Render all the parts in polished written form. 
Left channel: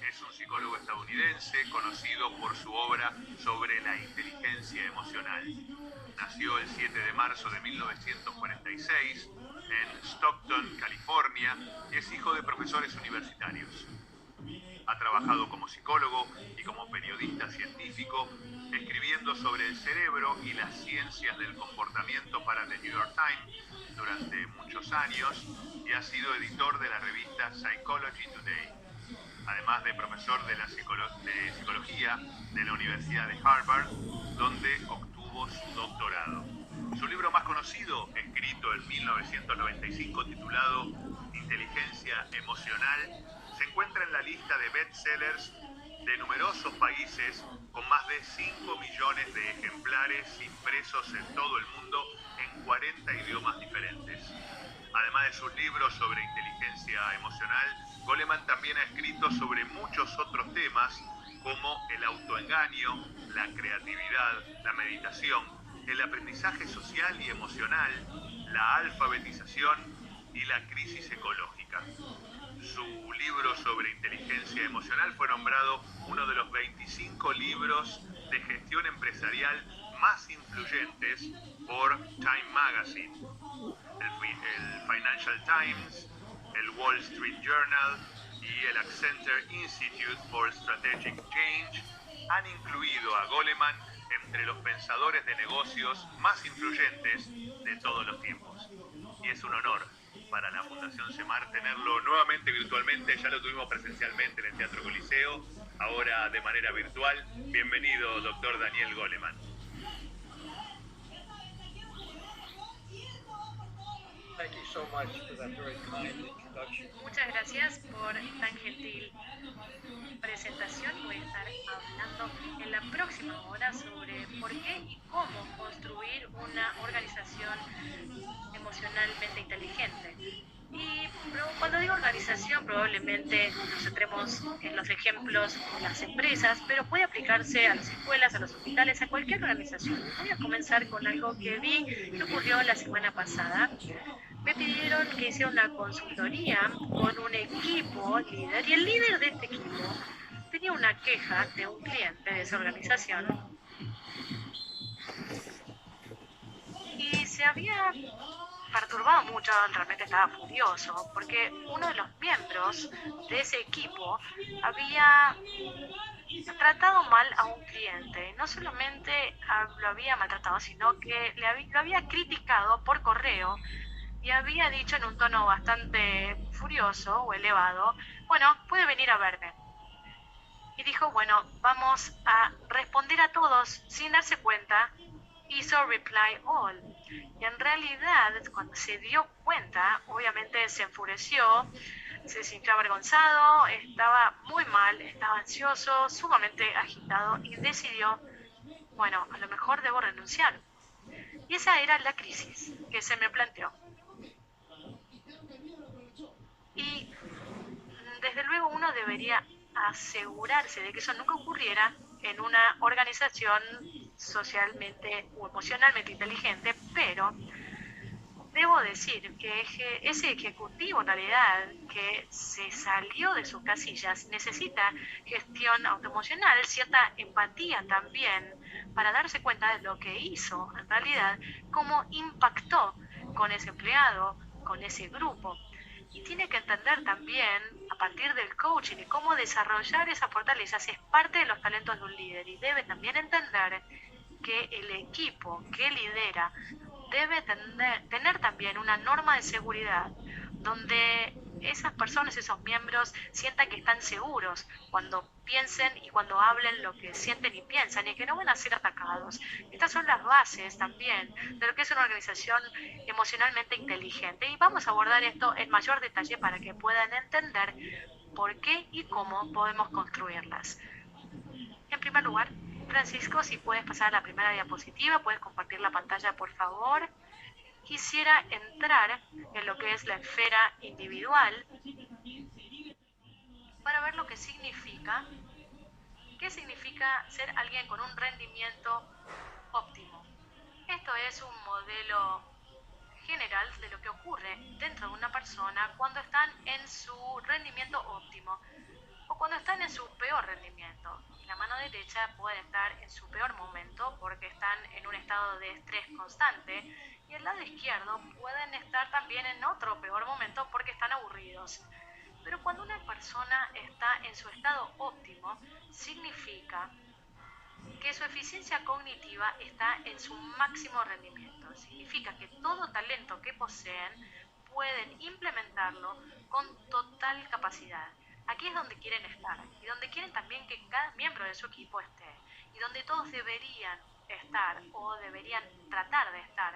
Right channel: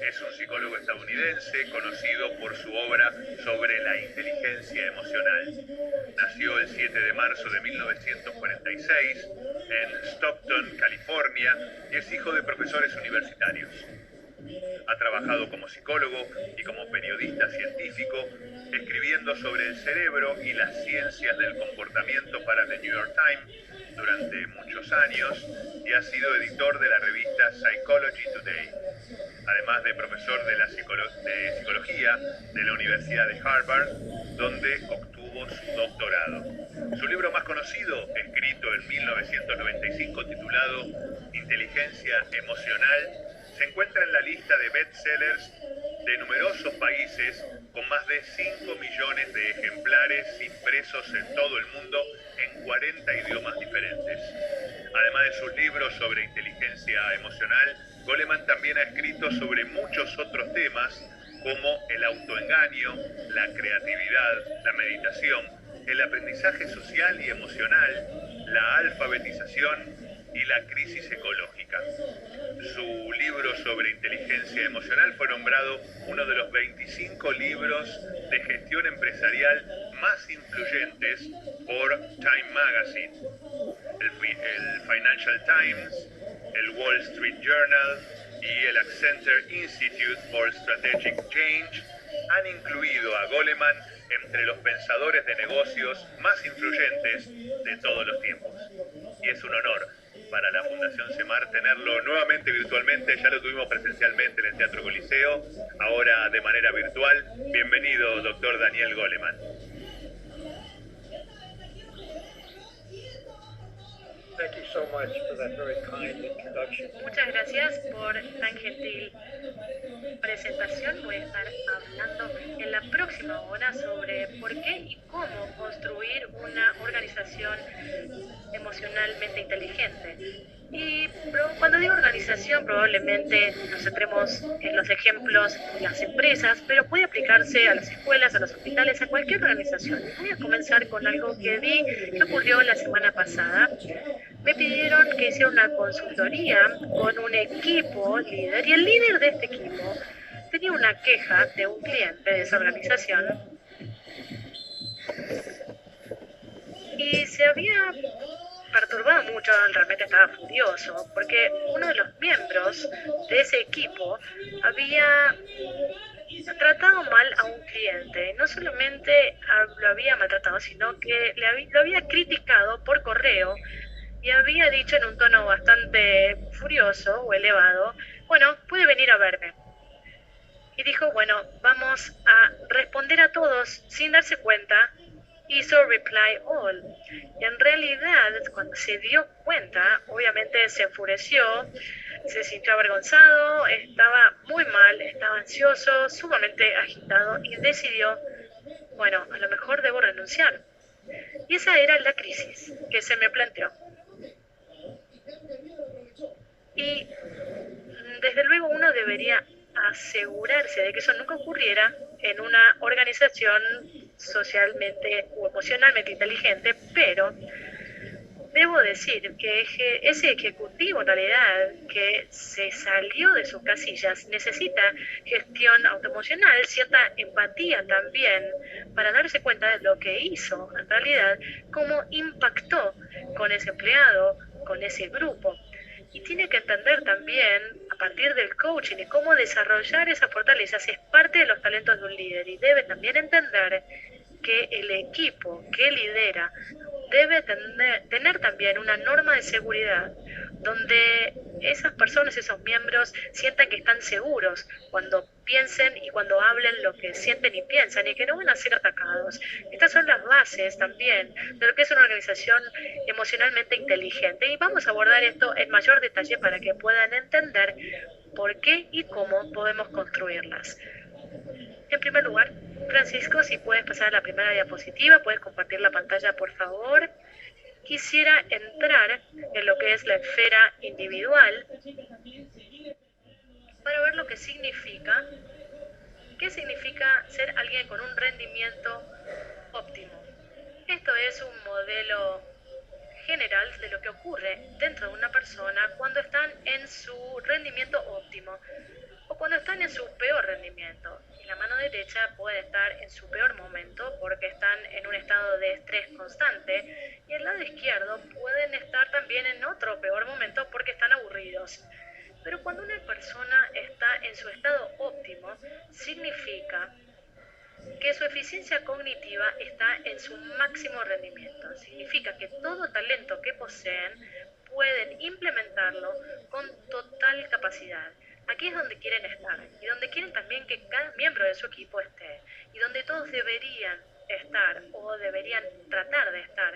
Es un psicólogo estadounidense conocido por su obra sobre la inteligencia emocional. Nació el 7 de marzo de 1946 en Stockton, California, y es hijo de profesores universitarios. Ha trabajado como psicólogo y como periodista científico, escribiendo sobre el cerebro y las ciencias del comportamiento para The New York Times durante muchos años y ha sido editor de la revista Psychology Today, además de profesor de psicología de la Universidad de Harvard, donde obtuvo su doctorado. Su libro más conocido, escrito en 1995, titulado Inteligencia Emocional, se encuentra en la lista de bestsellers de numerosos países, con más de 5 millones de ejemplares impresos en todo el mundo en 40 idiomas diferentes. Además de sus libros sobre inteligencia emocional, Goleman también ha escrito sobre muchos otros temas como el autoengaño, la creatividad, la meditación, el aprendizaje social y emocional, la alfabetización y la crisis ecológica. Su libro sobre inteligencia emocional fue nombrado uno de los 25 libros de gestión empresarial más influyentes por Time Magazine, el Financial Times, el Wall Street Journal y el Accenture Institute for Strategic Change han incluido a Goleman entre los pensadores de negocios más influyentes de todos los tiempos. Y es un honor para la Fundación CEMAR tenerlo nuevamente virtualmente. Ya lo tuvimos presencialmente en el Teatro Coliseo, ahora de manera virtual. Bienvenido, doctor Daniel Goleman. Thank you so much for that very kind introduction. Muchas gracias por tan gentil presentación. Voy a estar hablando en la próxima hora sobre por qué y cómo construir una organización emocionalmente inteligente. Y cuando digo organización, probablemente nos centremos en los ejemplos de las empresas, pero puede aplicarse a las escuelas, a los hospitales, a cualquier organización. Voy a comenzar con algo que vi que ocurrió la semana pasada. Me pidieron que hiciera una consultoría con un equipo líder y el líder de este equipo tenía una queja de un cliente de esa organización y se había perturbado mucho, realmente estaba furioso, porque uno de los miembros de ese equipo había tratado mal a un cliente. No solamente lo había maltratado, sino que lo había criticado por correo y había dicho en un tono bastante furioso o elevado, bueno, puede venir a verme. Y dijo, bueno, vamos a responder a todos sin darse cuenta. Hizo reply all. Y en realidad, cuando se dio cuenta, obviamente se enfureció, se sintió avergonzado, estaba muy mal, estaba ansioso, sumamente agitado y decidió, bueno, a lo mejor debo renunciar. Y esa era la crisis que se me planteó. Y desde luego uno debería asegurarse de que eso nunca ocurriera en una organización socialmente o emocionalmente inteligente, pero debo decir que ese ejecutivo en realidad que se salió de sus casillas necesita gestión autoemocional, cierta empatía también para darse cuenta de lo que hizo en realidad, cómo impactó con ese empleado, con ese grupo. Y tiene que entender también, a partir del coaching y cómo desarrollar esas fortalezas, es parte de los talentos de un líder. Y debe también entender que el equipo que lidera debe tener también una norma de seguridad donde esas personas, esos miembros, sientan que están seguros cuando piensen y cuando hablen lo que sienten y piensan y que no van a ser atacados. Estas son las bases también de lo que es una organización emocionalmente inteligente y vamos a abordar esto en mayor detalle para que puedan entender por qué y cómo podemos construirlas. En primer lugar, Francisco, si puedes pasar a la primera diapositiva, puedes compartir la pantalla, por favor. Quisiera entrar en lo que es la esfera individual para ver lo que significa, qué significa ser alguien con un rendimiento óptimo. Esto es un modelo general de lo que ocurre dentro de una persona cuando están en su rendimiento óptimo. cuando están en su peor rendimiento. Y la mano derecha puede estar en su peor momento porque están en un estado de estrés constante, y el lado izquierdo pueden estar también en otro peor momento porque están aburridos. Pero cuando una persona está en su estado óptimo, significa que su eficiencia cognitiva está en su máximo rendimiento. Significa que todo talento que poseen pueden implementarlo con total capacidad. Aquí es donde quieren estar y donde quieren también que cada miembro de su equipo esté, y donde todos deberían estar o deberían tratar de estar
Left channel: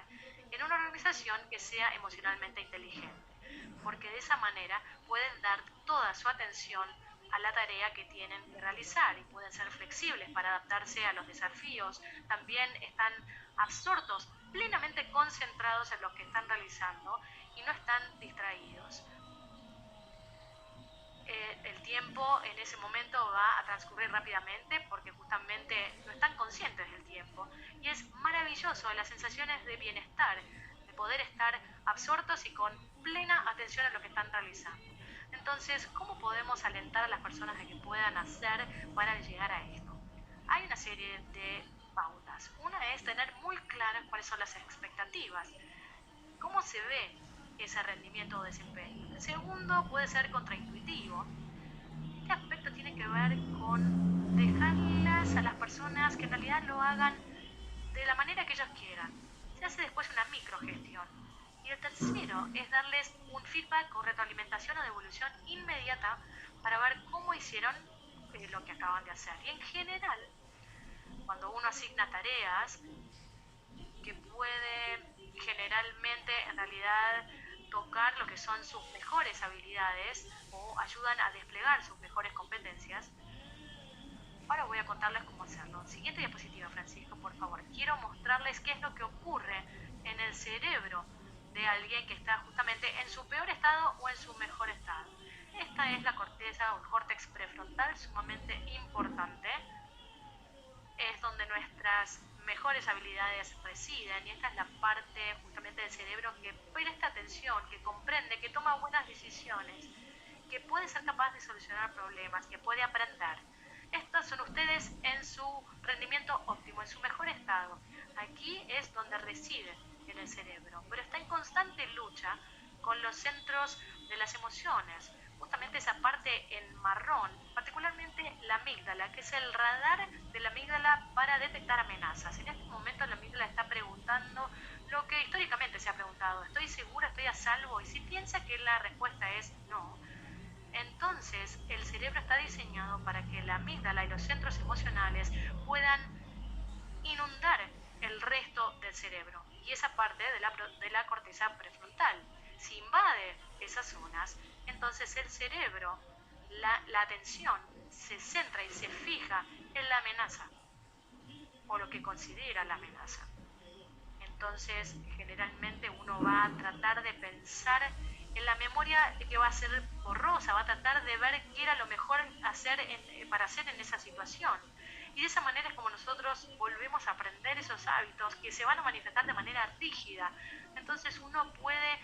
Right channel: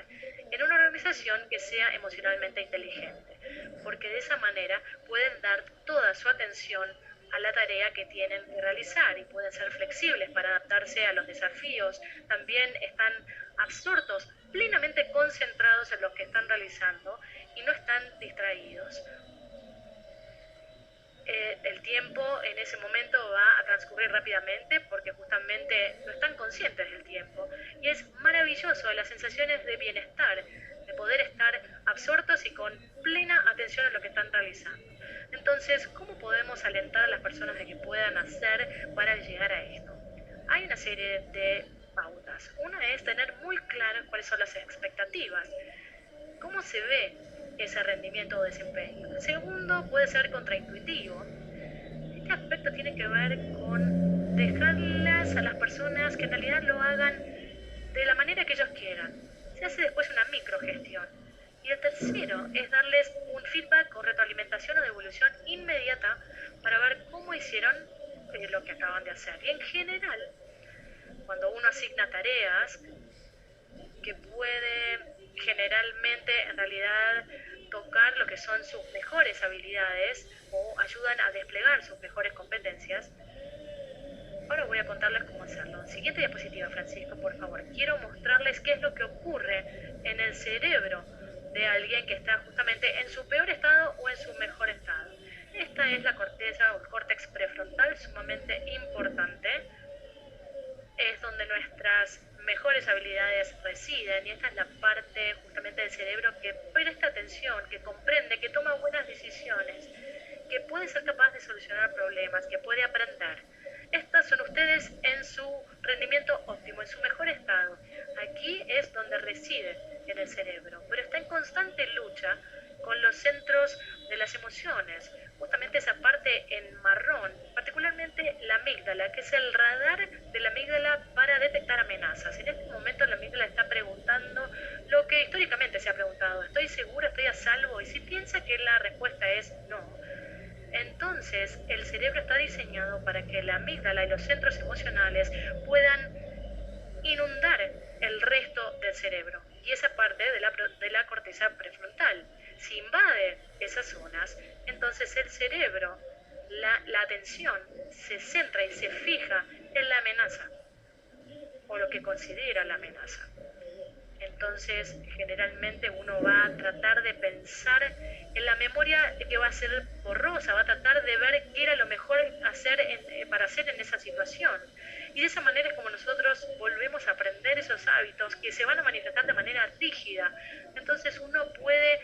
en una organización que sea emocionalmente inteligente, porque de esa manera pueden dar toda su atención a la tarea que tienen que realizar y pueden ser flexibles para adaptarse a los desafíos. También están absortos, plenamente concentrados en lo que están realizando y no están distraídos. El tiempo en ese momento va a transcurrir rápidamente porque justamente no están conscientes del tiempo, y es maravilloso las sensaciones de bienestar, de poder estar absortos y con plena atención a lo que están realizando. Entonces, ¿cómo podemos alentar a las personas de que puedan hacer para llegar a esto? Hay una serie de pautas. Una es tener muy claras cuáles son las expectativas. ¿Cómo se ve ese rendimiento o desempeño? El segundo puede ser contraintuitivo. Este aspecto tiene que ver con dejarlas a las personas que en realidad lo hagan de la manera que ellos quieran. Se hace después una microgestión. Y el tercero es darles un feedback o retroalimentación o devolución inmediata para ver cómo hicieron lo que acaban de hacer. Y en general, cuando uno asigna tareas que puede generalmente en realidad tocar lo que son sus mejores habilidades o ayudan a desplegar sus mejores competencias, ahora voy a contarles cómo hacerlo. Siguiente diapositiva, Francisco, por favor. Quiero mostrarles qué es lo que ocurre en el cerebro de alguien que está justamente en su peor estado o en su mejor estado. Esta es la corteza o el córtex prefrontal, sumamente importante. Es donde nuestras mejores habilidades residen, y esta es la parte justamente del cerebro que presta atención, que comprende, que toma buenas decisiones, que puede ser capaz de solucionar problemas, que puede aprender. Estas son ustedes en su rendimiento óptimo, en su mejor estado. Aquí es donde reside en el cerebro, pero está en constante lucha con los centros de las emociones, justamente esa parte en marrón, particularmente la amígdala, que es el radar de la amígdala para detectar amenazas. En este momento la amígdala está preguntando lo que históricamente se ha preguntado: ¿estoy segura, estoy a salvo? Y si piensa que la respuesta es no, entonces el cerebro está diseñado para que la amígdala y los centros emocionales puedan inundar el resto del cerebro, y esa parte de la corteza prefrontal. Si invade esas zonas, entonces el cerebro, la atención se centra y se fija en la amenaza o lo que considera la amenaza. Entonces, generalmente uno va a tratar de pensar en la memoria que va a ser borrosa, va a tratar de ver qué era lo mejor para hacer en esa situación. Y de esa manera es como nosotros volvemos a aprender esos hábitos que se van a manifestar de manera rígida. Entonces uno puede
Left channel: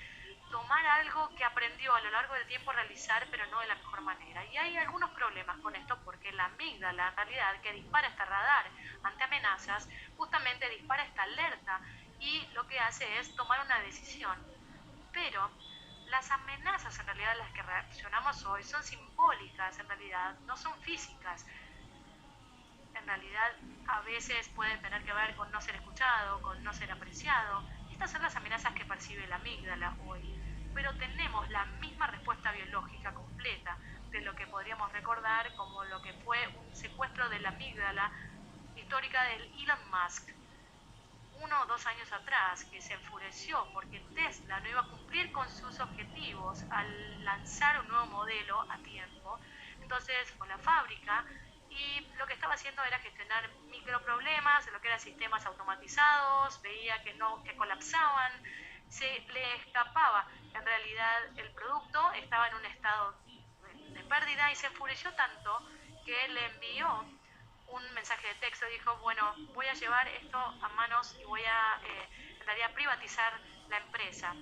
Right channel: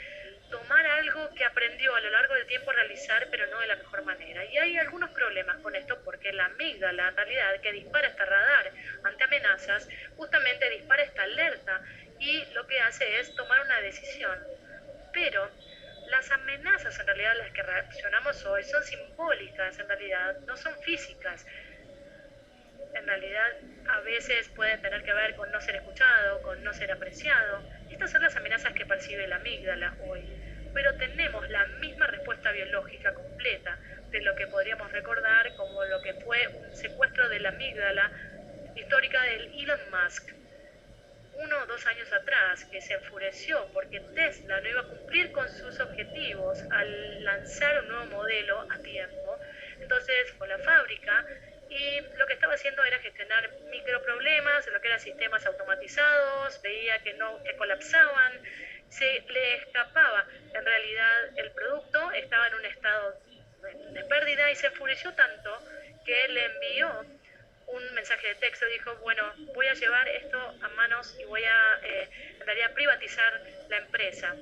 tomar algo que aprendió a lo largo del tiempo a realizar, pero no de la mejor manera. Y hay algunos problemas con esto, porque la amígdala, en realidad, que dispara este radar ante amenazas, justamente dispara esta alerta y lo que hace es tomar una decisión. Pero las amenazas, en realidad, las que reaccionamos hoy son simbólicas, en realidad, no son físicas. En realidad, a veces pueden tener que ver con no ser escuchado, con no ser apreciado. Estas son las amenazas que percibe la amígdala hoy. Pero tenemos la misma respuesta biológica completa de lo que podríamos recordar como lo que fue un secuestro de la amígdala histórica del Elon Musk, 1 o 2 años atrás, que se enfureció porque Tesla no iba a cumplir con sus objetivos al lanzar un nuevo modelo a tiempo. Entonces fue a la fábrica y lo que estaba haciendo era gestionar microproblemas, lo que eran sistemas automatizados, veía que colapsaban, se le escapaba. En realidad el producto estaba en un estado de pérdida y se enfureció tanto que le envió un mensaje de texto. Dijo: bueno, voy a llevar esto a manos y voy a en realidad privatizar la empresa.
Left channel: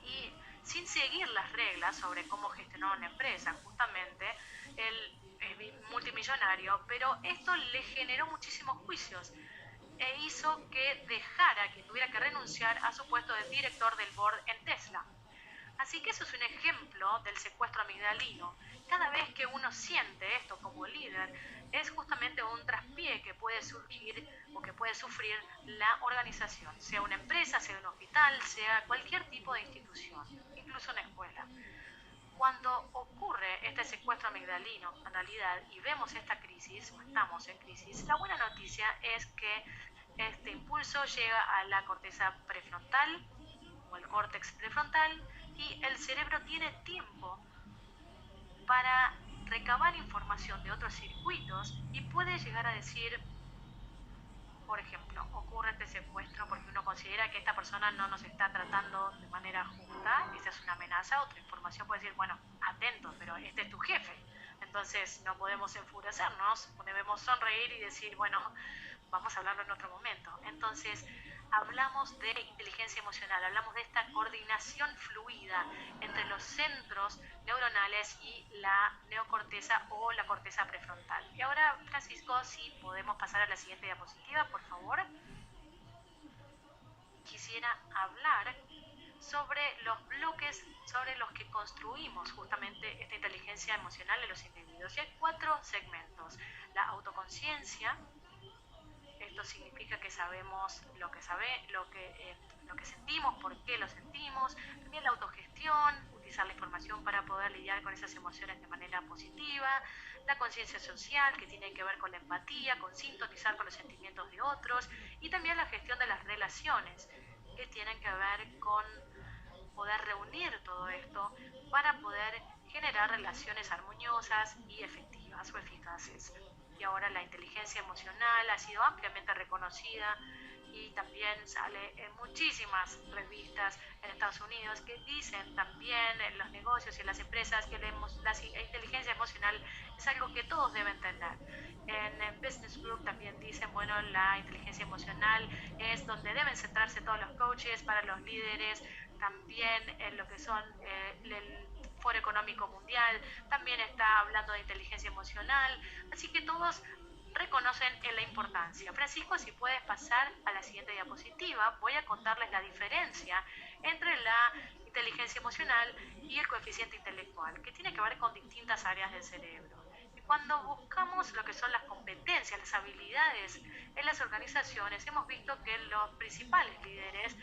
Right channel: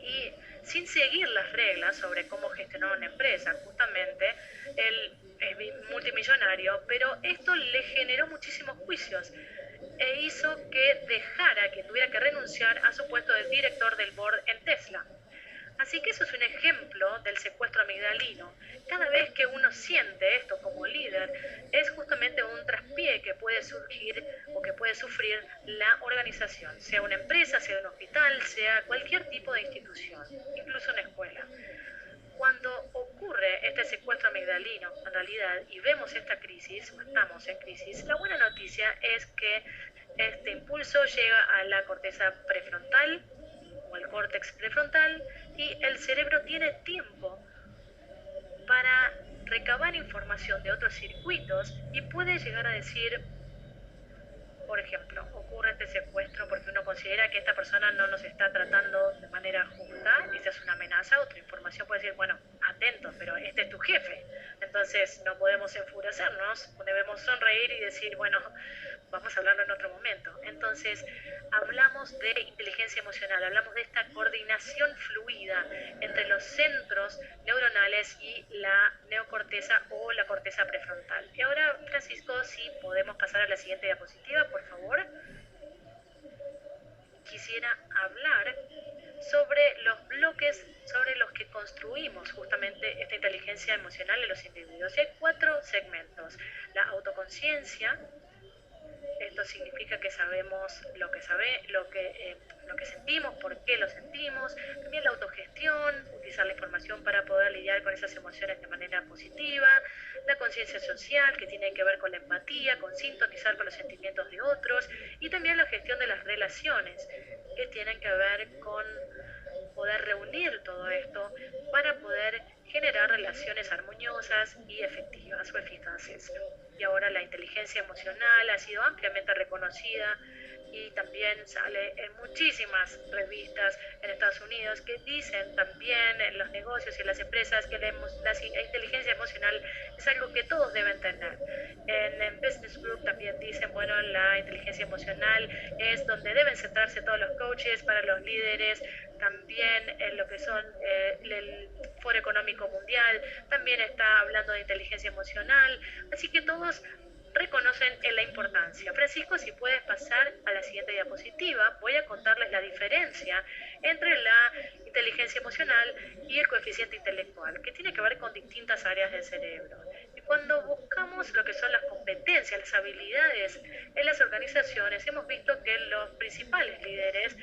Y sin seguir las reglas sobre cómo gestionar una empresa. Justamente él es multimillonario, pero esto le generó muchísimos juicios e hizo que dejara, que tuviera que renunciar a su puesto de director del board en Tesla. Así que eso es un ejemplo del secuestro amigdalino. Cada vez que uno siente esto como líder, es justamente un traspié que puede surgir o que puede sufrir la organización, sea una empresa, sea un hospital, sea cualquier tipo de institución, incluso una escuela. Cuando ocurre este secuestro amigdalino, en realidad, y vemos esta crisis, o estamos en crisis, la buena noticia es que este impulso llega a la corteza prefrontal o el córtex prefrontal y el cerebro tiene tiempo para recabar información de otros circuitos y puede llegar a decir, por ejemplo, ocurre este secuestro porque uno considera que esta persona no nos está tratando de manera justa, esa es una amenaza. Otra información puede decir, bueno, atentos, pero este es tu jefe, entonces no podemos enfurecernos, debemos sonreír y decir, bueno, vamos a hablarlo en otro momento. Entonces, hablamos de inteligencia emocional, hablamos de esta coordinación fluida entre los centros neuronales y la neocorteza o la corteza prefrontal. Y ahora, Francisco, si podemos pasar a la siguiente diapositiva, por favor. Quisiera hablar sobre los bloques sobre los que construimos justamente esta inteligencia emocional en los individuos. Y hay 4 segmentos: la autoconciencia. Esto significa que sabemos lo que sentimos, por qué lo sentimos. También la autogestión, utilizar la información para poder lidiar con esas emociones de manera positiva. La conciencia social, que tiene que ver con la empatía, con sintonizar con los sentimientos de otros. Y también la gestión de las relaciones, que tienen que ver con poder reunir todo esto para poder generar relaciones armoniosas y efectivas o eficaces. Y ahora la inteligencia emocional ha sido ampliamente reconocida y también sale en muchísimas revistas en Estados Unidos que dicen también en los negocios y en las empresas que la inteligencia emocional es algo que todos deben tener. En Business Group también dicen, bueno, la inteligencia emocional es donde deben centrarse todos los coaches para los líderes, también en lo que son el Foro Económico Mundial, también está hablando de inteligencia emocional, así que todos reconocen la importancia. Francisco, si puedes pasar a la siguiente diapositiva, voy a contarles la diferencia entre la inteligencia emocional y el coeficiente intelectual, que tiene que ver con distintas áreas del cerebro. Y cuando buscamos lo que son las competencias, las habilidades en las organizaciones, hemos visto que los principales líderes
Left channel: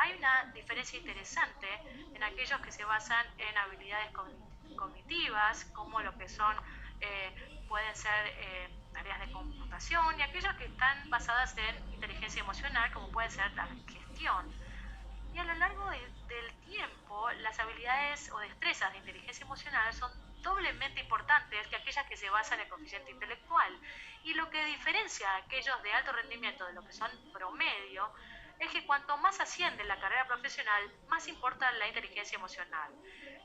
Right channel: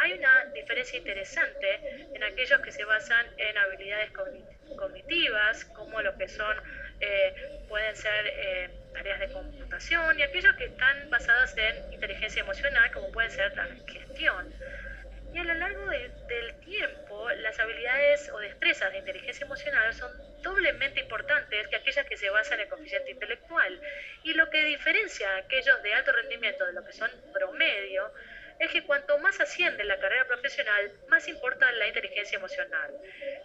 hay una diferencia interesante en aquellos que se basan en habilidades cognitivas, como lo que son, pueden ser tareas de computación, y aquellos que están basadas en inteligencia emocional, como puede ser la gestión. Y a lo largo del tiempo, las habilidades o destrezas de inteligencia emocional son doblemente importantes que aquellas que se basan en el coeficiente intelectual. Y lo que diferencia a aquellos de alto rendimiento de lo que son promedio es que cuanto más asciende la carrera profesional, más importa la inteligencia emocional.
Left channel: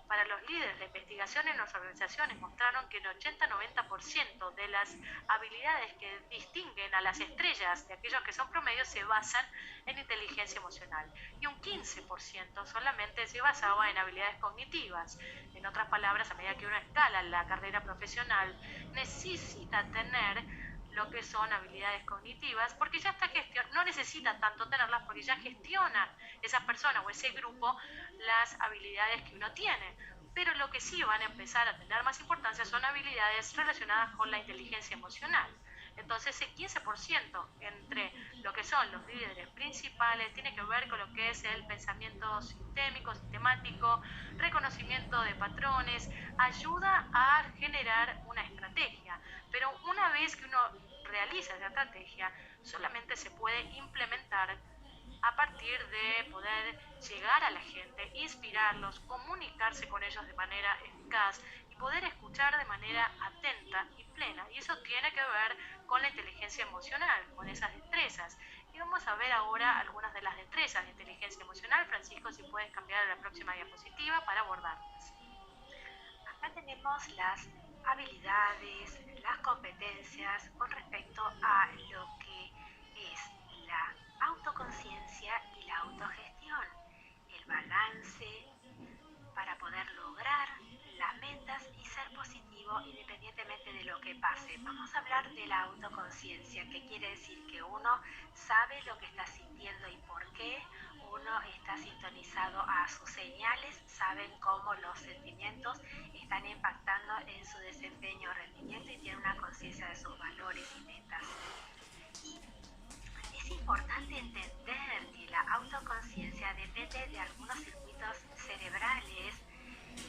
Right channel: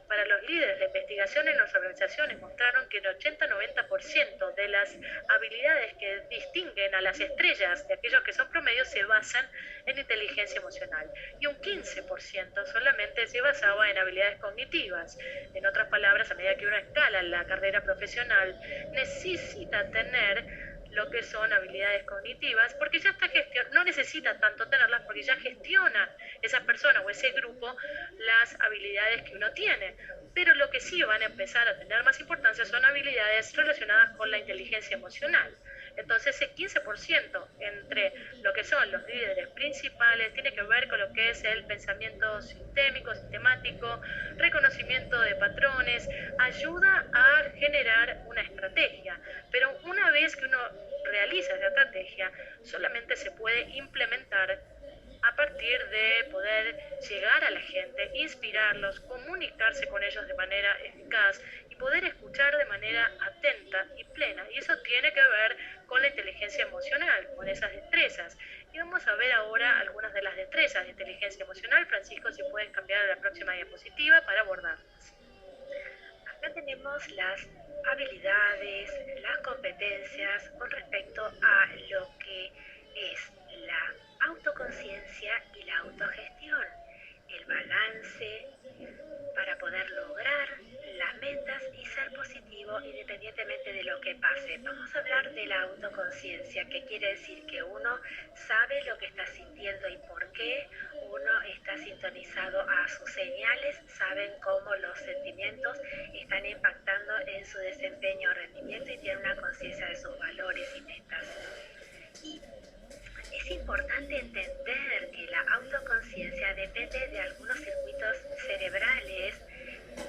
Para los líderes de investigación en las organizaciones mostraron que el 80-90% de las habilidades que distinguen a las estrellas de aquellos que son promedios se basan en inteligencia emocional y un 15% solamente se basaba en habilidades cognitivas. En otras palabras, a medida que uno escala en la carrera profesional, necesita tener lo que son habilidades cognitivas, porque ya está no necesita tanto tenerlas porque ya gestiona esa persona o ese grupo las habilidades que uno tiene. Pero lo que sí van a empezar a tener más importancia son habilidades relacionadas con la inteligencia emocional. Entonces, ese 15% entre lo que son los líderes principales tiene que ver con lo que es el pensamiento sistémico, sistemático, reconocimiento de patrones, ayuda a generar una estrategia. Pero una vez que uno realiza esa estrategia, solamente se puede implementar a partir de poder llegar a la gente, inspirarlos, comunicarse con ellos de manera eficaz y poder escuchar de manera atenta y plena. Y eso tiene que ver con la inteligencia emocional, con esas destrezas. Y vamos a ver ahora algunas de las destrezas de inteligencia emocional. Francisco, si puedes cambiar a la próxima diapositiva para abordarlas. Acá tenemos las habilidades, las competencias con respecto a lo que es la autoconciencia y la autogestión, el balance que pase. Vamos a hablar de la autoconciencia, que quiere decir que uno sabe lo que está sintiendo y por qué, uno está sintonizado a sus señales, saben cómo los sentimientos están impactando en su desempeño o rendimiento y tiene una conciencia de sus valores y metas. Y es importante entender que la autoconciencia depende de algunos circuitos cerebrales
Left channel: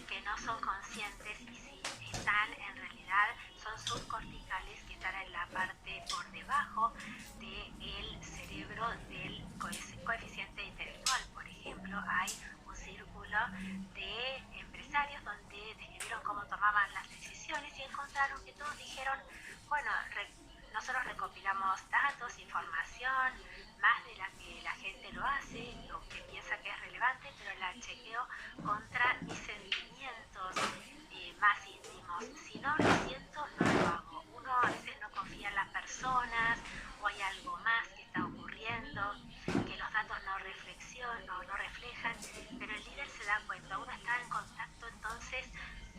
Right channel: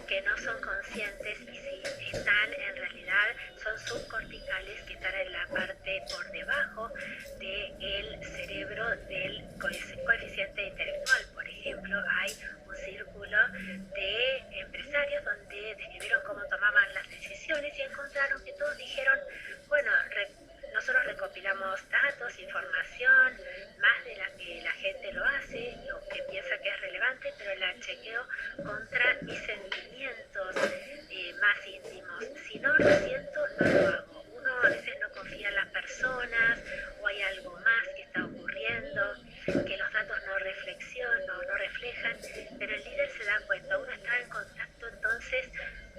que no son conscientes y si están en realidad son subcorticales que están en la parte por debajo del cerebro del coeficiente intelectual. Por ejemplo, hay un círculo de empresarios donde describieron cómo tomaban las decisiones y encontraron que todos dijeron, bueno, nosotros recopilamos datos, información, más de la que la gente lo hace, lo que piensa que es relevante, pero la chequeo contra mis sentimientos más íntimos. Si no lo siento, no lo hago. Uno a veces no confía en las personas o hay algo más que está ocurriendo, que los datos no reflejan, pero el líder se da cuenta, uno está en contacto entonces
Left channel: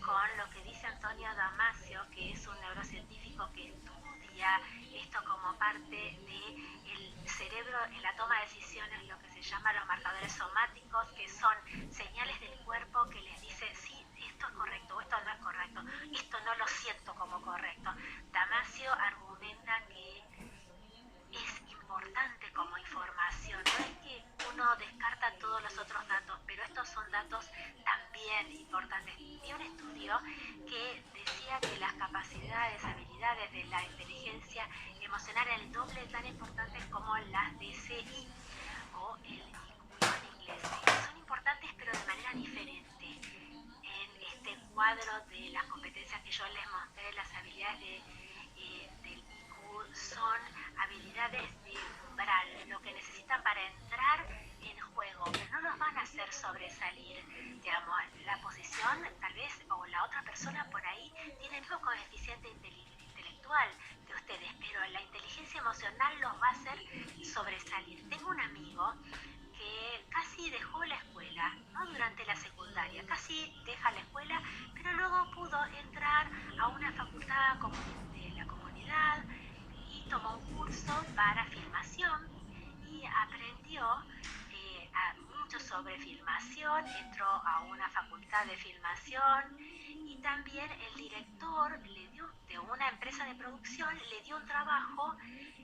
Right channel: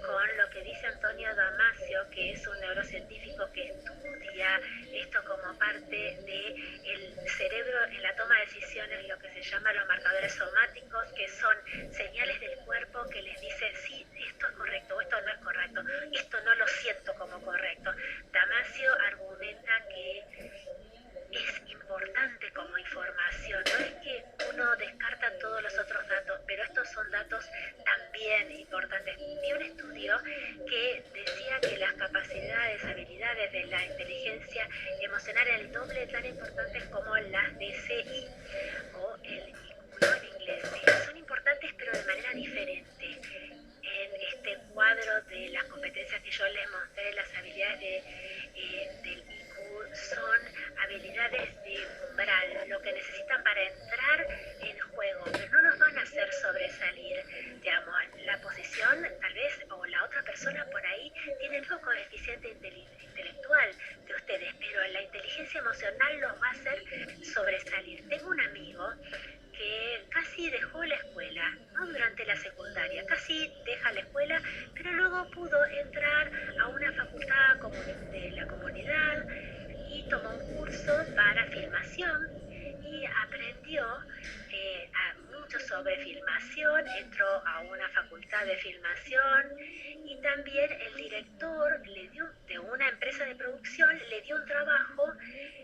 con lo que dice Antonio Damasio, que es un neurocientífico que estudia esto como parte del cerebro en la toma de decisiones, lo que se llama los marcadores somáticos, que son señales del cuerpo que les dice, sí, esto es correcto o esto no es correcto, esto no lo siento como correcto. Damasio argumenta que es importante como información, no es que uno descarta todos los otros datos, pero estos son datos también importantes. Vi un estudio que decía que las capacidades, habilidades de la inteligencia emocional eran el doble tan importantes como las DCI o el IQ en inglés. Son importantes pero de manera diferente. En este cuadro de las competencias que yo les mostré, las habilidades del IQ son habilidades de umbral, lo que necesitan para entrar en juego, pero no nos van a hacer sobresalir, digamos, la posición tal vez o la otra persona por ahí tiene el mismo coeficiente intelectual de ustedes, pero la inteligencia emocional los va a hacer sobresalir. Tengo un amigo que casi dejó la escuela, ¿no? Durante la secundaria, casi deja la escuela, pero luego pudo entrar a una facultad de la comunidad y tomó un curso para filmación y aprendió mucho sobre filmación, entró a una facultad de filmación y también el director de una empresa de producción le dio un trabajo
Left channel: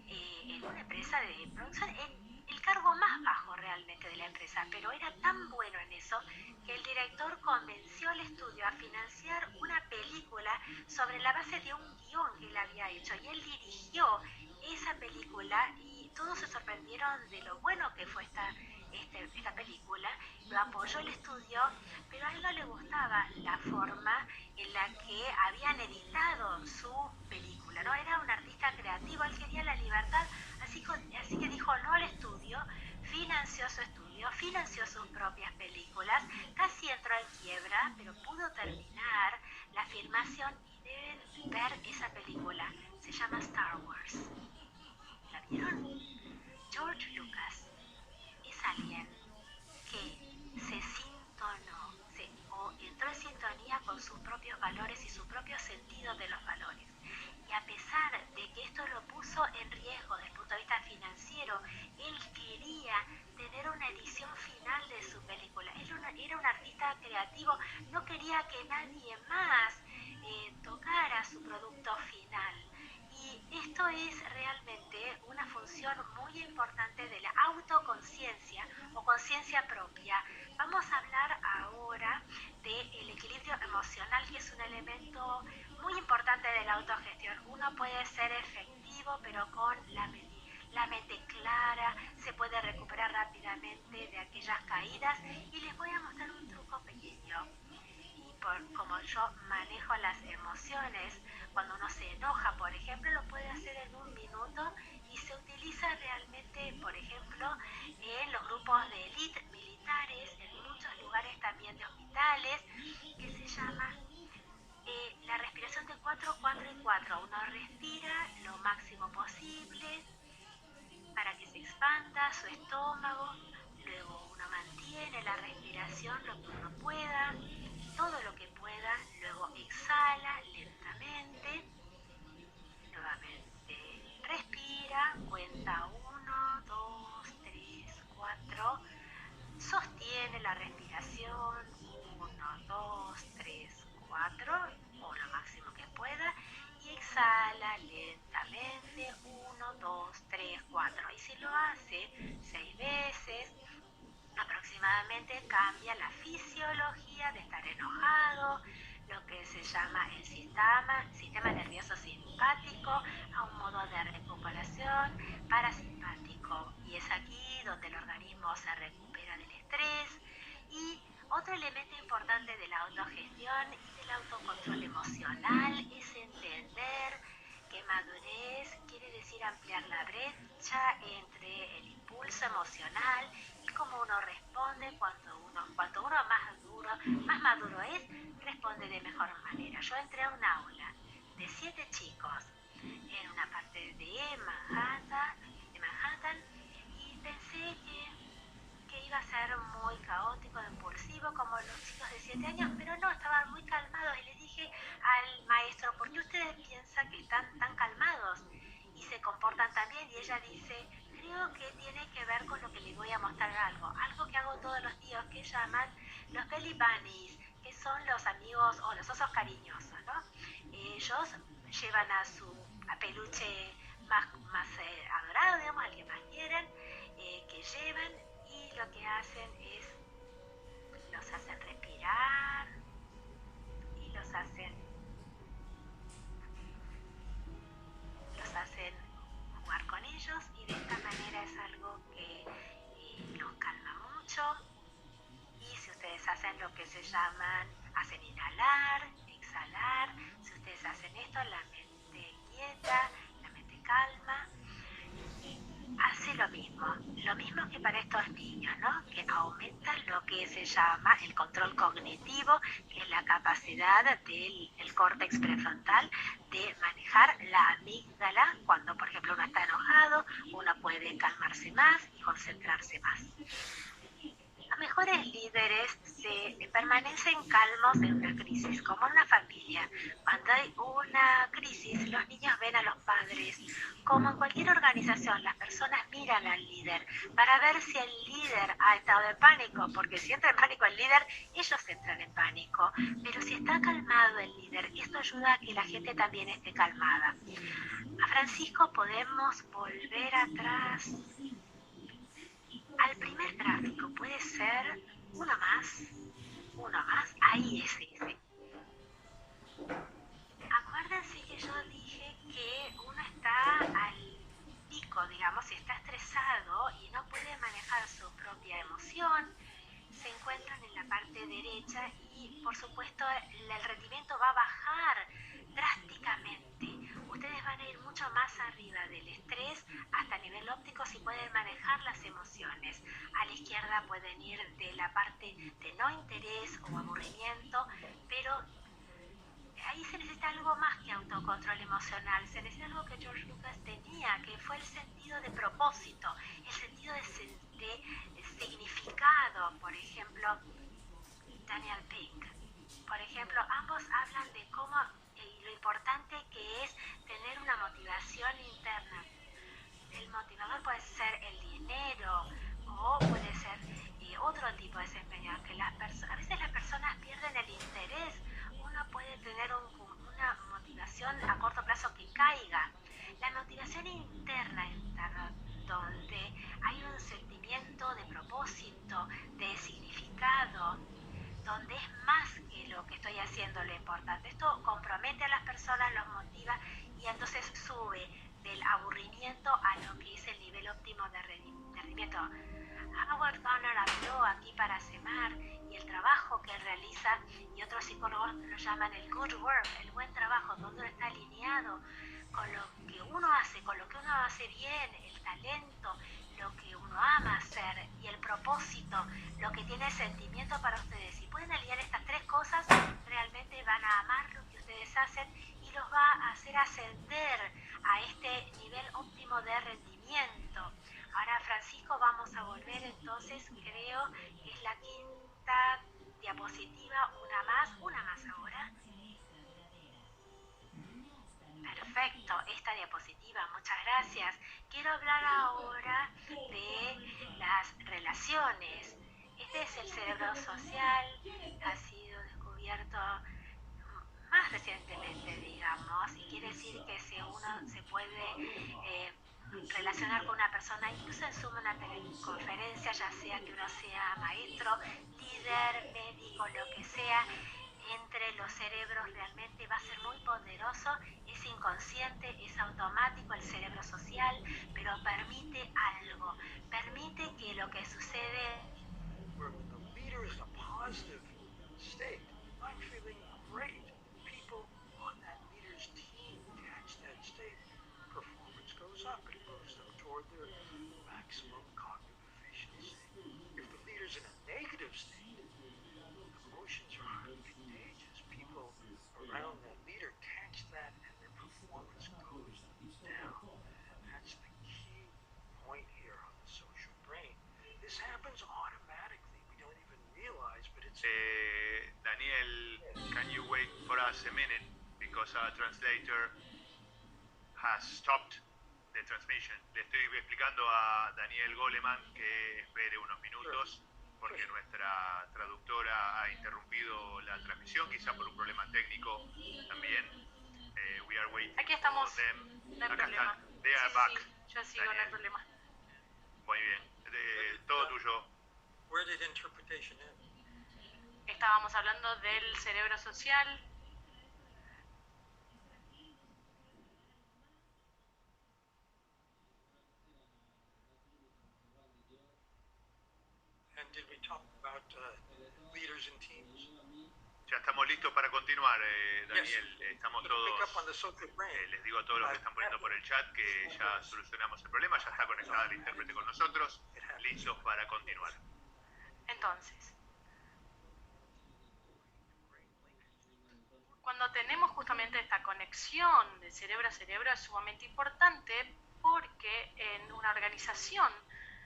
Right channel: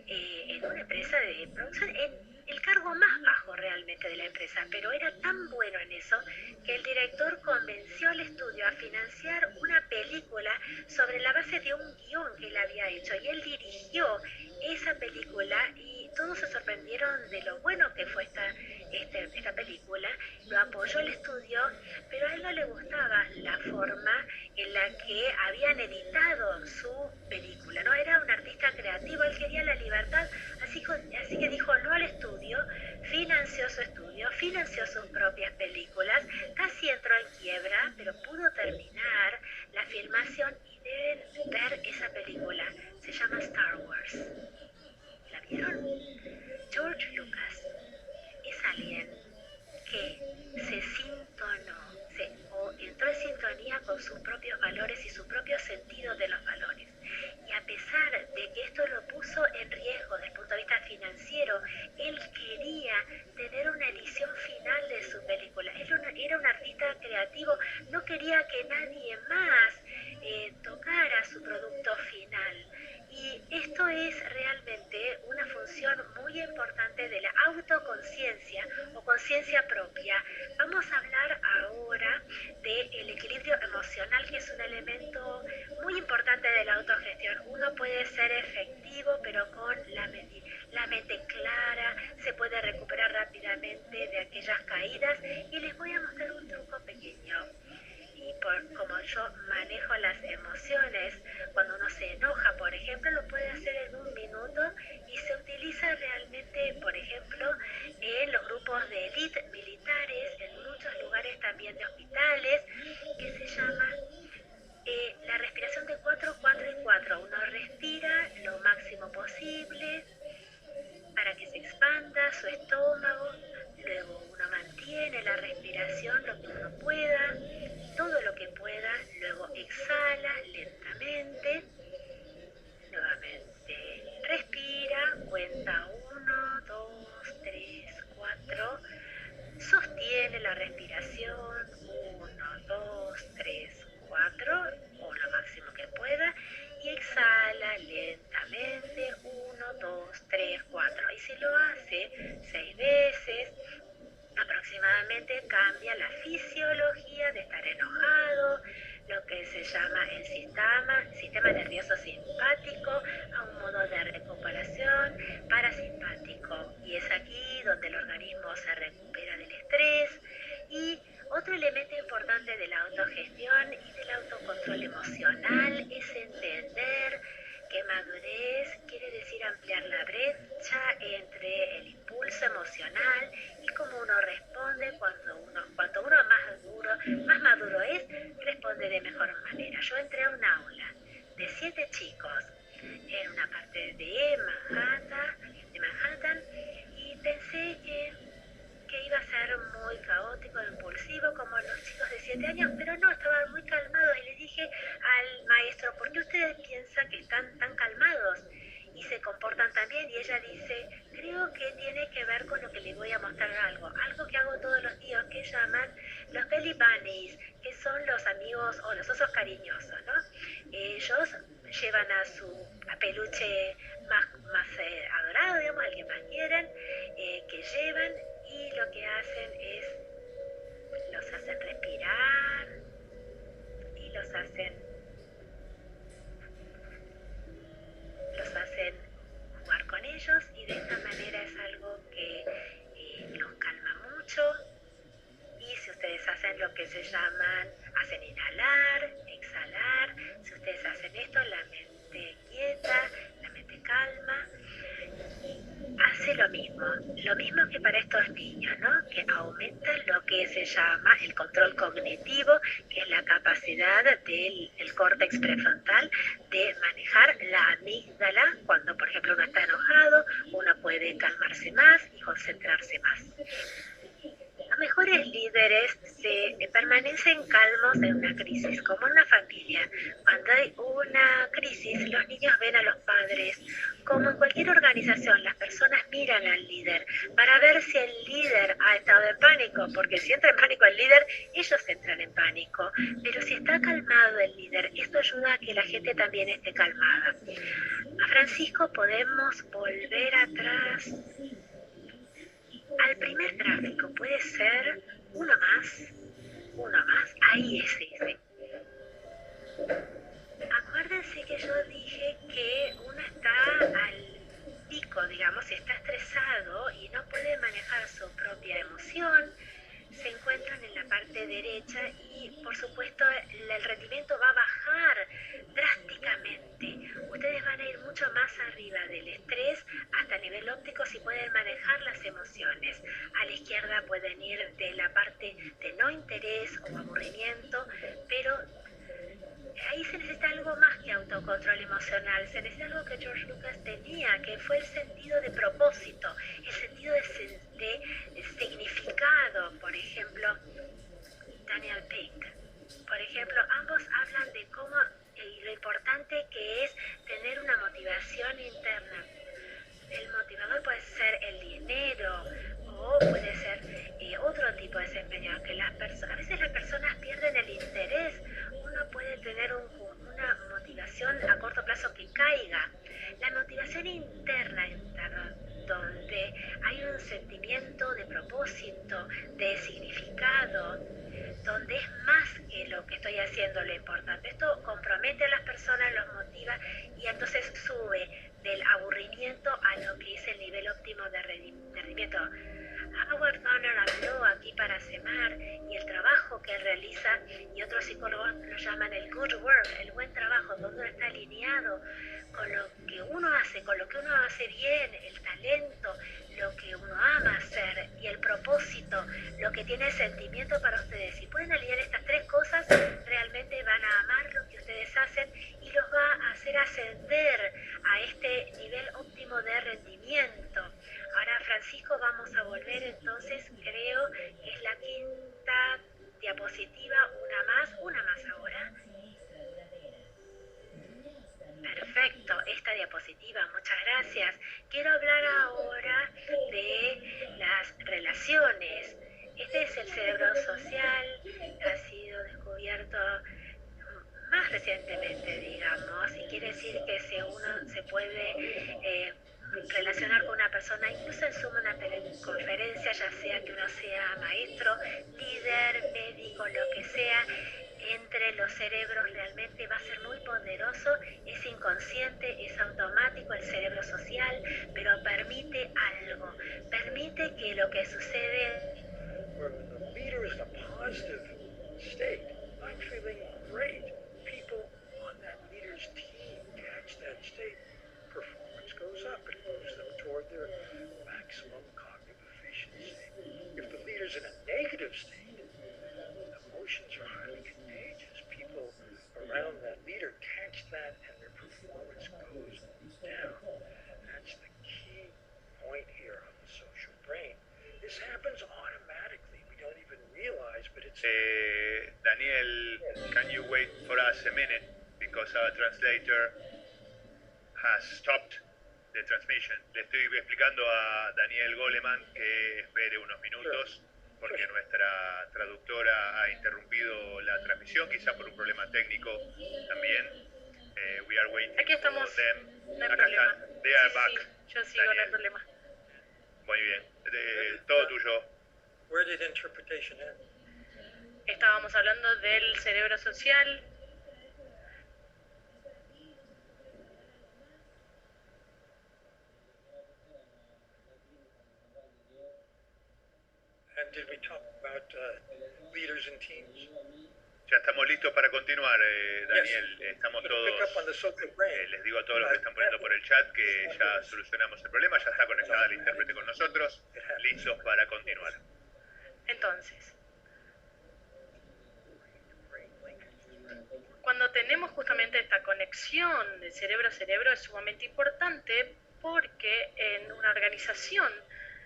en una empresa de producción en el cargo más bajo realmente de la empresa, pero era tan bueno en eso que el director convenció al estudio a financiar una película sobre la base de un guión que él había hecho y él dirigió esa película y todos se sorprendieron de lo bueno que fue esta película, lo apoyó el estudio, pero a él no le gustaba la forma en la que habían editado su película, ¿no? Era un artista creativo, él quería la libertad, así que dijo no al estudio, financió su estudio, financió sus propias películas, casi entró en quiebra, pero pudo terminar la filmación y deben ver esa película, se llama Star Wars. ¿La vieron? George Lucas es alguien que se sintonó o entró en sintonía con sus propios valores y su propio sentido de los valores. Y a pesar de que esto lo puso en riesgo desde el punto de vista financiero, él quería tener una edición final de su película. Él era un artista creativo, no quería que nadie más tocara su producto final. Y esto es realmente una función muy importante de la autoconciencia o conciencia propia. Vamos a hablar ahora del equilibrio emocional, que es un elemento muy importante de la autogestión. Uno puede ser efectivo, pero con la mente clara, se puede recuperar rápidamente de aquellas caídas y les voy a mostrar un truco pequeño. Y como yo manejo las emociones, cuando uno se enoja, por ejemplo, lo puede hacer en un minuto y se utiliza realmente, por ejemplo, en los grupos de élite militares, en muchos lugares también de hospitales, que se llama la respiración de 4, 4 y 4. Uno respira lo máximo posible para que se expanda su estómago, luego uno mantiene la respiración lo que uno pueda, todo lo que pueda, luego exhala lentamente lo hace 6 veces, aproximadamente cambia la fisiología de estar enojado, lo que se llama el sistema nervioso simpático, a un modo de recuperación parasimpático. Y es aquí donde el organismo se recupera del estrés. Y otro elemento importante de la autogestión y del autocontrol emocional es entender que madurez quiere decir ampliar la brecha entre el impulso emocional y cómo uno responde cuando uno más maduro es, responde de mejor manera. Yo entré a un aula de 7 chicos en una parte de Manhattan y pensé que iba a ser muy caótico, impulsivo, como los chicos de 7 años, pero no, estaban muy calmados y le dije al maestro, ¿por qué ustedes piensan que están tan calmados y se comportan tan bien? Y ella dice, creo que tiene que ver con lo que les voy a mostrar algo que hago todos los días, que llaman los belly bunnies, que son los amigos o los osos cariñosos, ¿no? Ellos llevan a su peluche más adorado, digamos, al que más quieren, que llevan, y lo que hacen es, los hacen respirar y los hacen jugar con ellos, y de esta manera es algo que los calma mucho. Y si ustedes hacen lo que se hacen inhalar, exhalar, si ustedes hacen esto, la mente quieta, la mente calma, hace lo mismo que para estos niños, ¿no? Que aumenta lo que se llama el control cognitivo, que es la capacidad del córtex prefrontal de manejar la amígdala. Cuando, por ejemplo, uno está enojado, uno puede calmarse más y concentrarse más. Los mejores líderes permanecen calmos en una crisis, como en una familia. Cuando hay una crisis, los niños ven a los padres. Como en cualquier organización, las personas miran al líder para ver si el líder ha estado en pánico, porque si entra en pánico el líder, ellos entran en pánico. Pero si está calmado el líder, esto ayuda a que la gente también esté calmada. A Francisco podemos volver atrás al primer gráfico, puede ser uno más, ahí es ese. Acuérdense que yo dije que uno está al pico, digamos, si está estresado y no puede manejar su propia emoción, se encuentran en la parte derecha y, por supuesto, el rendimiento va a bajar drásticamente. Ustedes van a ir mucho más arriba del estrés hasta nivel óptico si pueden manejar las emociones. A la izquierda pueden ir de la parte de no interés o aburrimiento, pero ahí se necesita algo más que autocontrol emocional, se necesita algo que George Lucas tenía, que fue el sentido de propósito, el sentido de significado. Por ejemplo, Daniel Pink, por ejemplo, ambos hablan de cómo y lo importante que es tener una motivación interna. El motivador puede ser el dinero o puede ser otro tipo de desempeño, que a veces las personas pierden el interés. Uno puede tener una motivación a corto plazo que caiga. La motivación interna, donde hay un sentimiento de propósito, de significado, donde es más que lo que estoy haciendo lo importante. Esto compromete a las personas, los motiva y entonces sube del aburrimiento a lo que es el nivel óptimo de rendimiento. Howard Gardner habló aquí para CEMAR y el trabajo que él realiza, y otros psicólogos lo llaman el good work, el buen trabajo, donde uno está alineado con lo que uno hace, con lo que uno hace bien, el talento, lo que uno ama hacer y el propósito, lo que tiene sentimiento para ustedes. Si pueden alinear estas tres cosas, realmente van a amar lo que ustedes hacen y los va a hacer ascender a este nivel óptimo de rendimiento. Ahora, Francisco, vamos a volver entonces, creo que es la quinta diapositiva, una más ahora. Perfecto, esta diapositiva, muchas gracias. Quiero hablar ahora de las relaciones. Este es el cerebro social, ha sido descubierto más recientemente, digamos, y quiere decir que uno se puede relacionar con una persona, incluso en Zoom, una teleconferencia, ya sea que uno sea maestro, líder, médico, lo que sea, entre los cerebros realmente va a ser muy poderoso, es inconsciente, es automático el cerebro social, pero permite algo, permite que lo que sucede... Where when the leader is in a positive state, I'm feeling great. People on that leader's team catch that state, performance goes up, it moves them toward their maximum cognitive efficiency. If the leader's in a negative state, emotions are highly contagious. People around that leader catch that and their performance goes down. That's the key point here on the social brain. This happens automatically. We don't even realize, but it's... Daniel, can you wait for us a minute? Because our translator has stopped the transmission. Le estoy explicando a Daniel Goleman que espere unos minutos porque nuestra traductora ha interrumpido la transmisión, quizá por un problema técnico también. We are waiting. Aquí estamos, for them. no hay Acá problema. están. They are back. Sí, yo sigo, Daniel. no hay problema. Muy bien. Todo tuyo. Where did interpretation end? Estábamos hablando del cerebro social. And did we talk about leaders and teams? Ya estamos listos para continuar, Daniel. Estamos Pick up on todos, the social brain. les digo a todos los que están poniendo por el chat que ya solucionamos el problema, ya está conectada la intérprete con nosotros, listos para continuar. Entonces, cuando tenemos justamente esta conexión de cerebro a cerebro es sumamente importante porque en una organización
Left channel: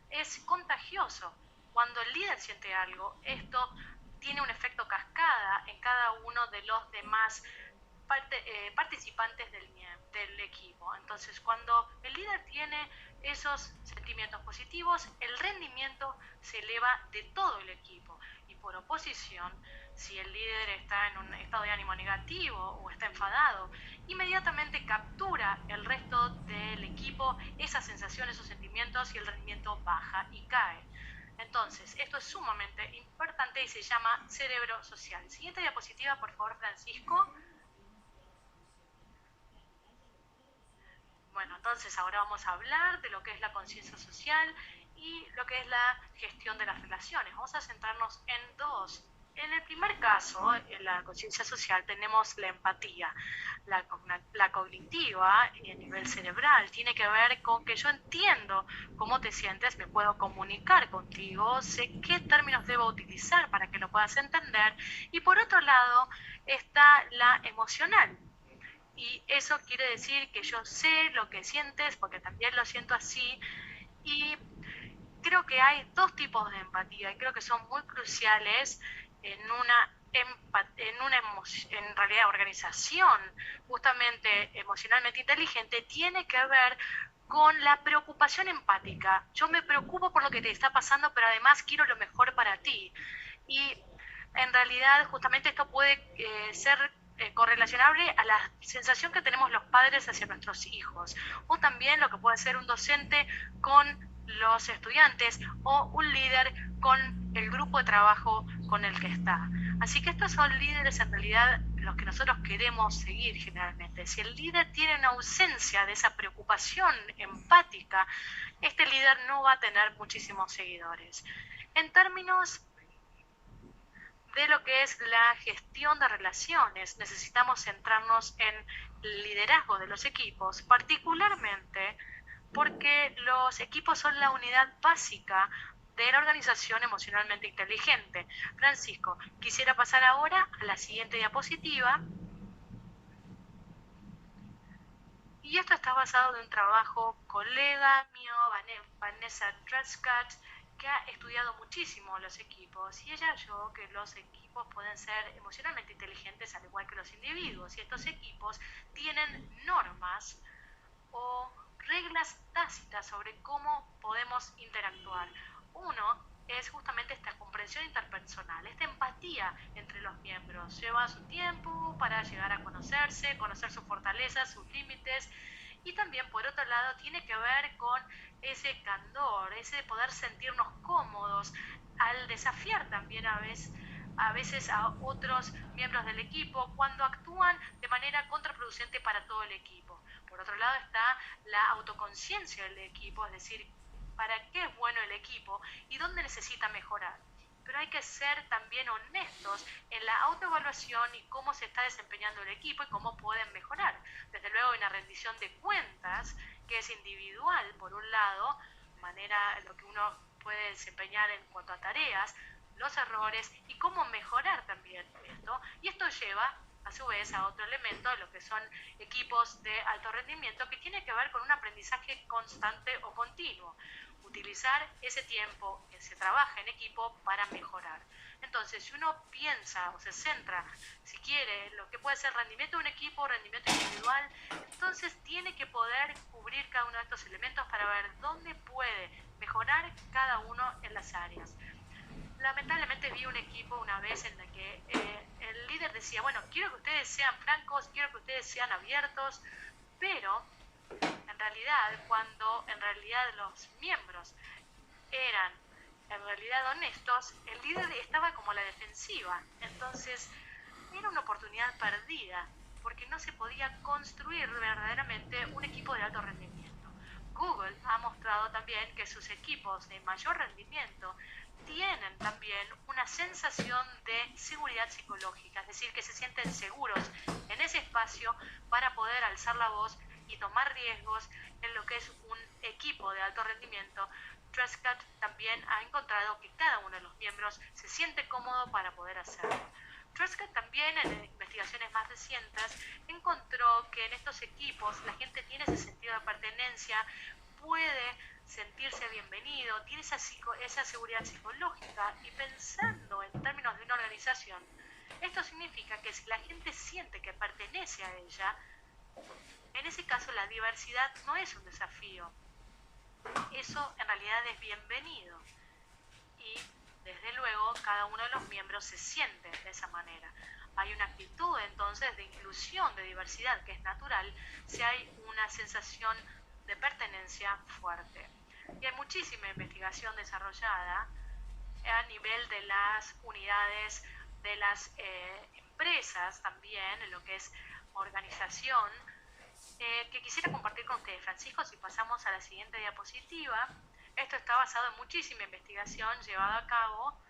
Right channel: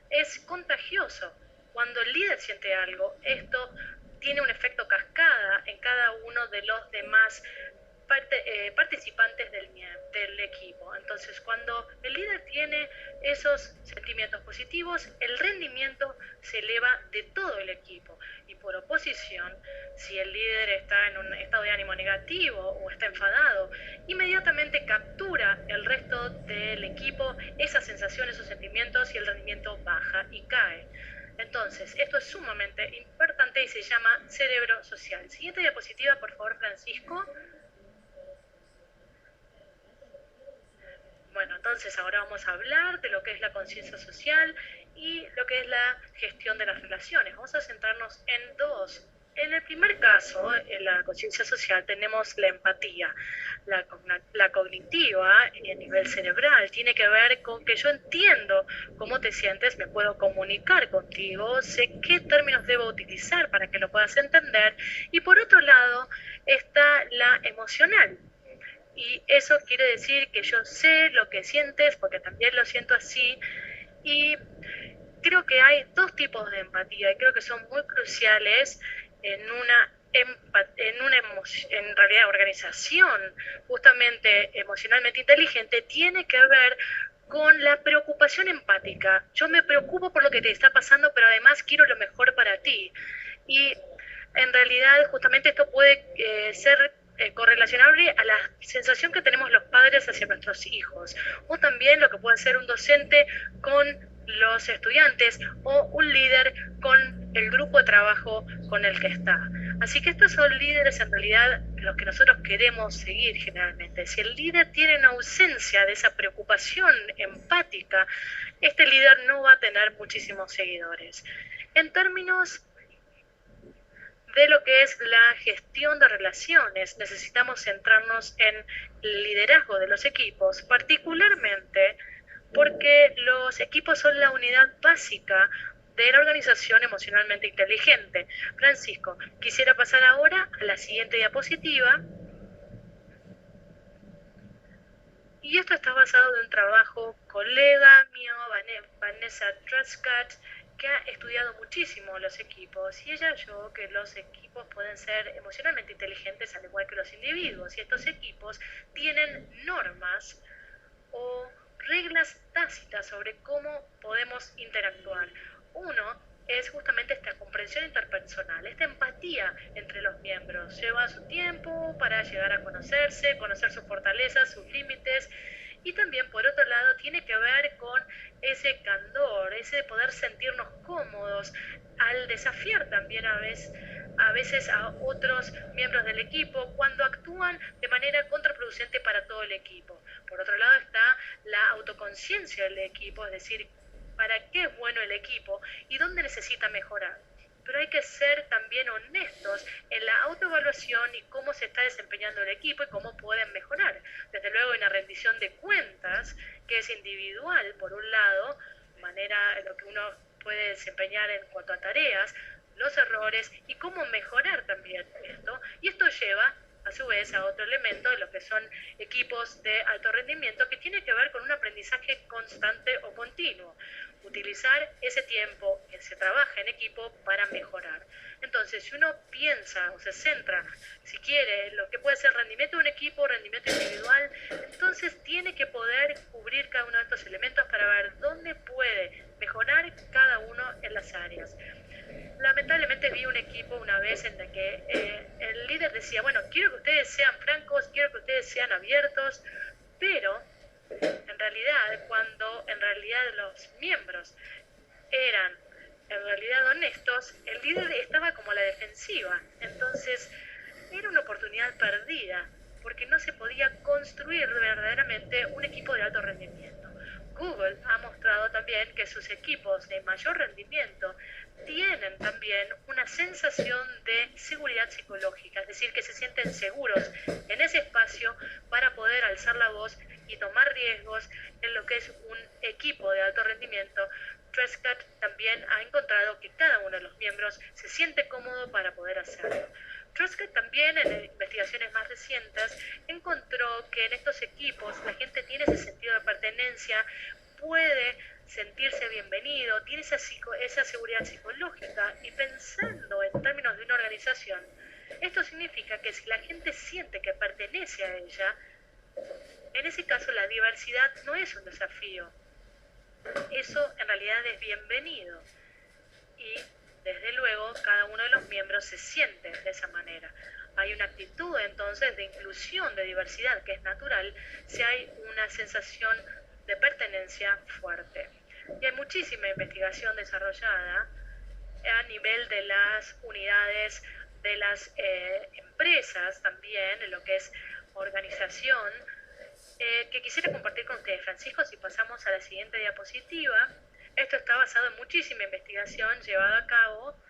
es contagioso. Cuando el líder siente algo, esto tiene un efecto cascada en cada uno de los demás participantes del equipo. Entonces, cuando el líder tiene esos sentimientos positivos, el rendimiento se eleva de todo el equipo. Y por oposición, si el líder está en un estado de ánimo negativo o está enfadado, inmediatamente captura el resto del equipo esas sensaciones, esos sentimientos, y el rendimiento baja y cae. Entonces, esto es sumamente importante y se llama cerebro social. Siguiente diapositiva, por favor, Francisco. Bueno, entonces ahora vamos a hablar de lo que es la conciencia social y lo que es la gestión de las relaciones. Vamos a centrarnos en dos. En el primer caso, en la conciencia social, tenemos la empatía. La cognitiva, a nivel cerebral, tiene que ver con que yo entiendo cómo te sientes, me puedo comunicar contigo, sé qué términos debo utilizar para que lo puedas entender. Y por otro lado, está la emocional. Y eso quiere decir que yo sé lo que sientes, porque también lo siento así. Y creo que hay dos tipos de empatía, y creo que son muy cruciales en realidad organización justamente emocionalmente inteligente. Tiene que ver con la preocupación empática. Yo me preocupo por lo que te está pasando, pero además quiero lo mejor para ti. Y en realidad justamente esto puede ser correlacionable a la sensación que tenemos los padres hacia nuestros hijos, o también lo que puede ser un docente con los estudiantes o un líder con el grupo de trabajo con el que está. Así que estos son líderes en realidad los que nosotros queremos seguir generalmente. Si el líder tiene una ausencia de esa preocupación empática, este líder no va a tener muchísimos seguidores. En términos de lo que es la gestión de relaciones, necesitamos centrarnos en el liderazgo de los equipos, particularmente porque los equipos son la unidad básica de la organización emocionalmente inteligente. Francisco, quisiera pasar ahora a la siguiente diapositiva. Y esto está basado en un trabajo colega mío, Vanessa Truscott, que ha estudiado muchísimo los equipos, y ella halló que los equipos pueden ser emocionalmente inteligentes al igual que los individuos, y estos equipos tienen normas o reglas tácitas sobre cómo podemos interactuar. Uno es justamente esta comprensión interpersonal, esta empatía entre los miembros. Lleva su tiempo para llegar a conocerse, conocer sus fortalezas, sus límites, Y también, por otro lado, tiene que ver con ese candor, ese poder sentirnos cómodos al desafiar también a veces a otros miembros del equipo cuando actúan de manera contraproducente para todo el equipo. Por otro lado está la autoconciencia del equipo, es decir, para qué es bueno el equipo y dónde necesita mejorar. Pero hay que ser también honestos en la autoevaluación y cómo se está desempeñando el equipo y cómo pueden mejorar. Desde luego hay una rendición de cuentas que es individual, por un lado, manera en lo que uno puede desempeñar en cuanto a tareas, los errores y cómo mejorar también esto. Y esto lleva a su vez a otro elemento de lo que son equipos de alto rendimiento que tiene que ver con un aprendizaje constante o continuo. Utilizar ese tiempo que se trabaja en equipo para mejorar. Entonces, si uno piensa o se centra, si quiere, en lo que puede ser rendimiento de un equipo, rendimiento individual, entonces tiene que poder cubrir cada uno de estos elementos para ver dónde puede mejorar cada uno en las áreas. Lamentablemente vi un equipo una vez en el que el líder decía, bueno, quiero que ustedes sean francos, quiero que ustedes sean abiertos, pero en realidad, cuando en realidad los miembros eran en realidad honestos, el líder estaba como a la defensiva. Entonces, era una oportunidad perdida, porque no se podía construir verdaderamente un equipo de alto rendimiento. Google ha mostrado también que sus equipos de mayor rendimiento tienen también una sensación de seguridad psicológica, es decir, que se sienten seguros en ese espacio para poder alzar la voz y tomar riesgos en lo que es un equipo de alto rendimiento. Trescott también ha encontrado que cada uno de los miembros se siente cómodo para poder hacerlo. Trescott también en investigaciones más recientes encontró que en estos equipos la gente tiene ese sentido de pertenencia, puede sentirse bienvenido, tiene esa seguridad psicológica y pensando en términos de una organización, esto significa que si la gente siente que pertenece a ella, en ese caso la diversidad no es un desafío, eso en realidad es bienvenido y desde luego cada uno de los miembros se siente de esa manera. Hay una actitud entonces de inclusión, de diversidad que es natural si hay una sensación de pertenencia fuerte. Y hay muchísima investigación desarrollada a nivel de las unidades de las empresas también, en lo que es organización, que quisiera compartir con ustedes. Francisco, si pasamos a la siguiente diapositiva, esto está basado en muchísima investigación llevada a cabo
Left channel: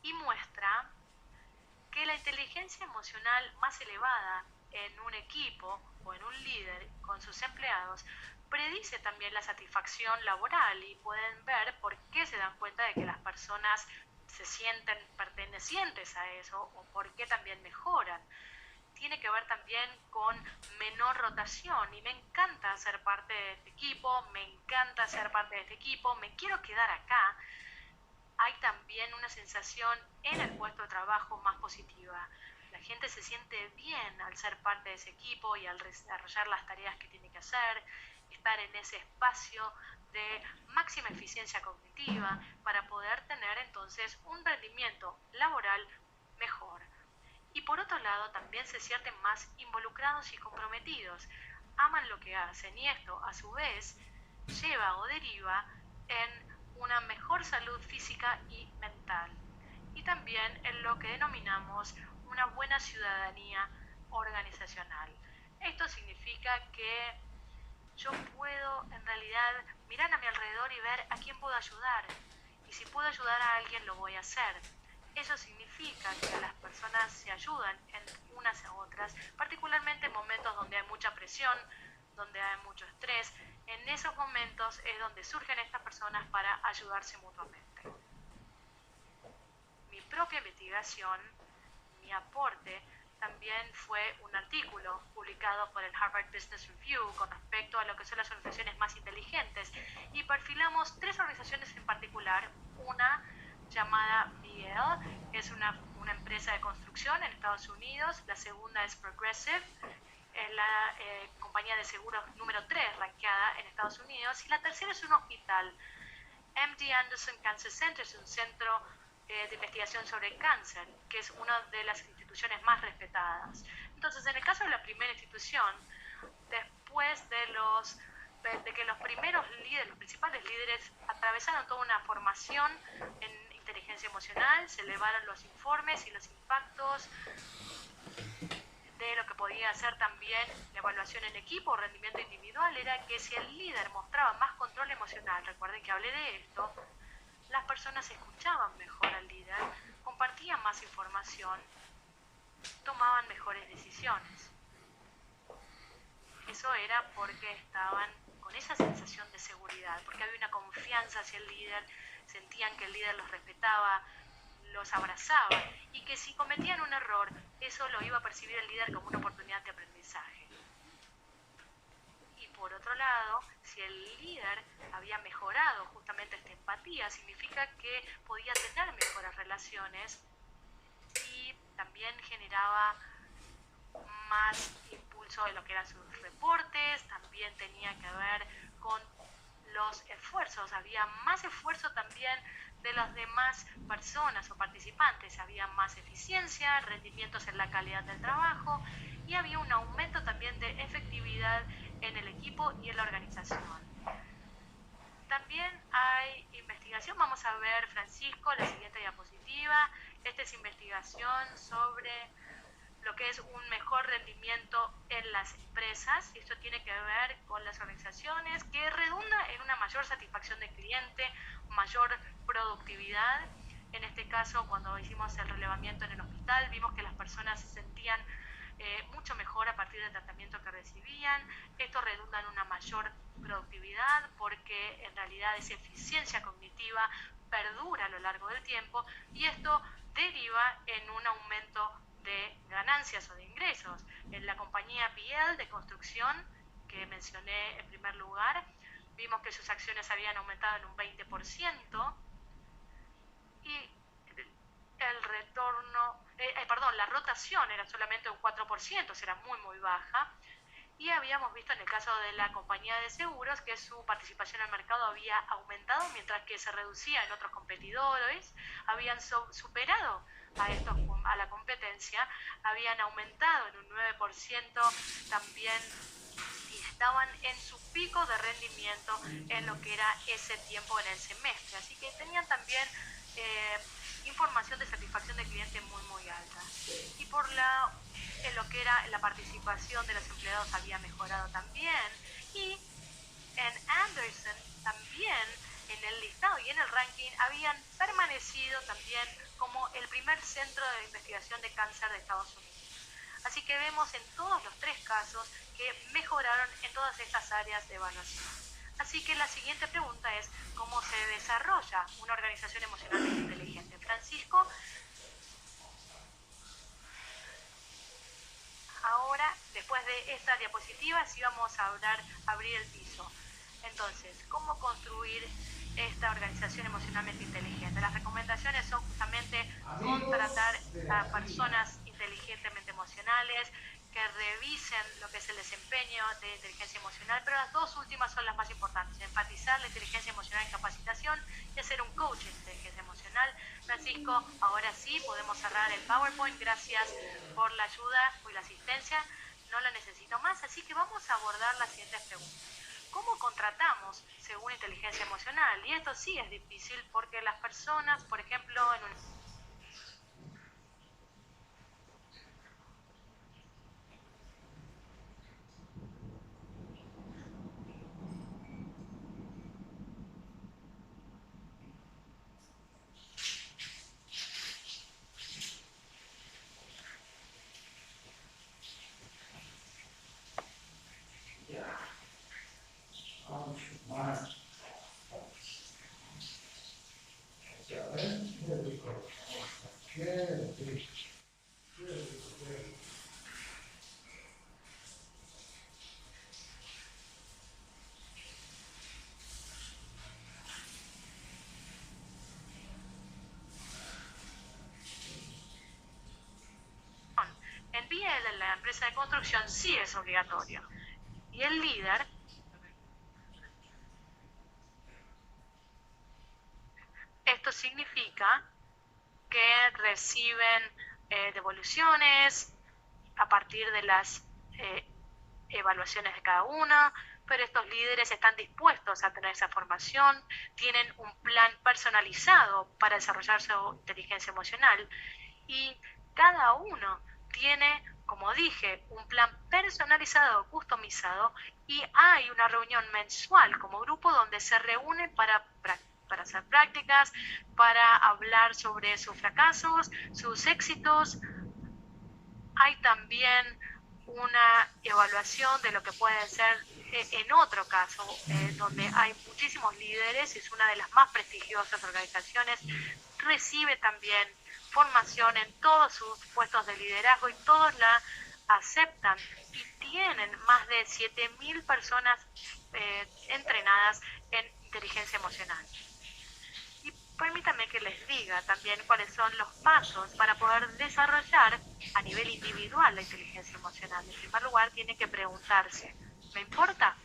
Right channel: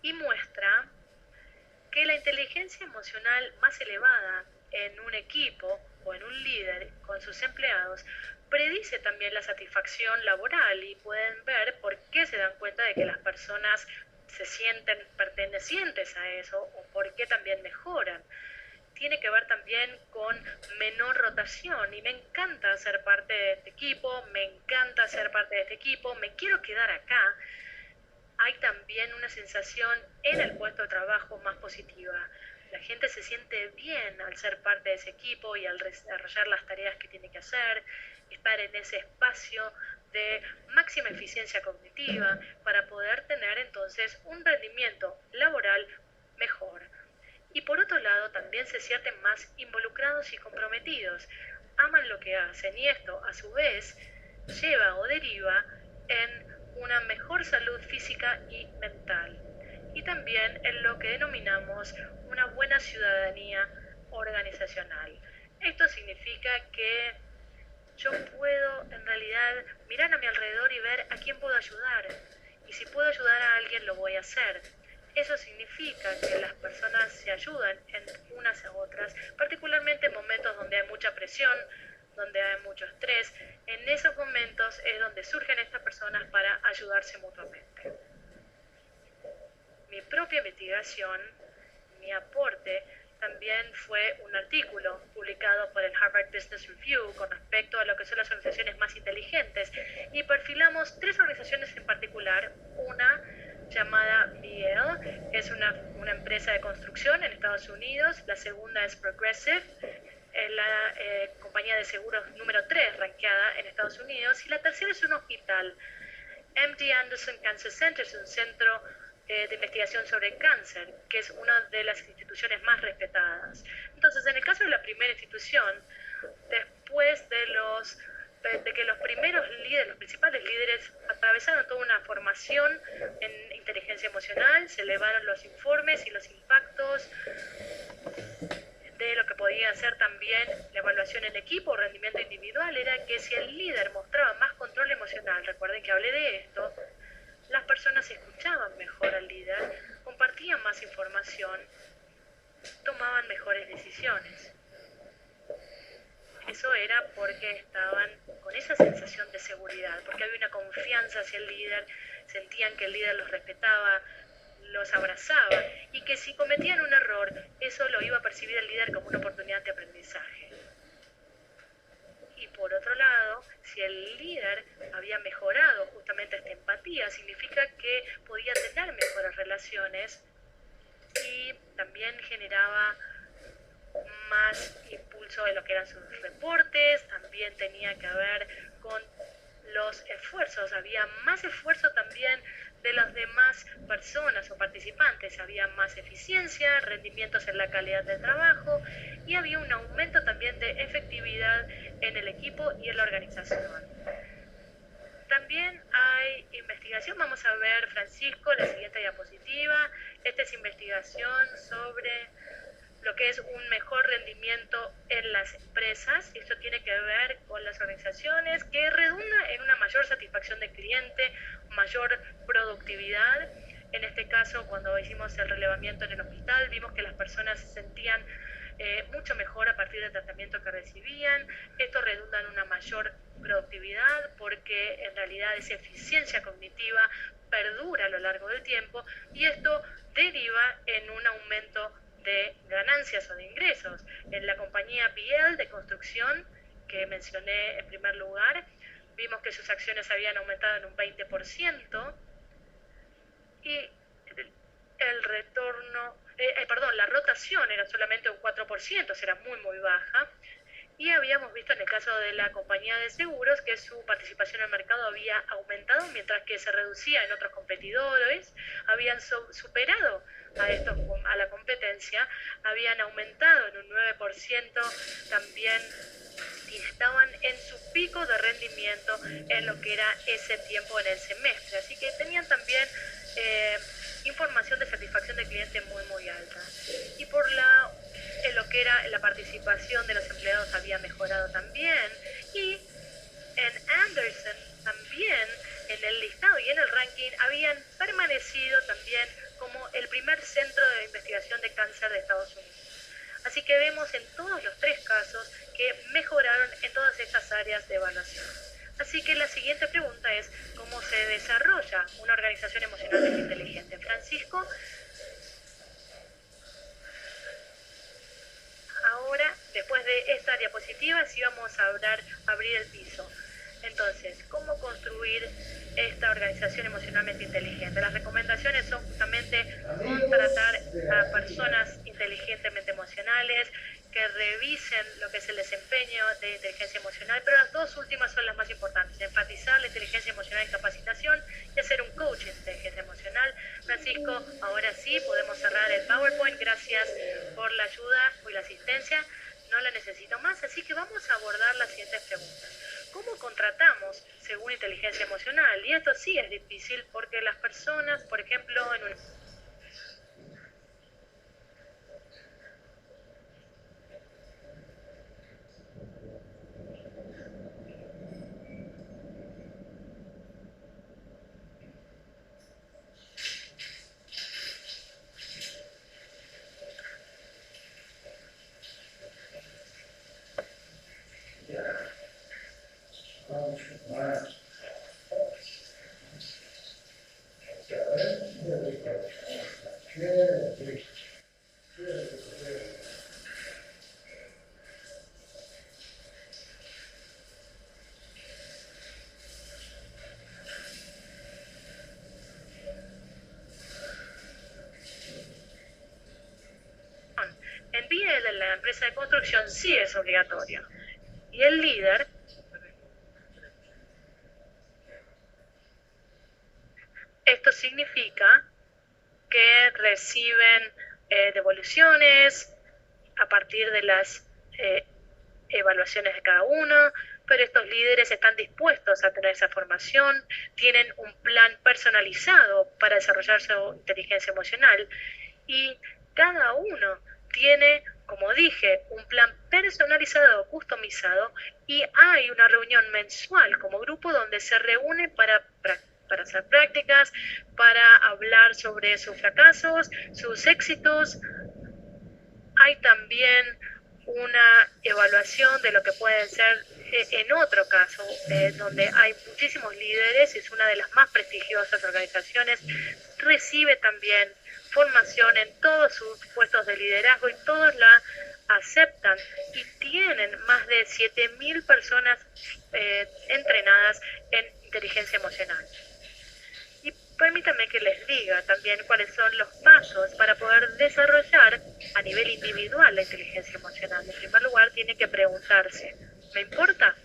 y muestra que la inteligencia emocional más elevada en un equipo o en un líder con sus empleados predice también la satisfacción laboral y pueden ver por qué se dan cuenta de que las personas se sienten pertenecientes a eso o por qué también mejoran. Tiene que ver también con menor rotación y me encanta ser parte de este equipo, me encanta ser parte de este equipo, me quiero quedar acá. Hay también una sensación en el puesto de trabajo más positiva. La gente se siente bien al ser parte de ese equipo y al desarrollar las tareas que tiene que hacer, estar en ese espacio de máxima eficiencia cognitiva para poder tener entonces un rendimiento laboral mejor. Y por otro lado también se sienten más involucrados y comprometidos, aman lo que hacen y esto a su vez lleva o deriva en una mejor salud física y mental y también en lo que denominamos una buena ciudadanía organizacional. Esto significa que yo puedo en realidad mirar a mi alrededor y ver a quién puedo ayudar y si puedo ayudar a alguien lo voy a hacer. Eso significa que las personas se ayudan en unas a otras, particularmente en momentos donde hay mucha presión, donde hay mucho estrés. En esos momentos es donde surgen estas personas para ayudarse mutuamente. Mi propia investigación, mi aporte, también fue un artículo publicado por el Harvard Business Review con respecto a lo que son las organizaciones más inteligentes y perfilamos 3 organizaciones en particular. Una llamada Miel, es una empresa de construcción en Estados Unidos. La segunda es Progressive, es la compañía de seguros número 3 rankeada en Estados Unidos. Y la tercera es un hospital. MD Anderson Cancer Center es un centro de investigación sobre cáncer, que es una de las instituciones más respetadas. Entonces, en el caso de la primera institución, después de de que los primeros líderes, los principales líderes, atravesaron toda una formación en inteligencia emocional, se elevaron los informes y los impactos de lo que podía ser también la evaluación en equipo o rendimiento individual, era que si el líder mostraba más control emocional, recuerden que hablé de esto, las personas escuchaban mejor al líder, compartían más información, tomaban mejores decisiones. Eso era porque estaban con esa sensación de seguridad, porque había una confianza hacia el líder, sentían que el líder los respetaba, los abrazaba, y que si cometían un error, eso lo iba a percibir el líder como una oportunidad de aprendizaje. Y por otro lado, si el líder había mejorado justamente esta empatía, significa que podía tener mejores relaciones y también generaba más impulso en lo que eran sus reportes, también tenía que ver con los esfuerzos, había más esfuerzo también de las demás personas o participantes, había más eficiencia, rendimientos en la calidad del trabajo y había un aumento también de efectividad en el equipo y en la organización. También hay investigación, vamos a ver, Francisco, la siguiente diapositiva. Esta es investigación sobre lo que es un mejor rendimiento en las empresas, y esto tiene que ver con las organizaciones, que redunda en una mayor satisfacción del cliente, mayor productividad. En este caso, cuando hicimos el relevamiento en el hospital, vimos que las personas se sentían mucho mejor a partir del tratamiento que recibían. Esto redunda en una mayor productividad porque en realidad esa eficiencia cognitiva perdura a lo largo del tiempo, y esto deriva en un aumento de ganancias o de ingresos. En la compañía Biel de construcción, que mencioné en primer lugar, vimos que sus acciones habían aumentado en un 20% y el retorno, la rotación era solamente un 4%, era muy baja. Y habíamos visto en el caso de la compañía de seguros que su participación en el mercado había aumentado, mientras que se reducía en otros competidores, habían superado a la competencia, habían aumentado en un 9% también, y estaban en su pico de rendimiento en lo que era ese tiempo en el semestre. Así que tenían también información de satisfacción del cliente muy alta. Y por en lo que era la participación de los empleados había mejorado también, y en Anderson también en el listado y en el ranking habían permanecido también como el primer centro de investigación de cáncer de Estados Unidos. Así que vemos en todos los tres casos que mejoraron en todas estas áreas de evaluación. Así que la siguiente pregunta es, ¿cómo se desarrolla una organización emocionalmente inteligente? Francisco, ahora, después de esta diapositiva, sí vamos a abrir el piso. Entonces, ¿cómo construir esta organización emocionalmente inteligente? Las recomendaciones son justamente contratar a personas inteligentemente emocionales, que revisen lo que es el desempeño de inteligencia emocional, pero las dos últimas son las más importantes: enfatizar la inteligencia emocional en capacitación y hacer un coach de inteligencia emocional. Francisco, ahora sí podemos cerrar el PowerPoint. Gracias por la ayuda y la asistencia. No la necesito más, así que vamos a abordar las siguientes preguntas. ¿Cómo contratamos según inteligencia emocional? Y esto sí es difícil porque las personas, por ejemplo, en un Biel, en la empresa de construcción, sí es obligatorio. Y el líder, esto significa que reciben devoluciones a partir de las evaluaciones de cada uno, pero estos líderes están dispuestos a tener esa formación, tienen un plan personalizado para desarrollar su inteligencia emocional y cada uno tiene, como dije, un plan personalizado, customizado, y hay una reunión mensual como grupo donde se reúne para hacer prácticas, para hablar sobre sus fracasos, sus éxitos. Hay también una evaluación de lo que pueden ser, en otro caso, donde hay muchísimos líderes, es una de las más prestigiosas organizaciones, recibe también formación en todos sus puestos de liderazgo y todos la aceptan y tienen más de 7.000 personas entrenadas en inteligencia emocional. Y permítanme que les diga también cuáles son los pasos para poder desarrollar a nivel individual la inteligencia emocional. En primer lugar, tiene que preguntarse, ¿me importa?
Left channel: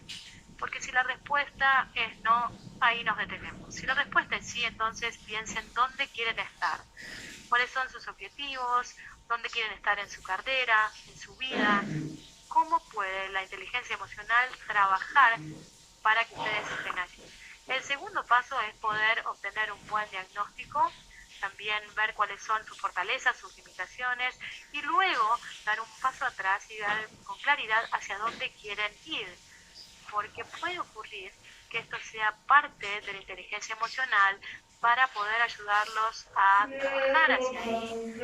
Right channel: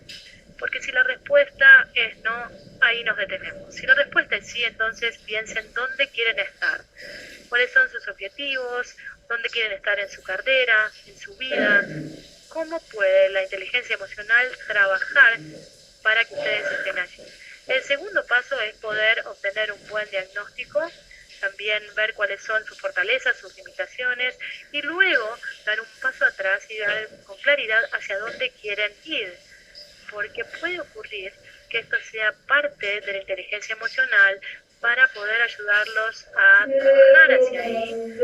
Porque si la respuesta es no, ahí nos detenemos. Si la respuesta es sí, entonces piensen dónde quieren estar, cuáles son sus objetivos, dónde quieren estar en su carrera, en su vida, cómo puede la inteligencia emocional trabajar para que ustedes estén allí. El segundo paso es poder obtener un buen diagnóstico, también ver cuáles son sus fortalezas, sus limitaciones, y luego dar un paso atrás y dar con claridad hacia dónde quieren ir, porque puede ocurrir que esto sea parte de la inteligencia emocional para poder ayudarlos a trabajar hacia ahí.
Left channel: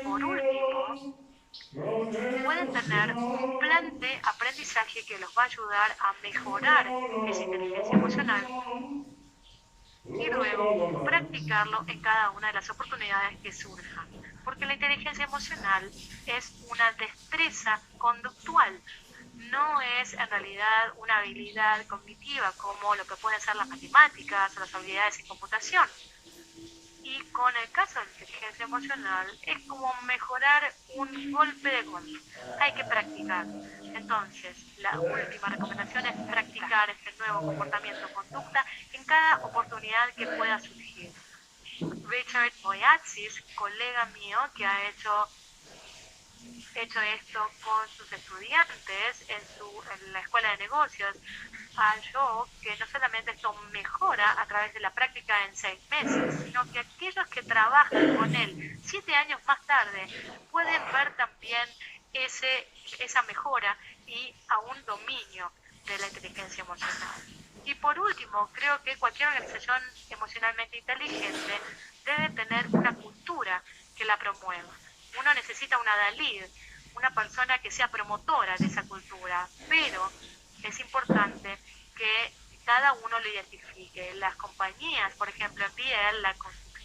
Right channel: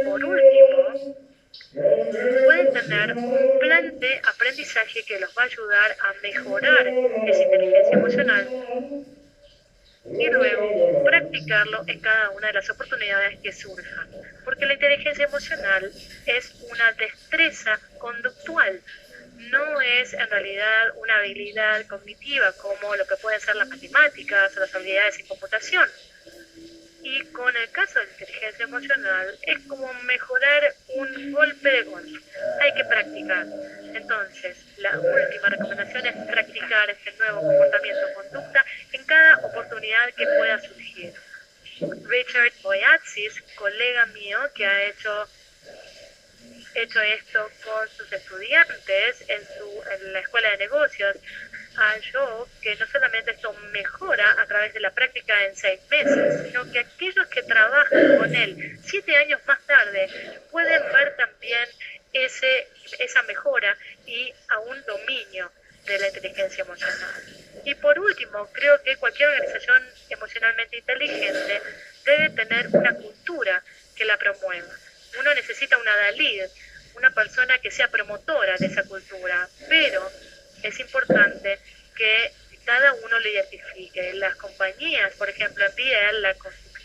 Y por último, pueden tener un plan de aprendizaje que los va a ayudar a mejorar esa inteligencia emocional y luego practicarlo en cada una de las oportunidades que surjan. Porque la inteligencia emocional es una destreza conductual, no es en realidad una habilidad cognitiva como lo que pueden ser las matemáticas o las habilidades en computación. Y con el caso de la inteligencia emocional es como mejorar un golpe de golf. Hay que practicar. Entonces, la última recomendación es practicar este nuevo comportamiento o conducta en cada oportunidad que pueda surgir. Richard Boyatzis, colega mío que ha hecho esto con sus estudiantes en la escuela de negocios, halló que no solamente esto mejora a través de la práctica en 6 meses, sino que aquellos que trabajan con él 7 años más tarde pueden ver también esa mejora y a un dominio de la inteligencia emocional. Y por último, creo que cualquier organización emocionalmente inteligente debe tener una cultura que la promueva. Uno necesita una lead, una persona que sea promotora de esa cultura, pero es importante que cada uno lo identifique. Las compañías, por ejemplo, en BL,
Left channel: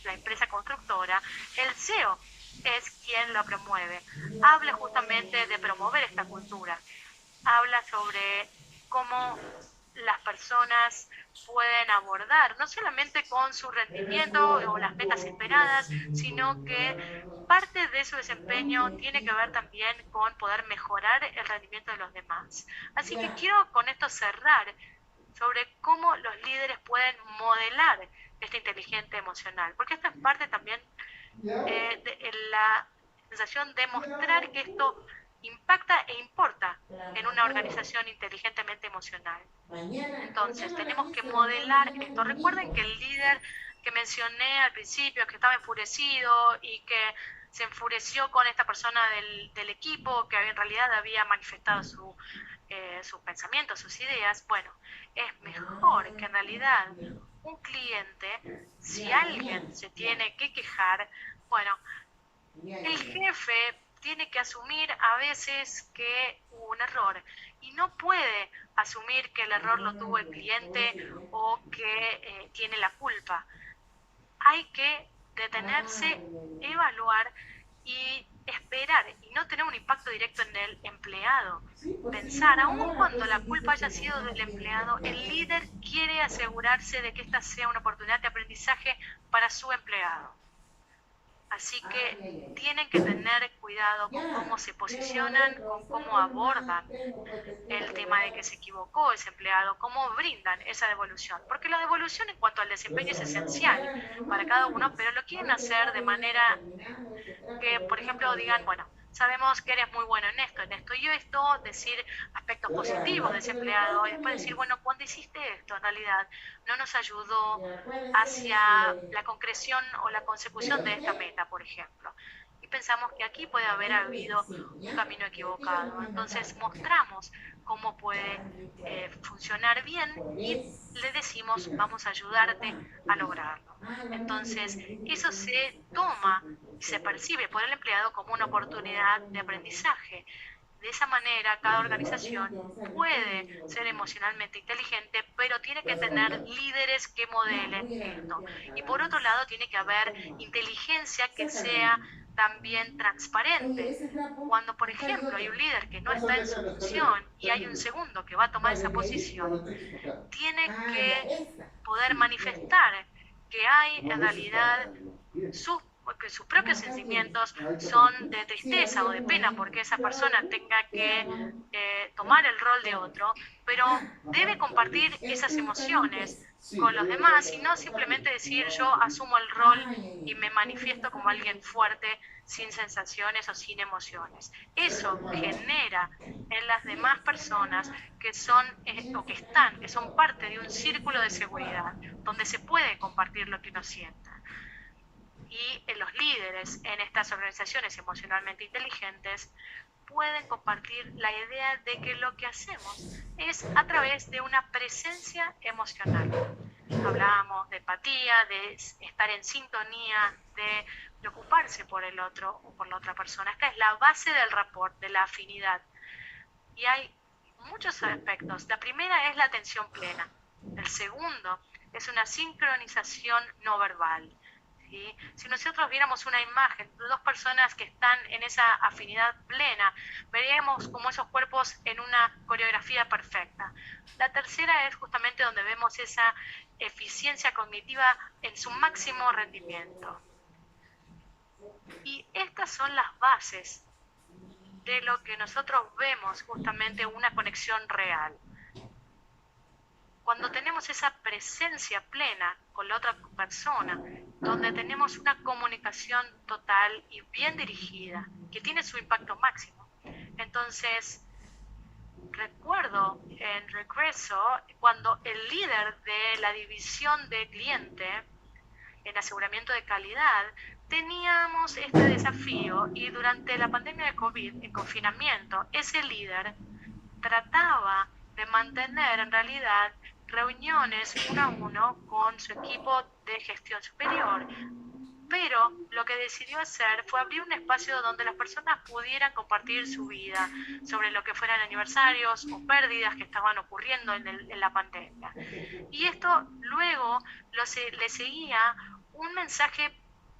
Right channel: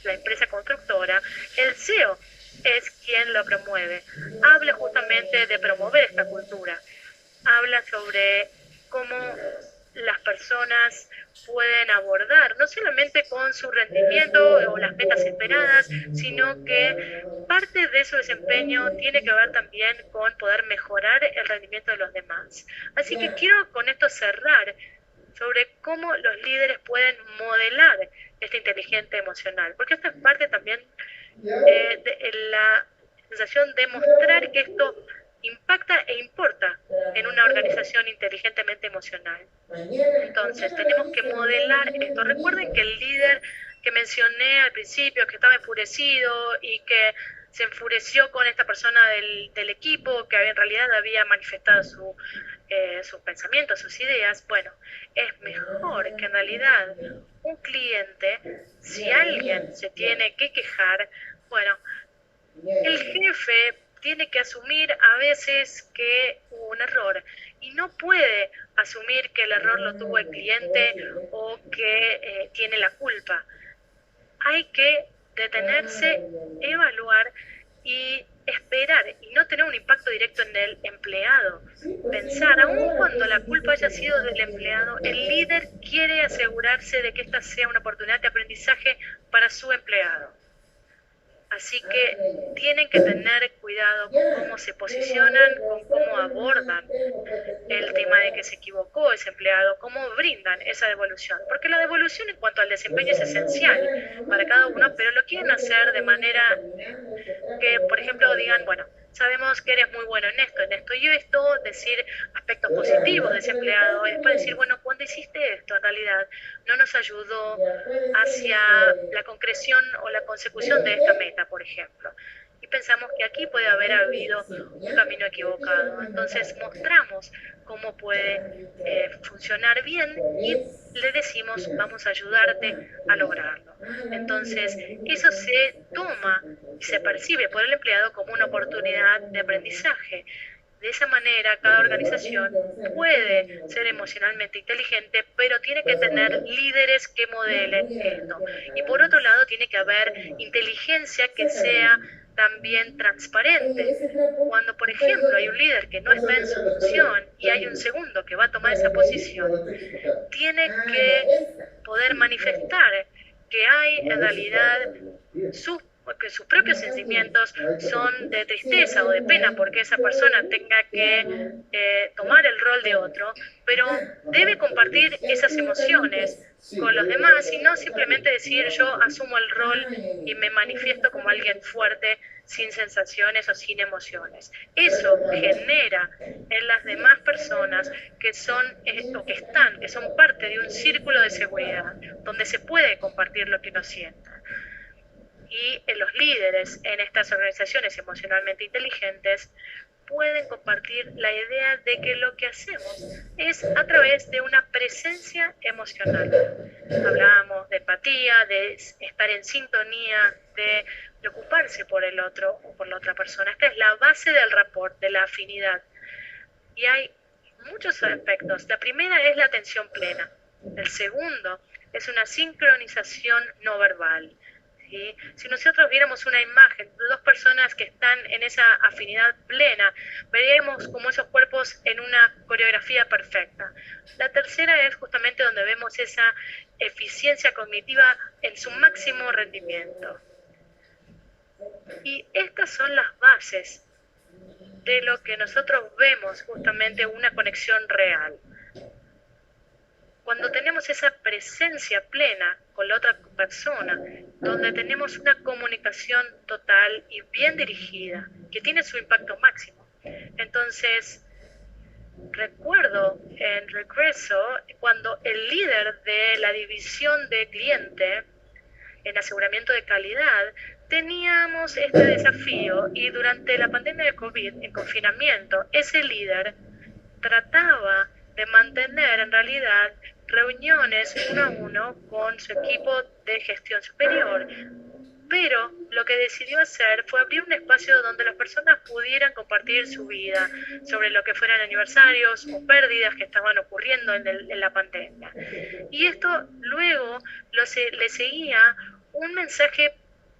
la empresa constructora, el CEO es quien lo promueve. Habla justamente de promover esta cultura. Habla sobre cómo las personas pueden abordar, no solamente con su rendimiento o las metas esperadas, sino que parte de su desempeño tiene que ver también con poder mejorar el rendimiento de los demás. Así que quiero con esto cerrar sobre cómo los líderes pueden modelar esta inteligencia emocional, porque esto es parte también de la sensación de mostrar que esto impacta e importa en una organización inteligentemente emocional. Entonces, tenemos que modelar esto. Recuerden que el líder que mencioné al principio, que estaba enfurecido y que se enfureció con esta persona del equipo, que en realidad había manifestado sus pensamientos, sus ideas, bueno, es mejor que en realidad un cliente, si alguien se tiene que quejar, bueno, el jefe tiene que asumir a veces que hubo un error y no puede asumir que el error lo tuvo el cliente o que tiene la culpa. Hay que detenerse, evaluar y esperar y no tener un impacto directo en el empleado. Pensar, aun cuando la culpa haya sido del empleado, el líder quiere asegurarse de que esta sea una oportunidad de aprendizaje para su empleado. Así que tienen que tener cuidado con cómo se posicionan, con cómo abordan el tema de que se equivocó ese empleado, cómo brindan esa devolución. Porque la devolución en cuanto al desempeño es esencial para cada uno, pero lo quieren hacer de manera que, por ejemplo, digan, bueno, sabemos que eres muy bueno en esto y esto, decir aspectos positivos de ese empleado, y después decir, bueno, cuando hiciste esto, en realidad no nos ayudó hacia la concreción o la consecución de esta meta, por ejemplo. Y pensamos que aquí puede haber habido un camino equivocado. Entonces mostramos cómo puede funcionar bien y le decimos, vamos a ayudarte a lograrlo. Entonces, eso se toma y se percibe por el empleado como una oportunidad de aprendizaje. De esa manera, cada organización puede ser emocionalmente inteligente, pero tiene que tener líderes que modelen esto. Y por otro lado, tiene que haber inteligencia que sea también transparente. Cuando, por ejemplo, hay un líder que no está en su función y hay un segundo que va a tomar esa posición, tiene que poder manifestar que hay en realidad que sus propios sentimientos son de tristeza o de pena porque esa persona tenga que tomar el rol de otro, pero debe compartir esas emociones con los demás y no simplemente decir yo asumo el rol y me manifiesto como alguien fuerte sin sensaciones o sin emociones. Eso genera en las demás personas que son o que son parte de un círculo de seguridad donde se puede compartir lo que uno sienta. Y los líderes en estas organizaciones emocionalmente inteligentes pueden compartir la idea de que lo que hacemos es a través de una presencia emocional. Hablamos de empatía, de estar en sintonía, de preocuparse por el otro o por la otra persona. Esta es la base del rapport, de la afinidad. Y hay muchos aspectos. La primera es la atención plena. El segundo es una sincronización no verbal. ¿Sí? Si nosotros viéramos una imagen de dos personas que están en esa afinidad plena, veríamos como esos cuerpos en una coreografía perfecta. La tercera es justamente donde vemos esa eficiencia cognitiva en su máximo rendimiento. Y estas son las bases de lo que nosotros vemos justamente una conexión real. Cuando tenemos esa presencia plena con la otra persona, donde tenemos una comunicación total y bien dirigida, que tiene su impacto máximo. Entonces, recuerdo en Regreso, cuando el líder de la división de cliente en aseguramiento de calidad, teníamos este desafío y durante la pandemia de COVID, en confinamiento, ese líder trataba de mantener en realidad reuniones uno a uno con su equipo de gestión superior, pero lo que decidió hacer fue abrir un espacio donde las personas pudieran compartir su vida sobre lo que fueran aniversarios o pérdidas que estaban ocurriendo en la pandemia. Y esto luego le seguía un mensaje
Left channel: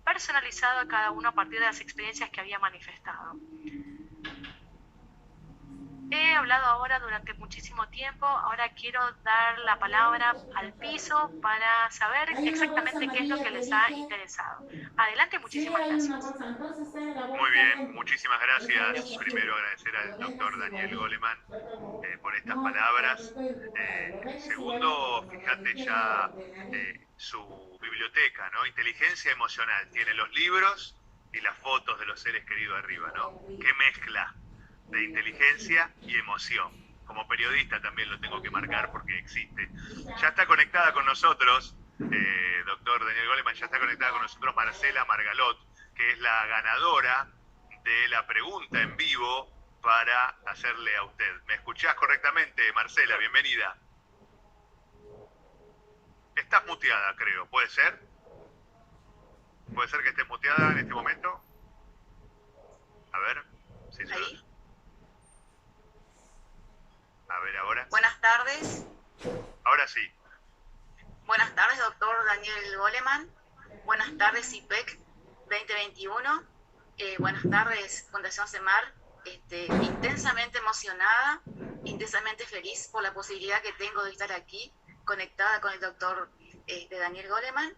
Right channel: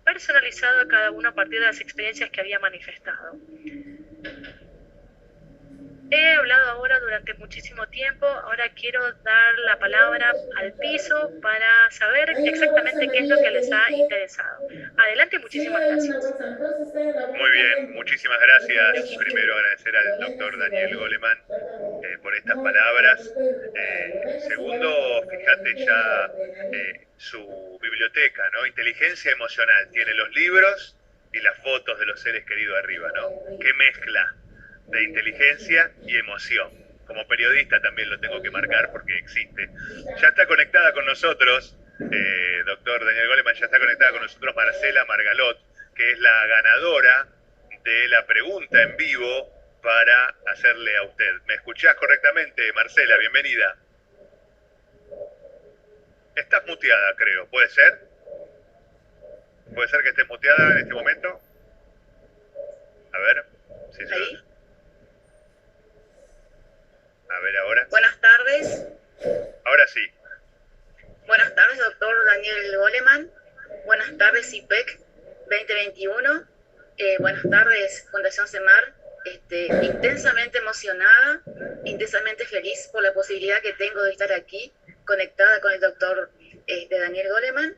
personalizado a cada uno a partir de las experiencias que había manifestado. He hablado ahora durante muchísimo tiempo, ahora quiero dar la palabra al piso para saber exactamente qué es lo que les ha interesado. Adelante, muchísimas gracias. Muy bien, muchísimas gracias. Primero agradecer al doctor Daniel Goleman por estas palabras. Segundo, fíjate ya su biblioteca, ¿no? Inteligencia emocional, tiene los libros y las fotos de los seres queridos arriba, ¿no? Qué mezcla de inteligencia y emoción. Como periodista también lo tengo que marcar porque existe. Ya está conectada con nosotros, doctor Daniel Goleman, ya está conectada con nosotros Marcela Margalot, que es la ganadora de la pregunta en vivo para hacerle a usted. ¿Me escuchás correctamente, Marcela? Bienvenida. Estás muteada, creo. ¿Puede ser? ¿Puede ser que estés muteada en este momento? A ver. Sí, ¿Ahí? A ver ahora. Buenas tardes. Ahora sí. Buenas tardes, doctor Daniel Goleman. Buenas tardes, IPEC 2021. Buenas tardes, Fundación CEMAR. Intensamente emocionada, intensamente feliz por la posibilidad que tengo de estar aquí, conectada con el doctor Daniel Goleman.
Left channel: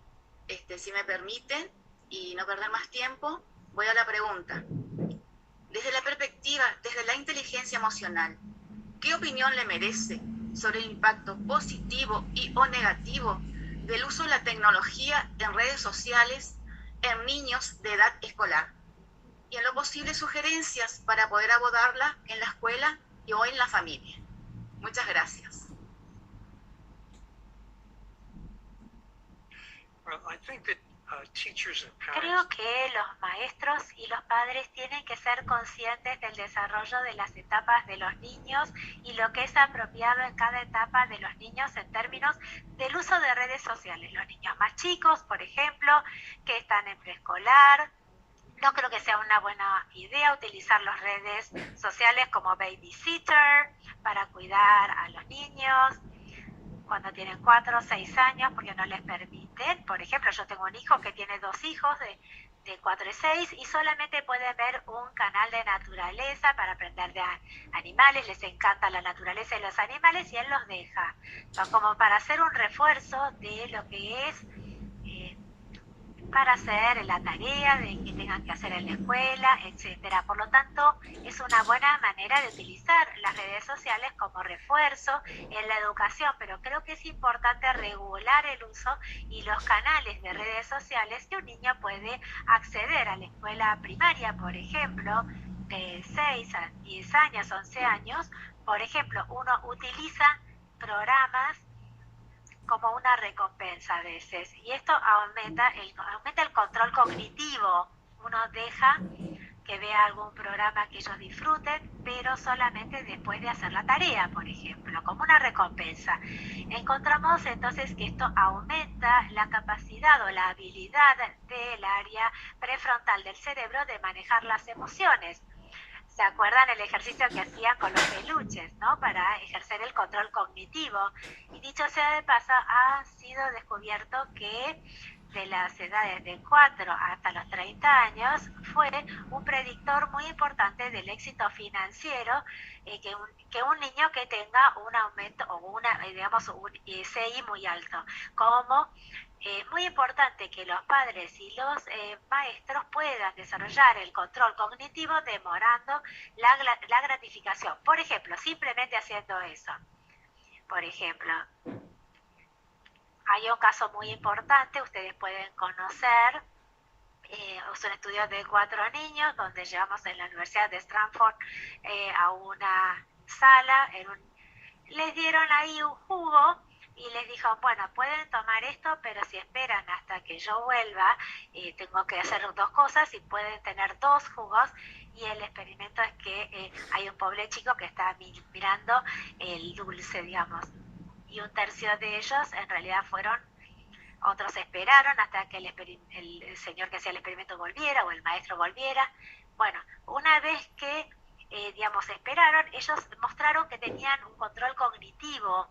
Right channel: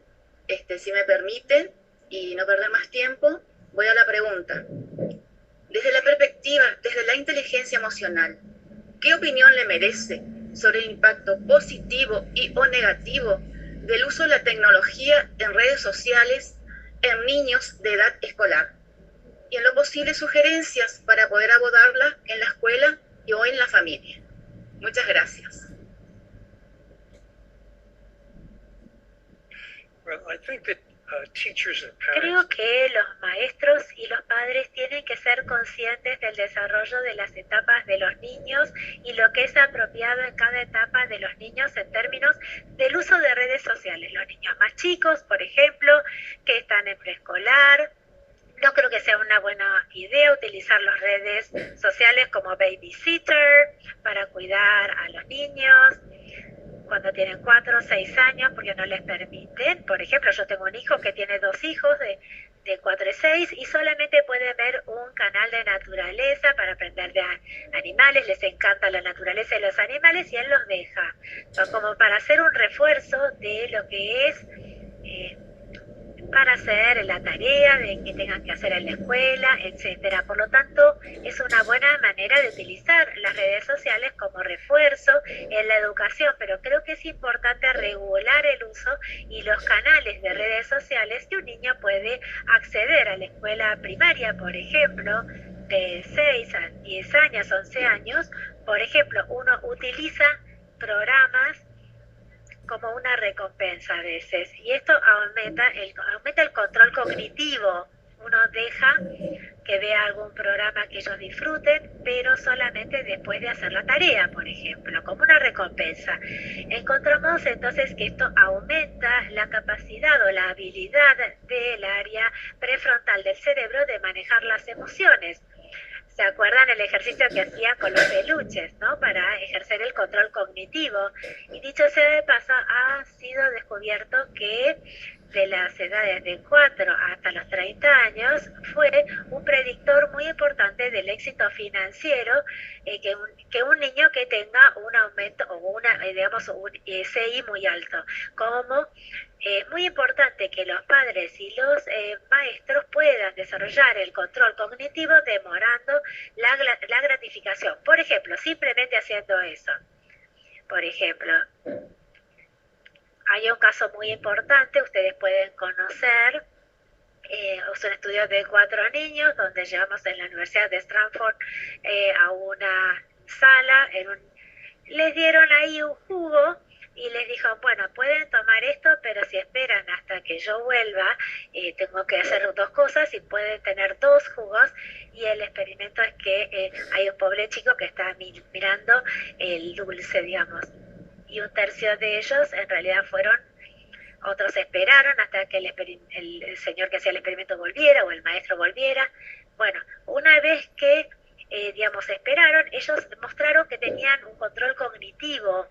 Si me permiten, y no perder más tiempo, voy a la pregunta. Desde la perspectiva, desde la inteligencia emocional, ¿qué opinión le merece sobre el impacto positivo y o negativo del uso de la tecnología en redes sociales en niños de edad escolar? y en lo posible sugerencias para poder abordarla en la escuela y o en la familia. Muchas gracias. Well, I think that teachers and Creo parents que los maestros y los padres tienen que ser conscientes del desarrollo de las etapas de los niños y lo que es apropiado en cada etapa de los niños en términos del uso de redes sociales. Los niños más chicos, por ejemplo, que están en preescolar, no creo que sea una buena idea utilizar las redes sociales como babysitter para cuidar a los niños cuando tienen 4 o 6 años, porque no les permiten. Por ejemplo, yo tengo un hijo que tiene 2 hijos de 4 y 6 y solamente pueden ver un canal de naturaleza para aprender de animales, les encanta la naturaleza y los animales y él los deja, como para hacer un refuerzo de lo que es para hacer la tarea de que tengan que hacer en la escuela, etcétera. Por lo tanto, es una buena manera de utilizar las redes sociales como refuerzo en la educación, pero creo que es importante regular el uso y los canales de redes sociales que un niño puede acceder a la escuela primaria, por ejemplo, de 6 a 10 años, 11 años. Por ejemplo, uno utiliza programas como una recompensa a veces, y esto aumenta el control cognitivo. Uno deja que vea algún programa que ellos disfruten, pero solamente después de hacer la tarea, por ejemplo, como una recompensa. Encontramos entonces que esto aumenta la capacidad o la habilidad del área prefrontal del cerebro de manejar las emociones. ¿Se acuerdan el ejercicio que hacían con los peluches, ¿no? Para ejercer el control cognitivo? Y dicho sea de paso, ha sido descubierto que de las edades de 4 hasta los 30 años fue un predictor muy importante del éxito financiero, que un niño que tenga un aumento o un CI muy alto. Como es muy importante que los padres y los maestros puedan desarrollar el control cognitivo demorando la gratificación. Por ejemplo, simplemente haciendo eso. Por ejemplo, hay un caso muy importante, ustedes pueden conocer, es un estudio de 4 niños donde llevamos en la Universidad de Stanford a una sala, les dieron ahí un jugo y les dijo, bueno, pueden tomar esto, pero si esperan hasta que yo vuelva, tengo que hacer 2 cosas y pueden tener 2 jugos. Y el experimento es que hay un pobre chico que está mirando el dulce, digamos, y un tercio de ellos en realidad otros esperaron hasta que el señor que hacía el experimento volviera o el maestro volviera. Bueno, una vez que, esperaron, ellos mostraron que tenían un control cognitivo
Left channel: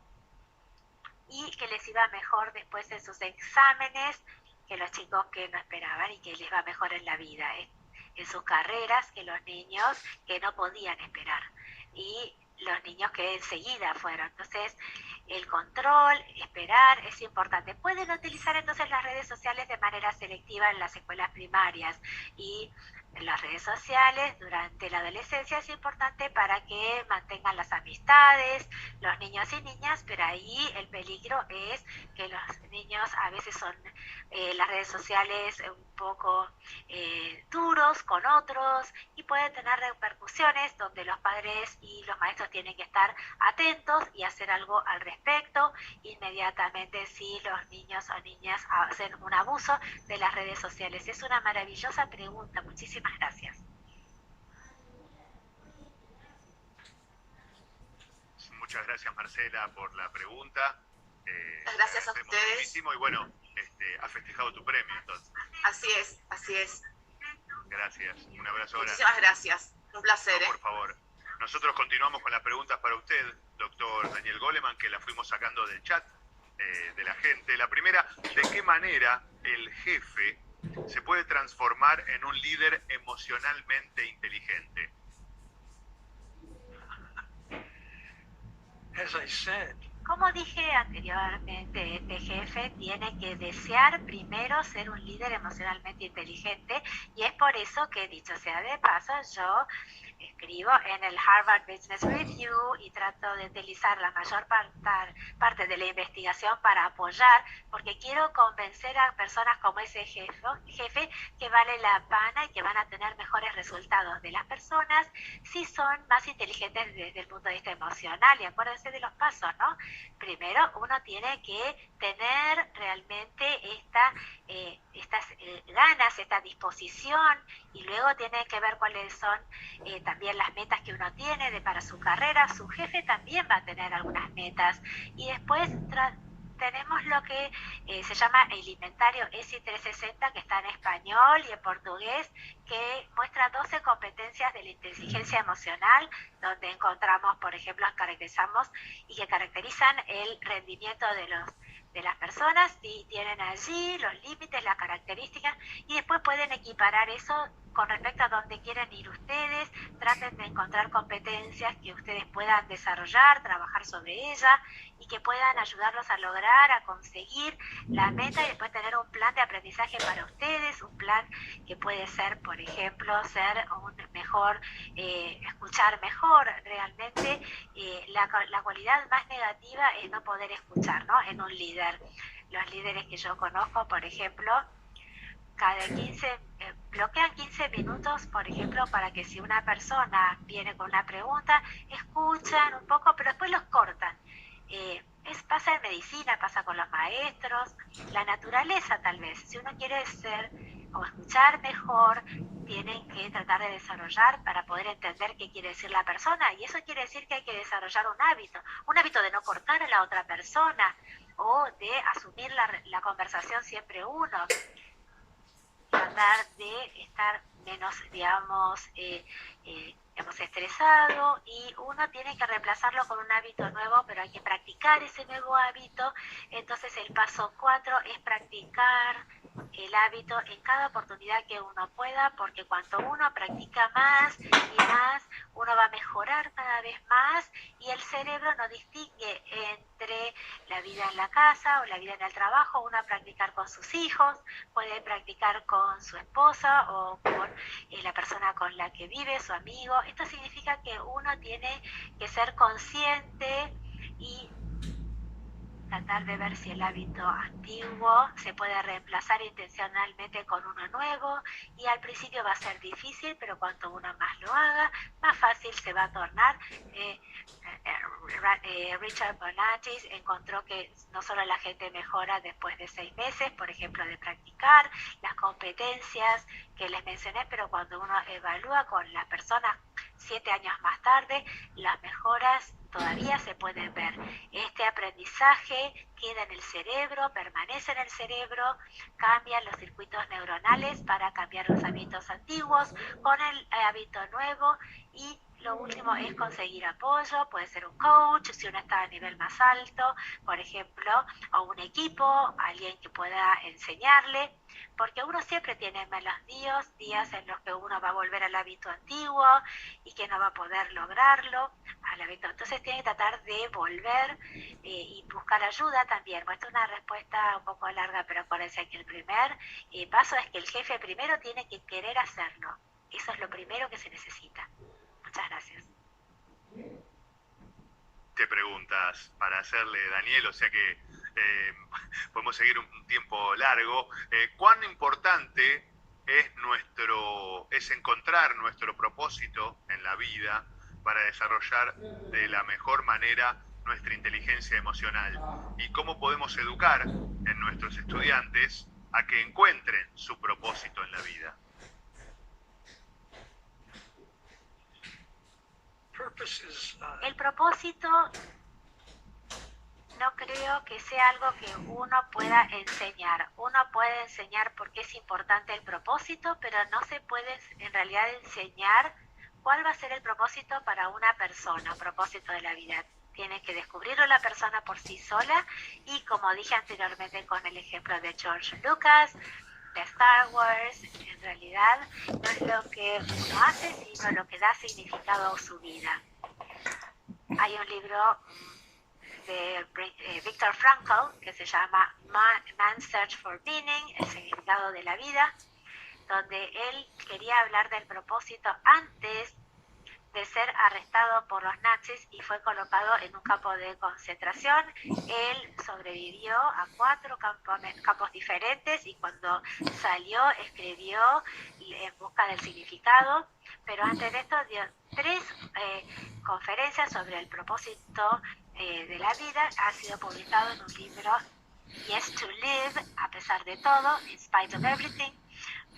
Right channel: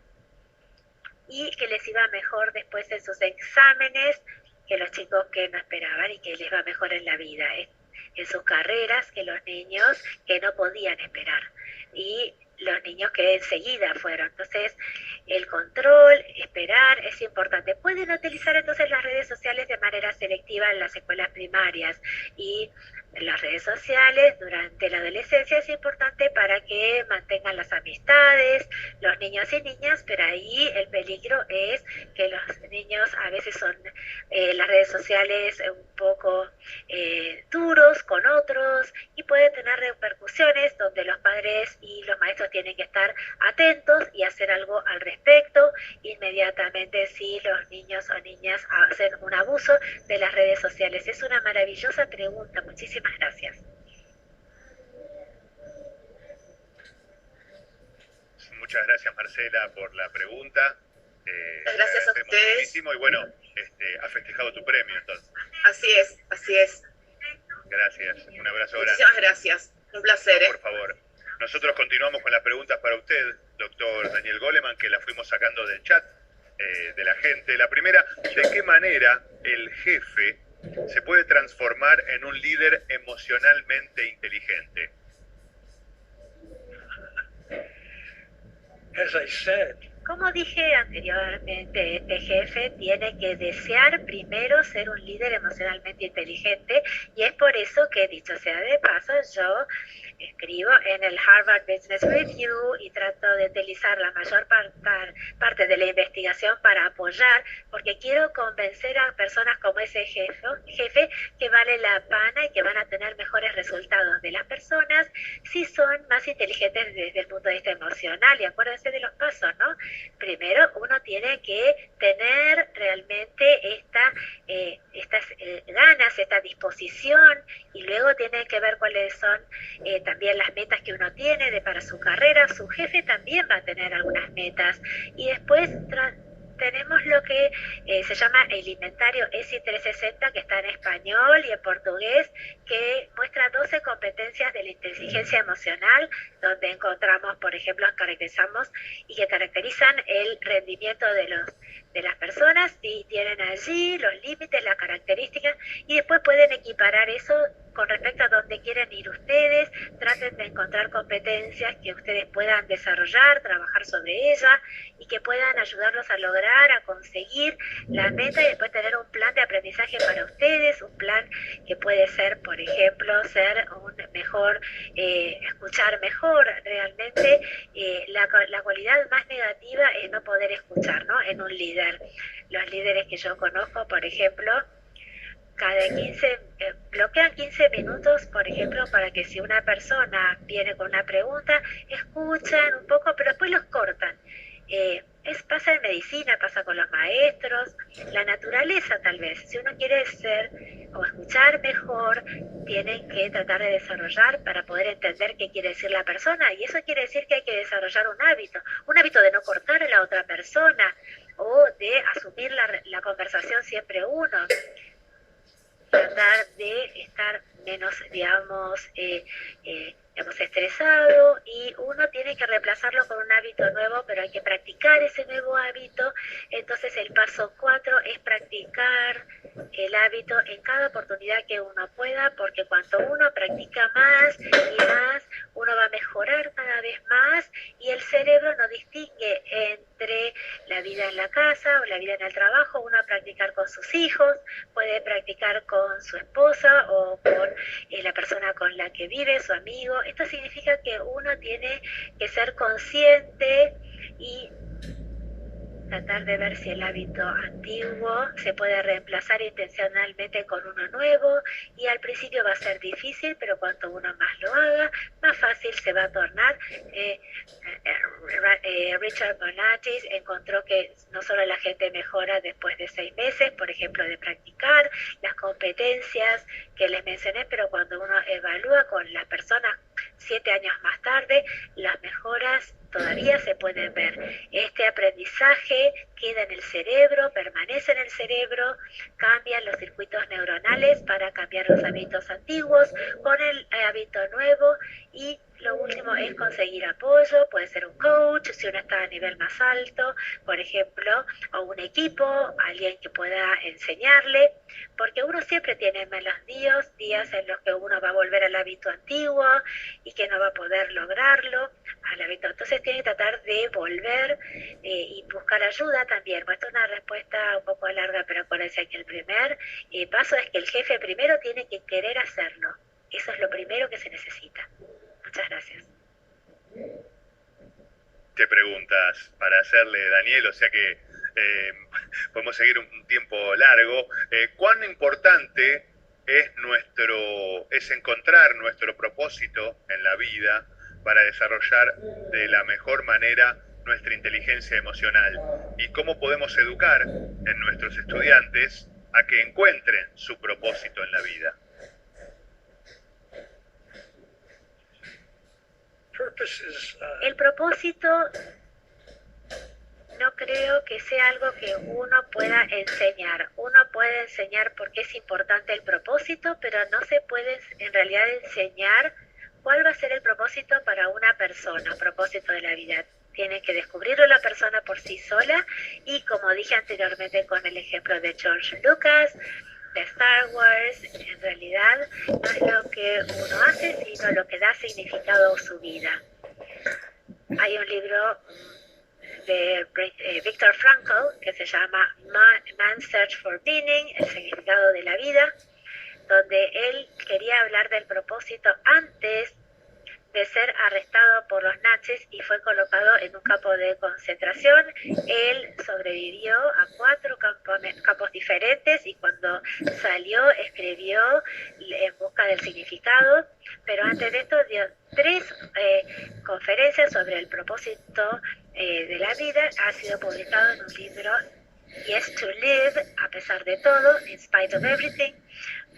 y que les iba mejor después en sus exámenes que los chicos que no esperaban y que les va mejor en la vida, en sus carreras, que los niños que no podían esperar y los niños que enseguida fueron. Entonces, el control, esperar, es importante. Pueden utilizar entonces las redes sociales de manera selectiva en las escuelas primarias, y las redes sociales durante la adolescencia es importante para que mantengan las amistades, los niños y niñas, pero ahí el peligro es que los niños a veces son las redes sociales un poco duros con otros y pueden tener repercusiones donde los padres y los maestros tienen que estar atentos y hacer algo al respecto inmediatamente si los niños o niñas hacen un abuso de las redes sociales. Es una maravillosa pregunta. Muchísimas gracias. Muchas gracias, Marcela, por la pregunta. Gracias a ustedes. Muchísimo y bueno, has festejado tu premio entonces. Así es, así es. Gracias, un abrazo grande. Muchísimas gracias, un placer. No, por favor. Nosotros continuamos con las preguntas para usted, doctor Daniel Goleman, que las fuimos sacando del chat de la gente. La primera, ¿de qué manera el jefe se puede transformar en un líder emocionalmente inteligente? as I said, Como dije anteriormente, este jefe tiene que desear primero ser un líder emocionalmente inteligente, y es por eso que, dicho sea de paso, yo escribo en el Harvard Business Review y trato de utilizar la mayor parte de la investigación para apoyar, porque quiero convencer a personas como ese jefe que vale la pena y que van a tener mejores resultados de las personas si son más inteligentes desde el punto de vista emocional. Y acuérdense de los pasos, ¿no? Primero uno tiene que tener realmente estas ganas, esta disposición, y luego tiene que ver cuáles son también las metas que uno tiene para su carrera. Su jefe también va a tener algunas metas, y después tenemos lo que se llama el inventario ESI 360, que está en español y en portugués, que muestra 12 competencias de la inteligencia emocional, donde encontramos, por ejemplo, caracterizamos y que caracterizan el rendimiento de las personas, y tienen allí los límites, las características, y después pueden equiparar eso con respecto a dónde quieren ir ustedes. Traten de encontrar competencias que ustedes puedan desarrollar, trabajar sobre ellas, y que puedan ayudarlos a lograr, a conseguir la meta, y después tener un plan de aprendizaje para ustedes, un plan que puede ser, por ejemplo, ser un mejor, escuchar mejor. Realmente la cualidad más negativa es no poder escuchar, ¿no? En un líder. Los líderes que yo conozco, por ejemplo, bloquean 15 minutos, por ejemplo, para que si una persona viene con una pregunta, escuchan un poco, pero después los cortan. Pasa en medicina, pasa con los maestros, la naturaleza tal vez. Si uno quiere ser o escuchar mejor, tienen que tratar de desarrollar para poder entender qué quiere decir la persona, y eso quiere decir que hay que desarrollar un hábito de no cortar a la otra persona, o de asumir la conversación siempre uno. Tratar de estar menos, digamos, estresado, y uno tiene que reemplazarlo con un hábito nuevo, pero hay que practicar ese nuevo hábito. Entonces el paso 4 es practicar el hábito en cada oportunidad que uno pueda, porque cuanto uno practica más y más, uno va a mejorar cada vez más, y el cerebro no distingue entre la vida en la casa o la vida en el trabajo. Uno va a practicar con sus hijos, puede practicar con su esposa o con la persona con la que vive, su amigo. Esto significa que uno tiene que ser consciente y tratar de ver si el hábito antiguo se puede reemplazar intencionalmente con uno nuevo, y al principio va a ser difícil, pero cuanto uno más lo haga, más fácil se va a tornar. Richard Bonatis encontró que no solo la gente mejora después de 6 meses, por ejemplo, de practicar las competencias que les mencioné, pero cuando uno evalúa con las personas 7 años más tarde, las mejoras todavía se pueden ver. Este aprendizaje queda en el cerebro, permanece en el cerebro, cambian los circuitos neuronales para cambiar los hábitos antiguos con el hábito nuevo. Y lo último es conseguir apoyo, puede ser un coach si uno está a nivel más alto, por ejemplo, o un equipo, alguien que pueda enseñarle, porque uno siempre tiene malos días en los que uno va a volver al hábito antiguo y que no va a poder lograrlo al hábito. Entonces tiene que tratar de volver y buscar ayuda también. Bueno, esta es una respuesta un poco larga, pero acuérdense que el primer paso es que el jefe primero tiene que querer hacerlo. Eso es lo primero que se necesita. Muchas gracias. Te preguntas para hacerle, Daniel, o sea que podemos seguir un tiempo largo. ¿Cuán importante es encontrar nuestro propósito en la vida para desarrollar de la mejor manera nuestra inteligencia emocional? ¿Y cómo podemos educar en nuestros estudiantes a que encuentren su propósito en la vida? El propósito no creo que sea algo que uno pueda enseñar. Uno puede enseñar por qué es importante el propósito, pero no se puede en realidad enseñar cuál va a ser el propósito para una persona, propósito de la vida. Tiene que descubrirlo la persona por sí sola, y como dije anteriormente con el ejemplo de George Lucas, de Star Wars, en realidad no es lo que uno hace, sino lo que da significado a su vida. Hay un libro de Viktor Frankl que se llama Man's Search for Meaning, el significado de la vida, donde él quería hablar del propósito antes de ser arrestado por los nazis y fue colocado en un campo de concentración. Él sobrevivió a 4 campos diferentes y cuando salió escribió En busca del significado, pero antes de esto dio 3 conferencias sobre el propósito de la vida. Ha sido publicado en un libro, Yes to Live, a pesar de todo, In Spite of Everything,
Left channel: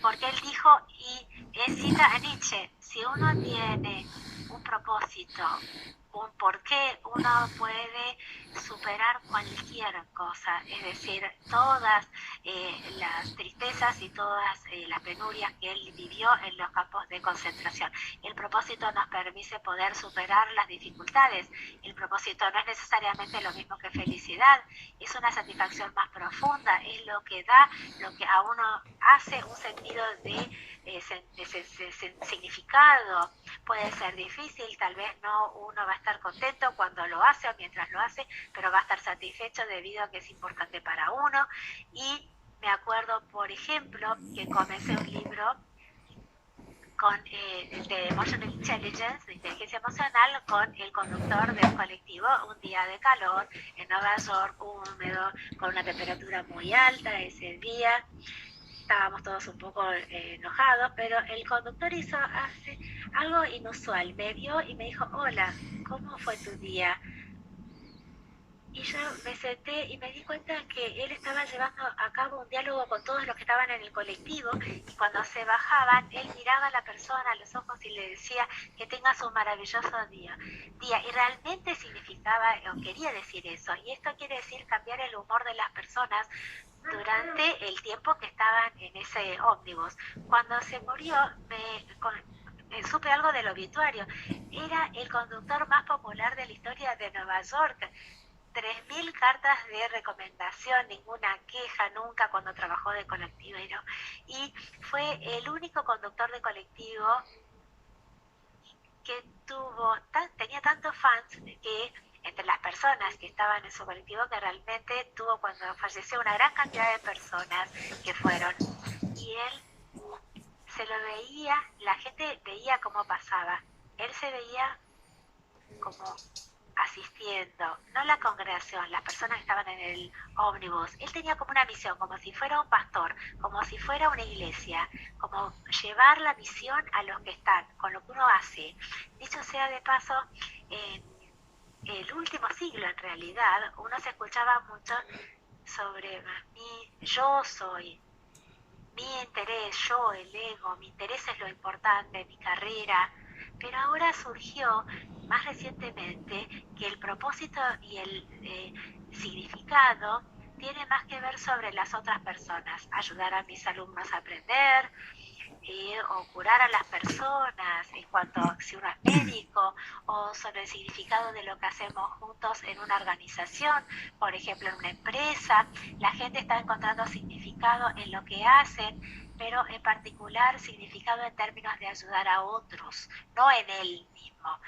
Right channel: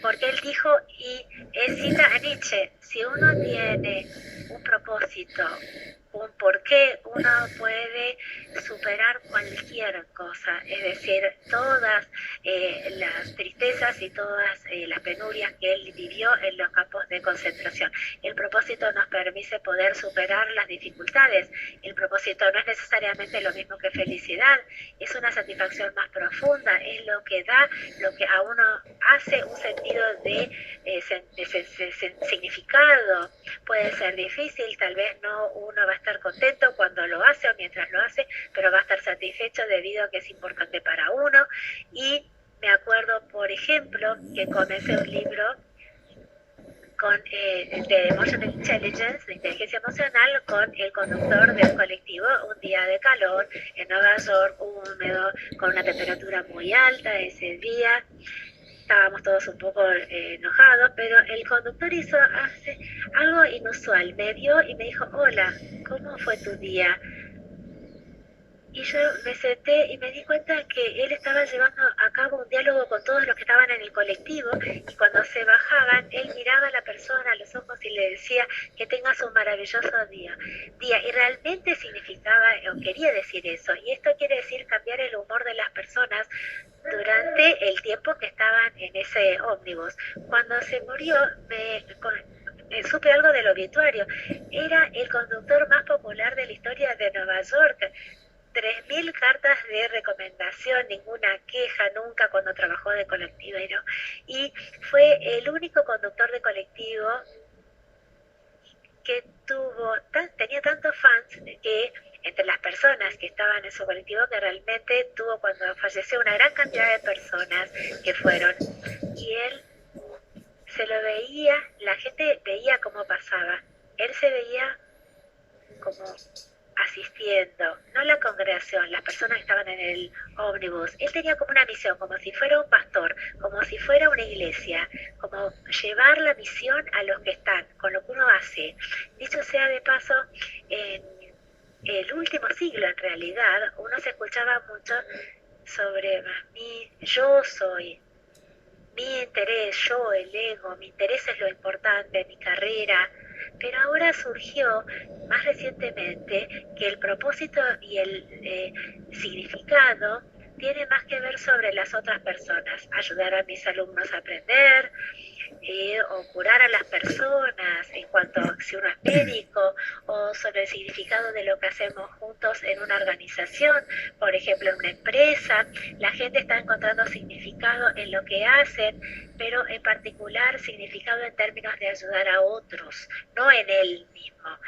porque él dijo, y cita a Nietzsche, si uno tiene un propósito, un porqué, uno puede superar cualquier cosa, es decir, todas las tristezas y todas las penurias que él vivió en los campos de concentración. El propósito nos permite poder superar las dificultades. El propósito no es necesariamente lo mismo que felicidad, es una satisfacción más profunda, es lo que da, lo que a uno hace un sentido de significado. Puede ser difícil, tal vez no uno va a estar contento cuando lo hace o mientras lo hace, pero va a estar satisfecho debido a que es importante para uno. Y me acuerdo, por ejemplo, que comencé un libro de Emotional Intelligence, de inteligencia emocional, con el conductor de un colectivo, un día de calor en Nueva York, húmedo, con una temperatura muy alta ese día. Estábamos todos un poco enojados, pero el conductor hace algo inusual. Me vio y me dijo, hola, ¿cómo fue tu día? Y yo me senté y me di cuenta que él estaba llevando a cabo un diálogo con todos los que estaban en el colectivo, y cuando se bajaban, él miraba a la persona a los ojos y le decía que tengas un maravilloso día. Y realmente significaba o quería decir eso. Y esto quiere decir cambiar el humor de las personas durante el tiempo que estaban en ese ómnibus. Cuando se murió, supe algo del obituario. Era el conductor más popular de la historia de Nueva York. 3.000 cartas de recomendación, ninguna queja nunca cuando trabajó de colectivero. Y fue el único conductor de colectivo que tenía tantos fans que entre las personas que estaban en su colectivo, que realmente tuvo, cuando falleció, una gran cantidad de personas que fueron. Y él se lo veía, la gente veía cómo pasaba. Él se veía como asistiendo, no la congregación, las personas que estaban en el ómnibus. Él tenía como una misión, como si fuera un pastor, como si fuera una iglesia, como llevar la misión a los que están, con lo que uno hace. Dicho sea de paso, en el último siglo, en realidad, uno se escuchaba mucho sobre yo soy, mi interés, yo, el ego, mi interés es lo importante, mi carrera. Pero ahora surgió más recientemente que el propósito y el significado tiene más que ver sobre las otras personas, ayudar a mis alumnos a aprender, o curar a las personas en cuanto a si uno es médico, o sobre el significado de lo que hacemos juntos en una organización, por ejemplo en una empresa. La gente está encontrando significado en lo que hacen, pero en particular significado en términos de ayudar a otros, no en él mismo,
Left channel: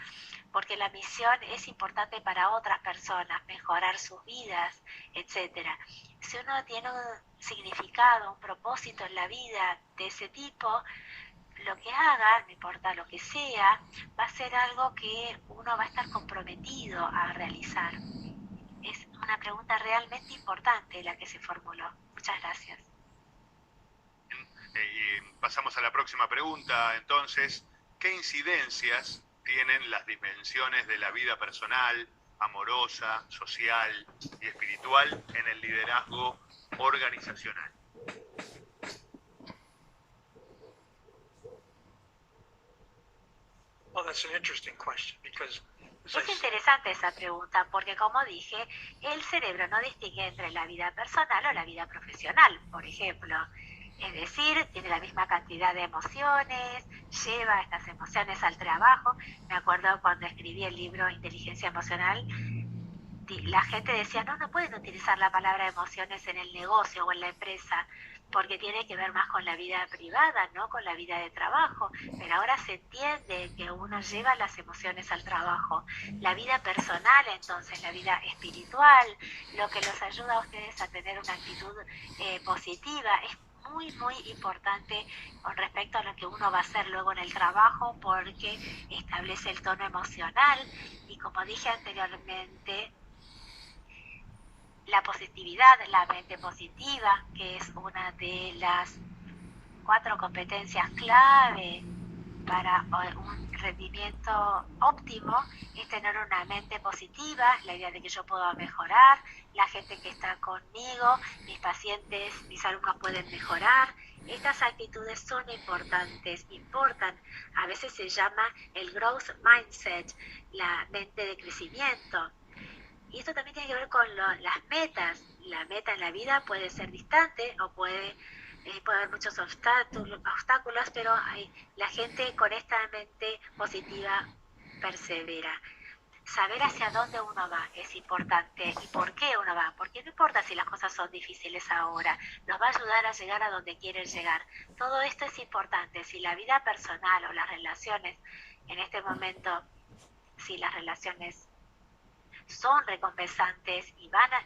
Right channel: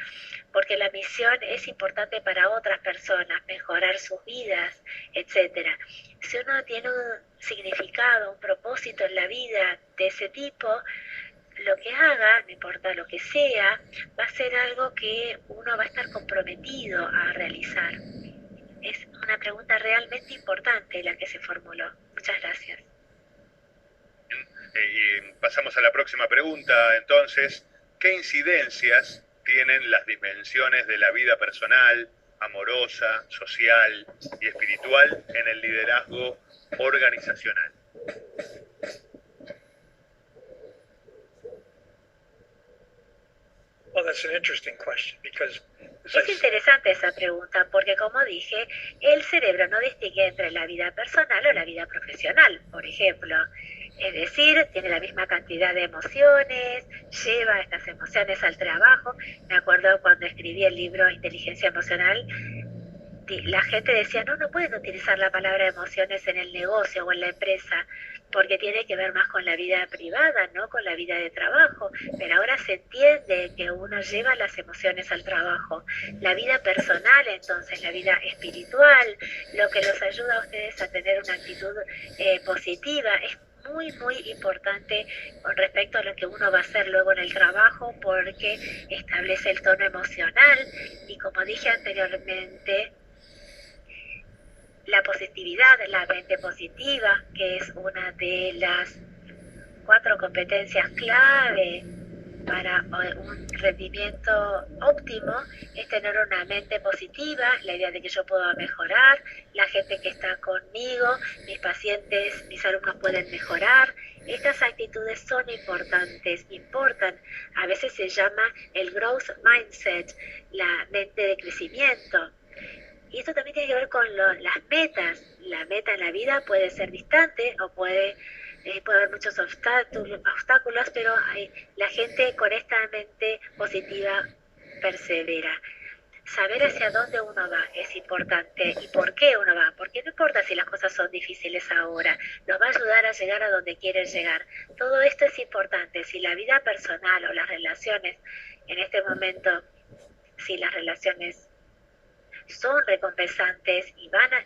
porque la misión es importante para otras personas, mejorar sus vidas, etcétera. Si uno tiene un significado, un propósito en la vida de ese tipo, lo que haga, no importa lo que sea, va a ser algo que uno va a estar comprometido a realizar. Es una pregunta realmente importante la que se formuló. Muchas gracias. Pasamos a la próxima pregunta, entonces. ¿Qué incidencias tienen las dimensiones de la vida personal, amorosa, social y espiritual en el liderazgo organizacional? Well, that's an interesting question because es interesante esa pregunta porque, como dije, el cerebro no distingue entre la vida personal o la vida profesional, por ejemplo. Es decir, tiene la misma cantidad de emociones, lleva estas emociones al trabajo. Me acuerdo cuando escribí el libro Inteligencia Emocional, la gente decía, no pueden utilizar la palabra emociones en el negocio o en la empresa, porque tiene que ver más con la vida privada, no con la vida de trabajo. Pero ahora se entiende que uno lleva las emociones al trabajo. La vida personal, entonces, la vida espiritual, lo que los ayuda a ustedes a tener una actitud positiva, es muy, muy importante con respecto a lo que uno va a hacer luego en el trabajo, porque establece el tono emocional y, como dije anteriormente, la positividad, la mente positiva, que es una de las 4 competencias clave para un rendimiento óptimo, es tener una mente positiva, la idea de que yo puedo mejorar, la gente que está conmigo, mis pacientes, mis alumnos pueden mejorar. Estas actitudes son importantes, importan. A veces se llama el growth mindset, la mente de crecimiento. Y esto también tiene que ver con las metas. La meta en la vida puede ser distante o puede haber muchos obstáculos, pero la gente con esta mente positiva persevera. Saber hacia dónde uno va es importante y por qué uno va, porque no importa si las cosas son difíciles ahora, nos va a ayudar a llegar a donde quieren llegar. Todo esto es importante. Si la vida personal o las relaciones en este momento, si las relaciones son recompensantes y va a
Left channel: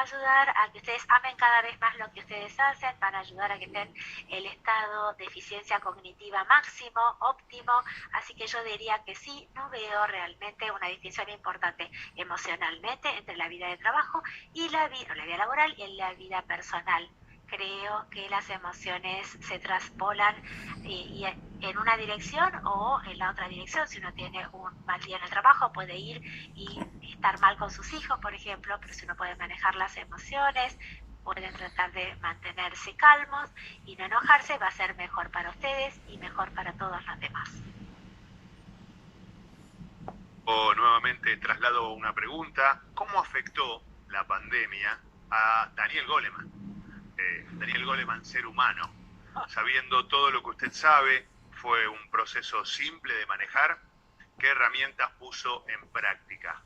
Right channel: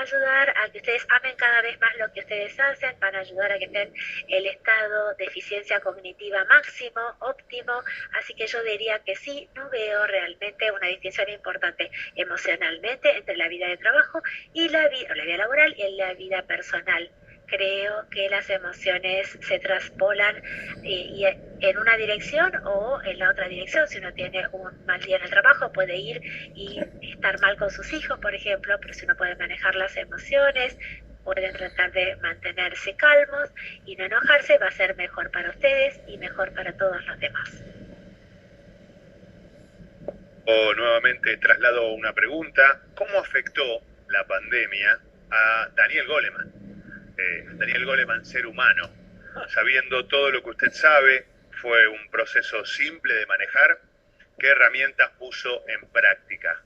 ayudar a que ustedes amen cada vez más lo que ustedes hacen, van a ayudar a que estén el estado de eficiencia cognitiva máximo, óptimo, así que yo diría que sí, no veo realmente una distinción importante emocionalmente entre la vida de trabajo y la vida laboral y la vida personal. Creo que las emociones se traspolan en una dirección o en la otra dirección. Si uno tiene un mal día en el trabajo, puede ir y estar mal con sus hijos, por ejemplo, pero si uno puede manejar las emociones, pueden tratar de mantenerse calmos y no enojarse, va a ser mejor para ustedes y mejor para todos los demás. Nuevamente traslado una pregunta. ¿Cómo afectó la pandemia a Daniel Goleman? Daniel Goleman, ser humano, sabiendo todo lo que usted sabe, ¿fue un proceso simple de manejar? ¿Qué herramientas puso en práctica?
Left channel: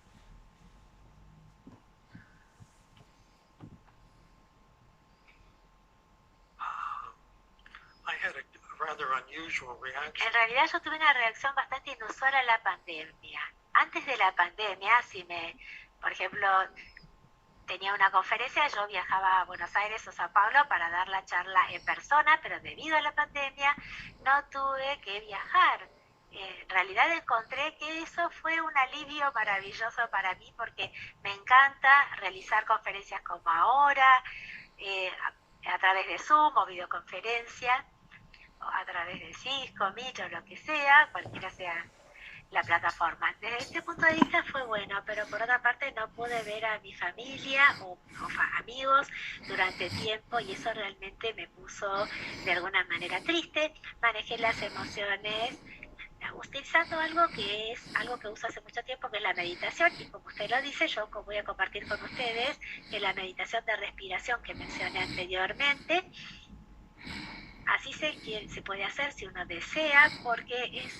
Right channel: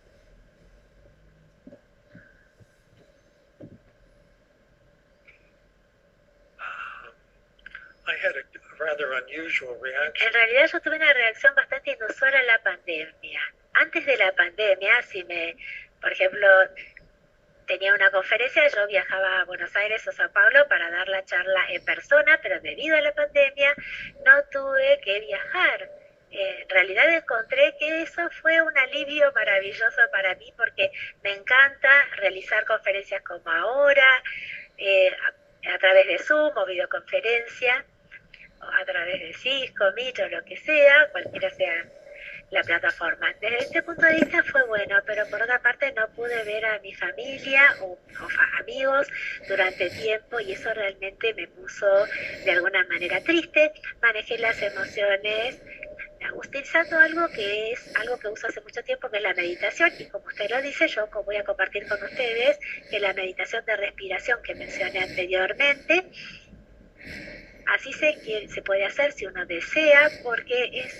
En realidad yo tuve una reacción bastante inusual a la pandemia. Antes de la pandemia, por ejemplo, tenía una conferencia, yo viajaba a Buenos Aires o Sao Paulo para dar la charla en persona, pero debido a la pandemia no tuve que viajar. En realidad encontré que eso fue un alivio maravilloso para mí porque me encanta realizar conferencias como ahora, a través de Zoom o videoconferencia, o a través de Cisco, Meet o lo que sea, cualquiera sea la plataforma. Desde este punto de vista fue bueno, pero por otra parte no pude ver a mi familia o amigos durante tiempo y eso realmente me puso de alguna manera triste. Manejé las emociones utilizando algo que uso hace mucho tiempo, que es la meditación, y como usted lo dice, yo voy a compartir con ustedes que la meditación de respiración que mencioné anteriormente, así se puede hacer si uno desea, porque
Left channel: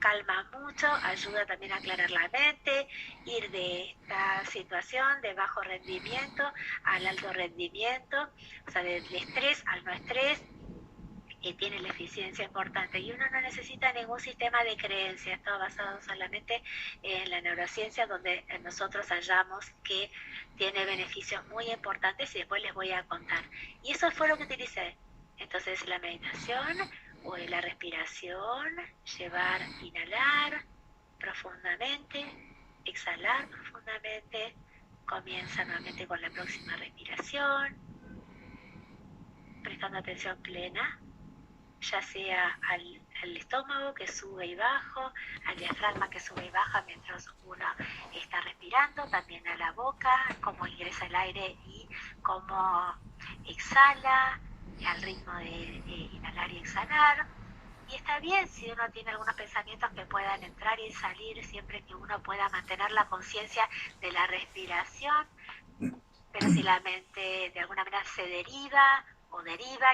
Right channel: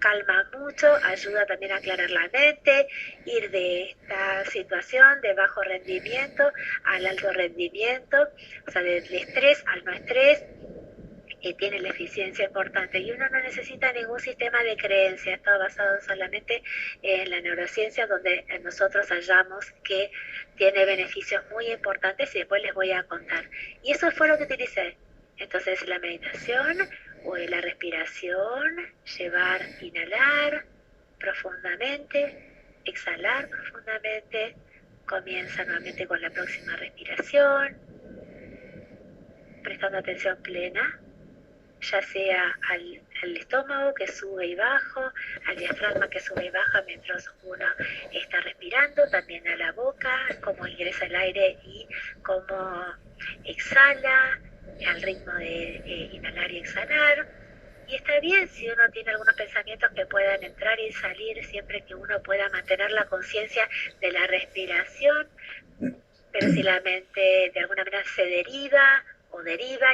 calma mucho, ayuda también a aclarar la mente, ir de esta situación de bajo rendimiento al alto rendimiento, o sea, del estrés al no estrés, que tiene la eficiencia importante. Y uno no necesita ningún sistema de creencias, todo basado solamente en la neurociencia, donde nosotros hallamos que tiene beneficios muy importantes y después les voy a contar. Y eso fue lo que utilicé. Entonces la meditación o la respiración, inhalar profundamente, exhalar profundamente, comienza nuevamente con la próxima respiración, prestando atención plena, ya sea al estómago que sube y baja, al diafragma que sube y baja mientras uno está respirando, también a la boca, cómo ingresa el aire y cómo exhala, al ritmo de inhalar y exhalar. Y está bien si uno tiene algunos pensamientos que puedan entrar y salir, siempre que uno pueda mantener la conciencia de la respiración, pero si la mente de alguna manera se deriva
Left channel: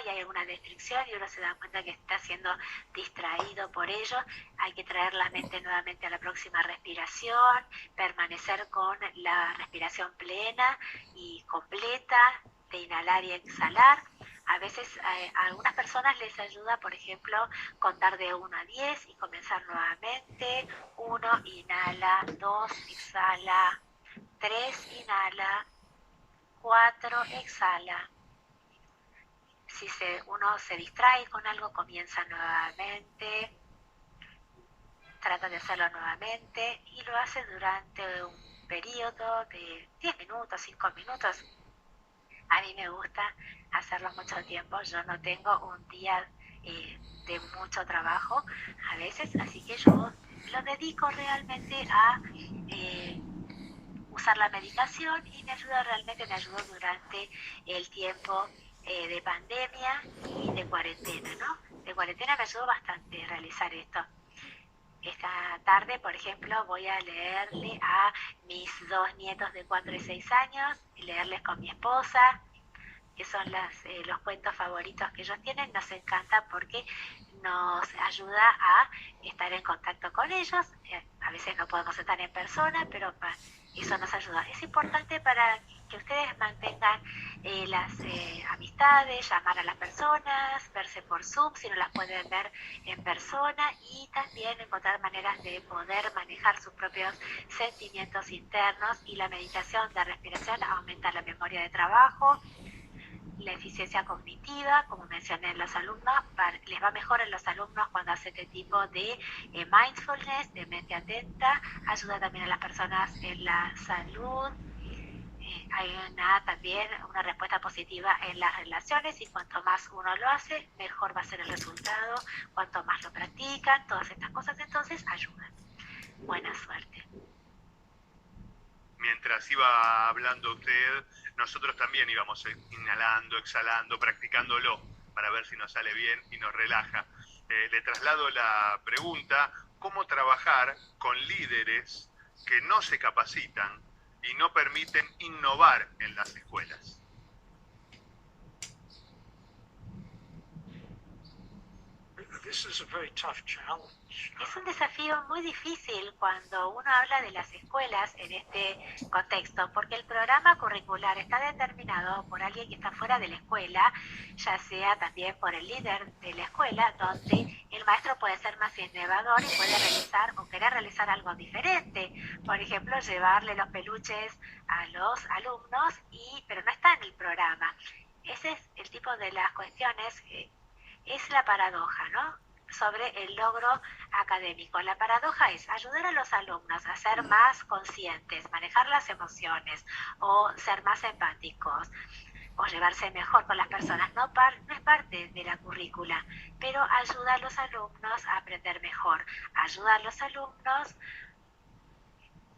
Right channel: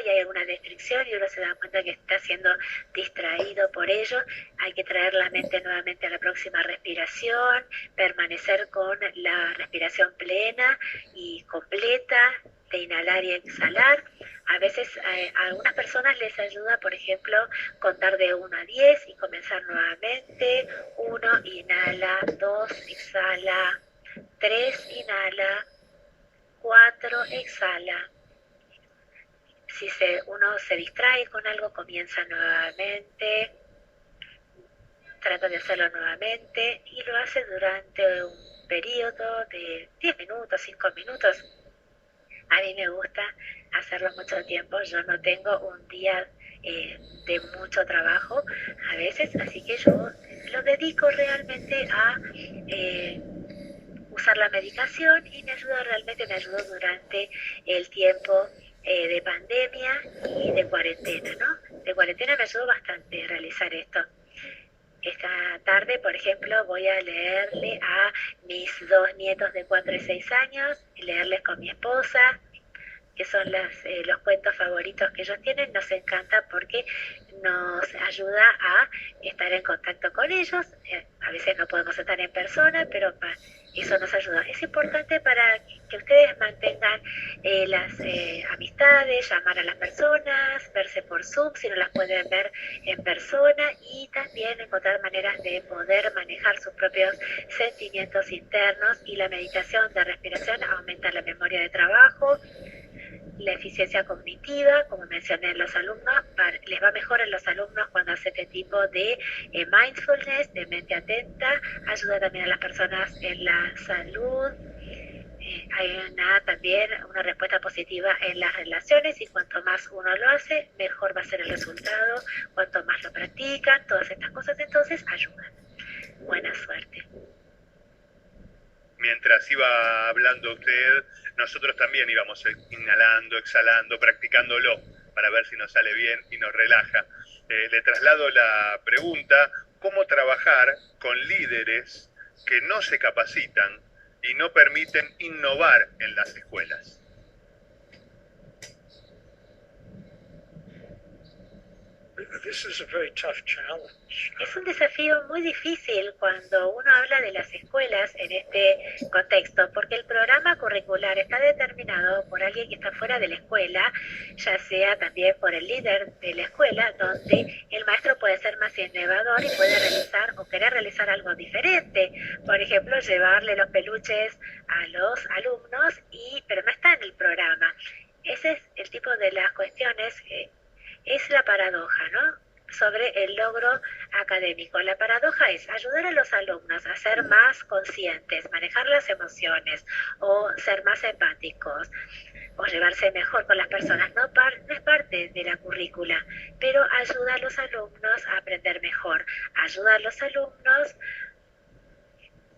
y hay alguna restricción y uno se da cuenta que está siendo distraído por ello, hay que traer la mente nuevamente a la próxima respiración, permanecer con la respiración plena y completa de inhalar y exhalar. A veces a algunas personas les ayuda, por ejemplo, contar de 1 a 10 y comenzar nuevamente. 1, inhala, 2, exhala, 3, inhala, 4, exhala, Si uno se distrae con algo, comienza nuevamente, trata de hacerlo nuevamente y lo hace durante un periodo de 10 minutos, 5 minutos. A mí me gusta hacerlo mucho tiempo. Yo no tengo un día de mucho trabajo a veces, así que yo lo dedico realmente a usar la medicación y me ayudó durante el tiempo de pandemia y de cuarentena, ¿no? De cuarentena me ayudó bastante realizar esto. Esta tarde, por ejemplo, voy a leerle a mis 2 nietos de 4 y 6 años, y leerles con mi esposa, que son los cuentos favoritos que ellos tienen. Nos encanta porque nos ayuda a estar en contacto con ellos. A veces no podemos estar en persona, pero eso nos ayuda. Es importante para que ustedes mantengan las amistades, llamar a las personas, verse por Zoom si no las pueden ver en persona, y también encontrar maneras de poder manejar sus propios sentimientos internos. Y la meditación de respiración aumenta la memoria de trabajo, la eficiencia cognitiva, como mencioné en los alumnos. Les va mejor en los alumnos cuando hace este tipo de mindfulness, de mente atenta. Ayuda también a las personas en la salud. Hay también una respuesta positiva en las relaciones, y cuanto más uno lo hace, mejor va a ser el resultado. Cuanto más lo practican, todas estas cosas entonces ayudan. Buena suerte. Mientras iba hablando usted, nosotros también íbamos inhalando, exhalando, practicándolo para ver si nos sale bien y nos relaja. Le traslado la pregunta: ¿cómo trabajar con líderes que no se capacitan y no permiten innovar en las escuelas? This is a very tough challenge. Es un desafío muy difícil cuando uno habla de las escuelas en este contexto, porque el programa curricular está determinado por alguien que está fuera de la escuela, ya sea también por el líder de la escuela, donde el maestro puede ser más innovador y puede realizar o querer realizar algo diferente. Por ejemplo, llevarle los peluches a los alumnos, pero no está en el programa. Ese es el tipo de las cuestiones. Es la paradoja, ¿no?, sobre el logro académico. La paradoja es ayudar a los alumnos a ser más conscientes, manejar las emociones, o ser más empáticos, o llevarse mejor con las personas. No es parte de la currícula, pero ayuda a los alumnos a aprender mejor, ayuda a los alumnos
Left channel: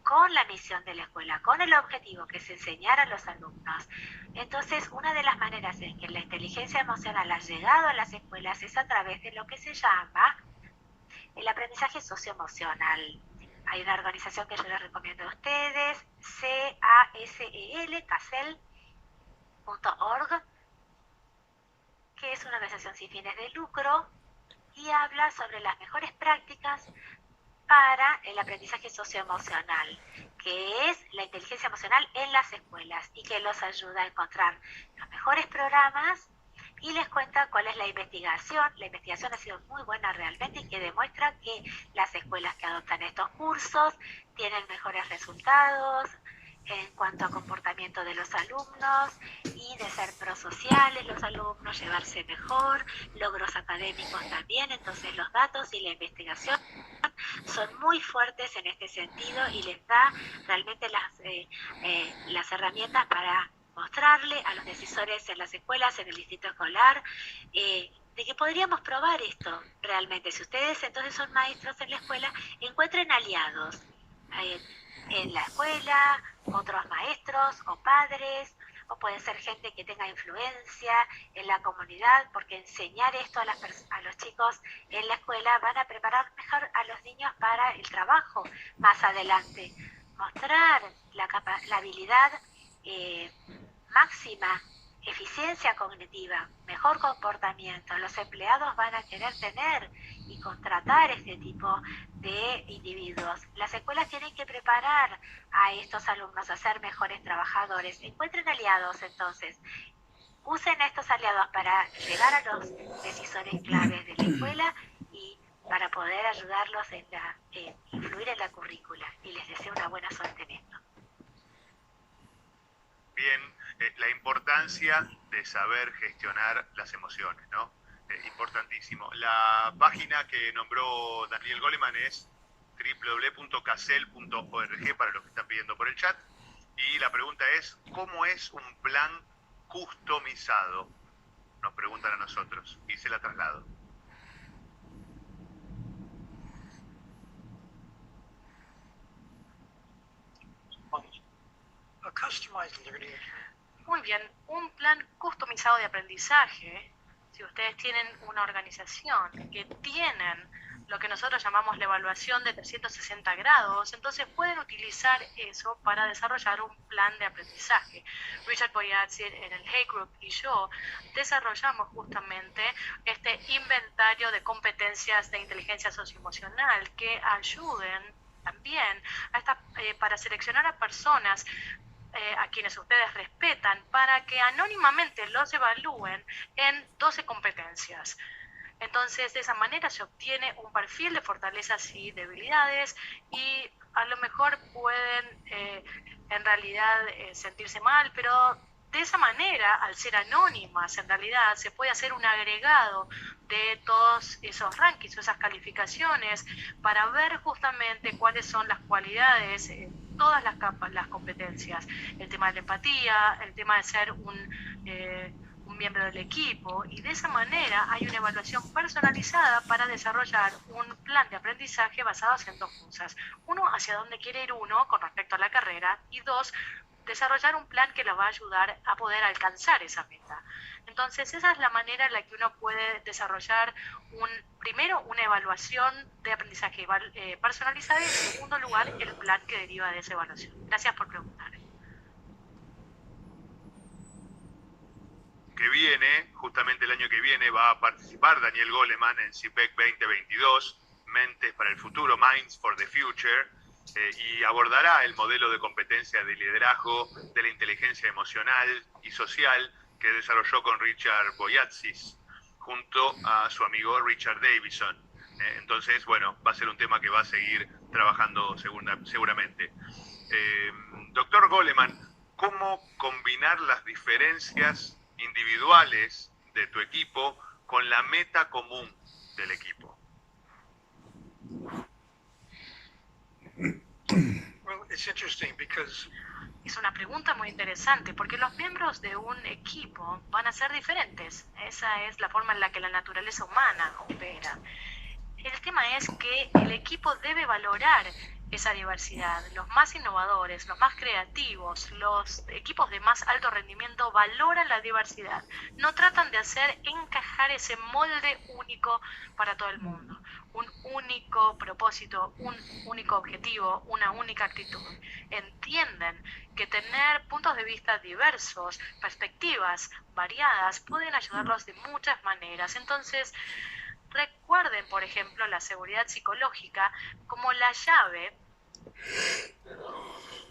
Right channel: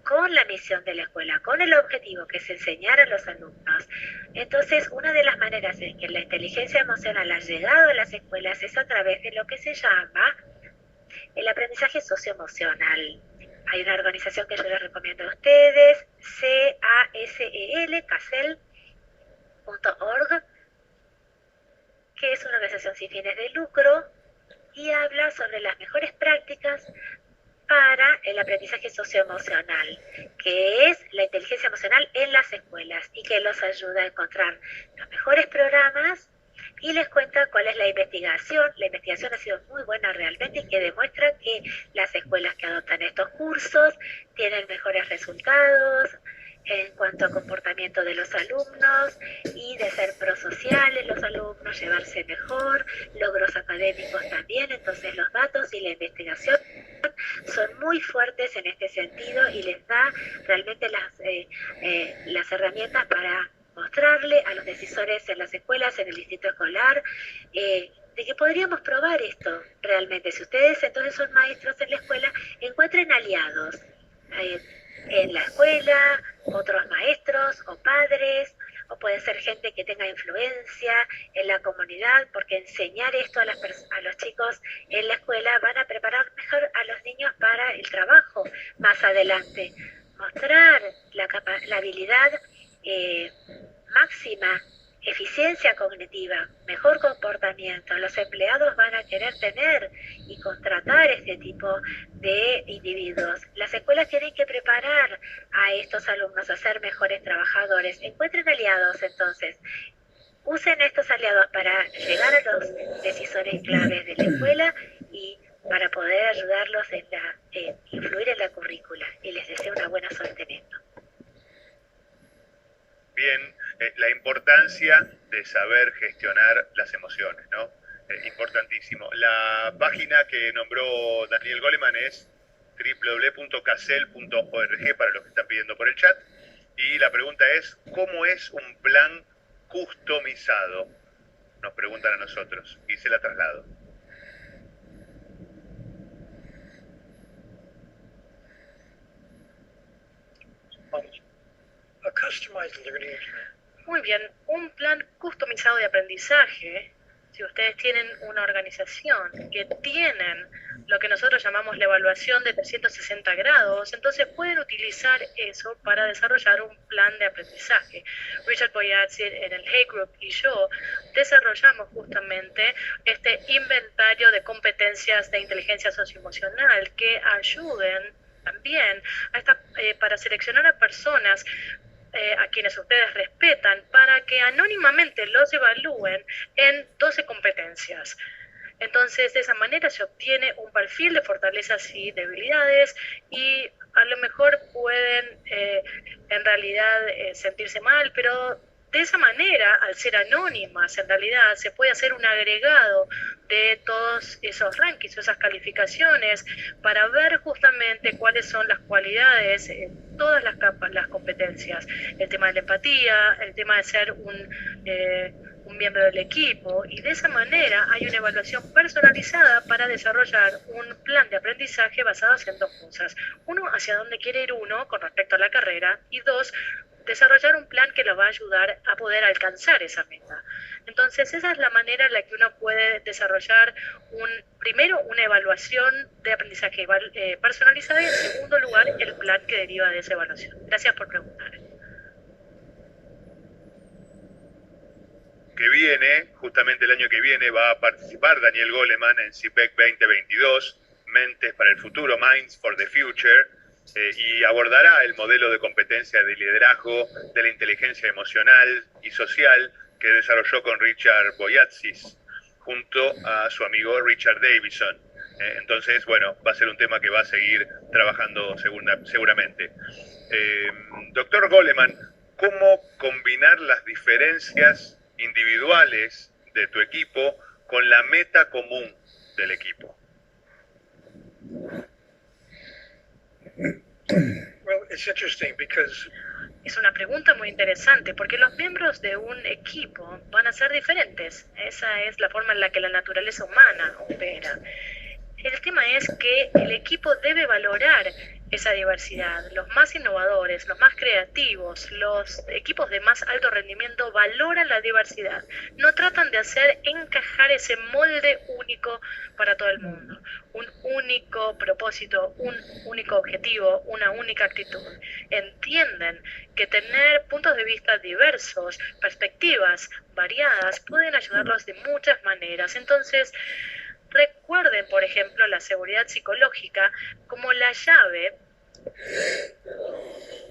con la misión de la escuela, con el objetivo que es enseñar a los alumnos. Entonces, una de las maneras en que la inteligencia emocional ha llegado a las escuelas es a través de lo que se llama el aprendizaje socioemocional. Hay una organización que yo les recomiendo a ustedes, CASEL.org, que es una organización sin fines de lucro y habla sobre las mejores prácticas para el aprendizaje socioemocional, que es la inteligencia emocional en las escuelas, y que los ayuda a encontrar los mejores programas, y les cuenta cuál es la investigación. La investigación ha sido muy buena realmente, y que demuestra que las escuelas que adoptan estos cursos tienen mejores resultados en cuanto a comportamiento de los alumnos, y de ser prosociales los alumnos, llevarse mejor, logros académicos también. Entonces los datos y la investigación son muy fuertes en este sentido, y les da realmente las herramientas para mostrarle a los decisores en las escuelas, en el distrito escolar, de que podríamos probar esto realmente. Si ustedes entonces son maestros en la escuela, encuentren aliados en la escuela, otros maestros o padres, o puede ser gente que tenga influencia en la comunidad, porque enseñar esto a los chicos en la escuela van a preparar mejor a los niños para el trabajo más adelante. Mostrar la habilidad máxima, eficiencia cognitiva, mejor comportamiento. Los empleados van a querer tener y contratar este tipo de individuos. Las escuelas tienen que preparar a estos alumnos a ser mejores trabajadores. Encuentren aliados entonces. Usen estos aliados para llegar a los decisores claves de la escuela y para poder ayudarlos en influir en la currícula. Y les deseo una buena suerte en esto. Bien, la importancia de saber gestionar las emociones, ¿no? Importantísimo. La página que nombró Daniel Goleman es www.casel.org para los que están pidiendo por el chat. Y la pregunta es, ¿cómo es un plan customizado? Nos preguntan a nosotros y se la traslado. A customized learning plan. Muy bien, un plan customizado de aprendizaje. Si ustedes tienen una organización que tienen lo que nosotros llamamos la evaluación de 360 grados, entonces pueden utilizar eso para desarrollar un plan de aprendizaje. Richard Boyazzi en el Hay Group y yo desarrollamos justamente este inventario de competencias de inteligencia socioemocional que ayuden también para seleccionar a personas a quienes ustedes respetan, para que anónimamente los evalúen en 12 competencias. Entonces, de esa manera se obtiene un perfil de fortalezas y debilidades y a lo mejor pueden en realidad sentirse mal, pero de esa manera, al ser anónimas, en realidad se puede hacer un agregado de todos esos rankings o esas calificaciones para ver justamente cuáles son las cualidades, todas las competencias, el tema de la empatía, el tema de ser un miembro del equipo, y de esa manera hay una evaluación personalizada para desarrollar un plan de aprendizaje basado en dos cosas. Uno, hacia dónde quiere ir uno con respecto a la carrera, y dos, desarrollar un plan que lo va a ayudar a poder alcanzar esa meta. Entonces, esa es la manera en la que uno puede desarrollar primero una evaluación de aprendizaje personalizada y en segundo lugar el plan que deriva de esa evaluación. Gracias por preguntar. Que viene, justamente el año que viene, va a participar Daniel Goleman en CPEC 2022, Mentes para el Futuro, Minds for the Future, y abordará el modelo de competencia de liderazgo de la inteligencia emocional y social que desarrolló con Richard Boyatzis junto a su amigo Richard Davidson. Entonces, bueno, va a ser un tema que va a seguir trabajando seguramente. Doctor Goleman, ¿cómo combinar las diferencias individuales de tu equipo con la meta común del equipo? Well, it's interesting because es una pregunta muy interesante porque los miembros de un equipo van a ser diferentes. Esa es la forma en la que la naturaleza humana opera. El tema es que el equipo debe valorar esa diversidad. Los más innovadores, los más creativos, los equipos de más alto rendimiento valoran la diversidad. No tratan de hacer encajar ese molde único para todo el mundo. Un único propósito, un único objetivo, una única actitud. Entienden que tener puntos de vista diversos, perspectivas variadas, pueden ayudarlos de muchas maneras. Entonces, recuerden, por ejemplo, la seguridad psicológica como la llave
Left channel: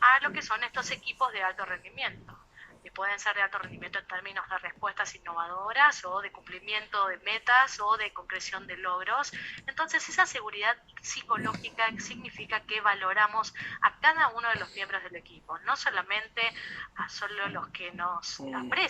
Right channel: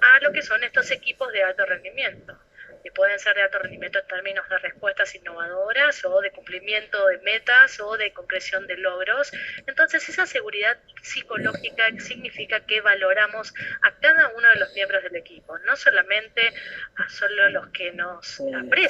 a lo que son estos equipos de alto rendimiento. Y pueden ser de alto rendimiento en términos de respuestas innovadoras o de cumplimiento de metas o de concreción de logros. Entonces, esa seguridad psicológica significa que valoramos a cada uno de los miembros del equipo, no solamente a solo los que nos aprecian.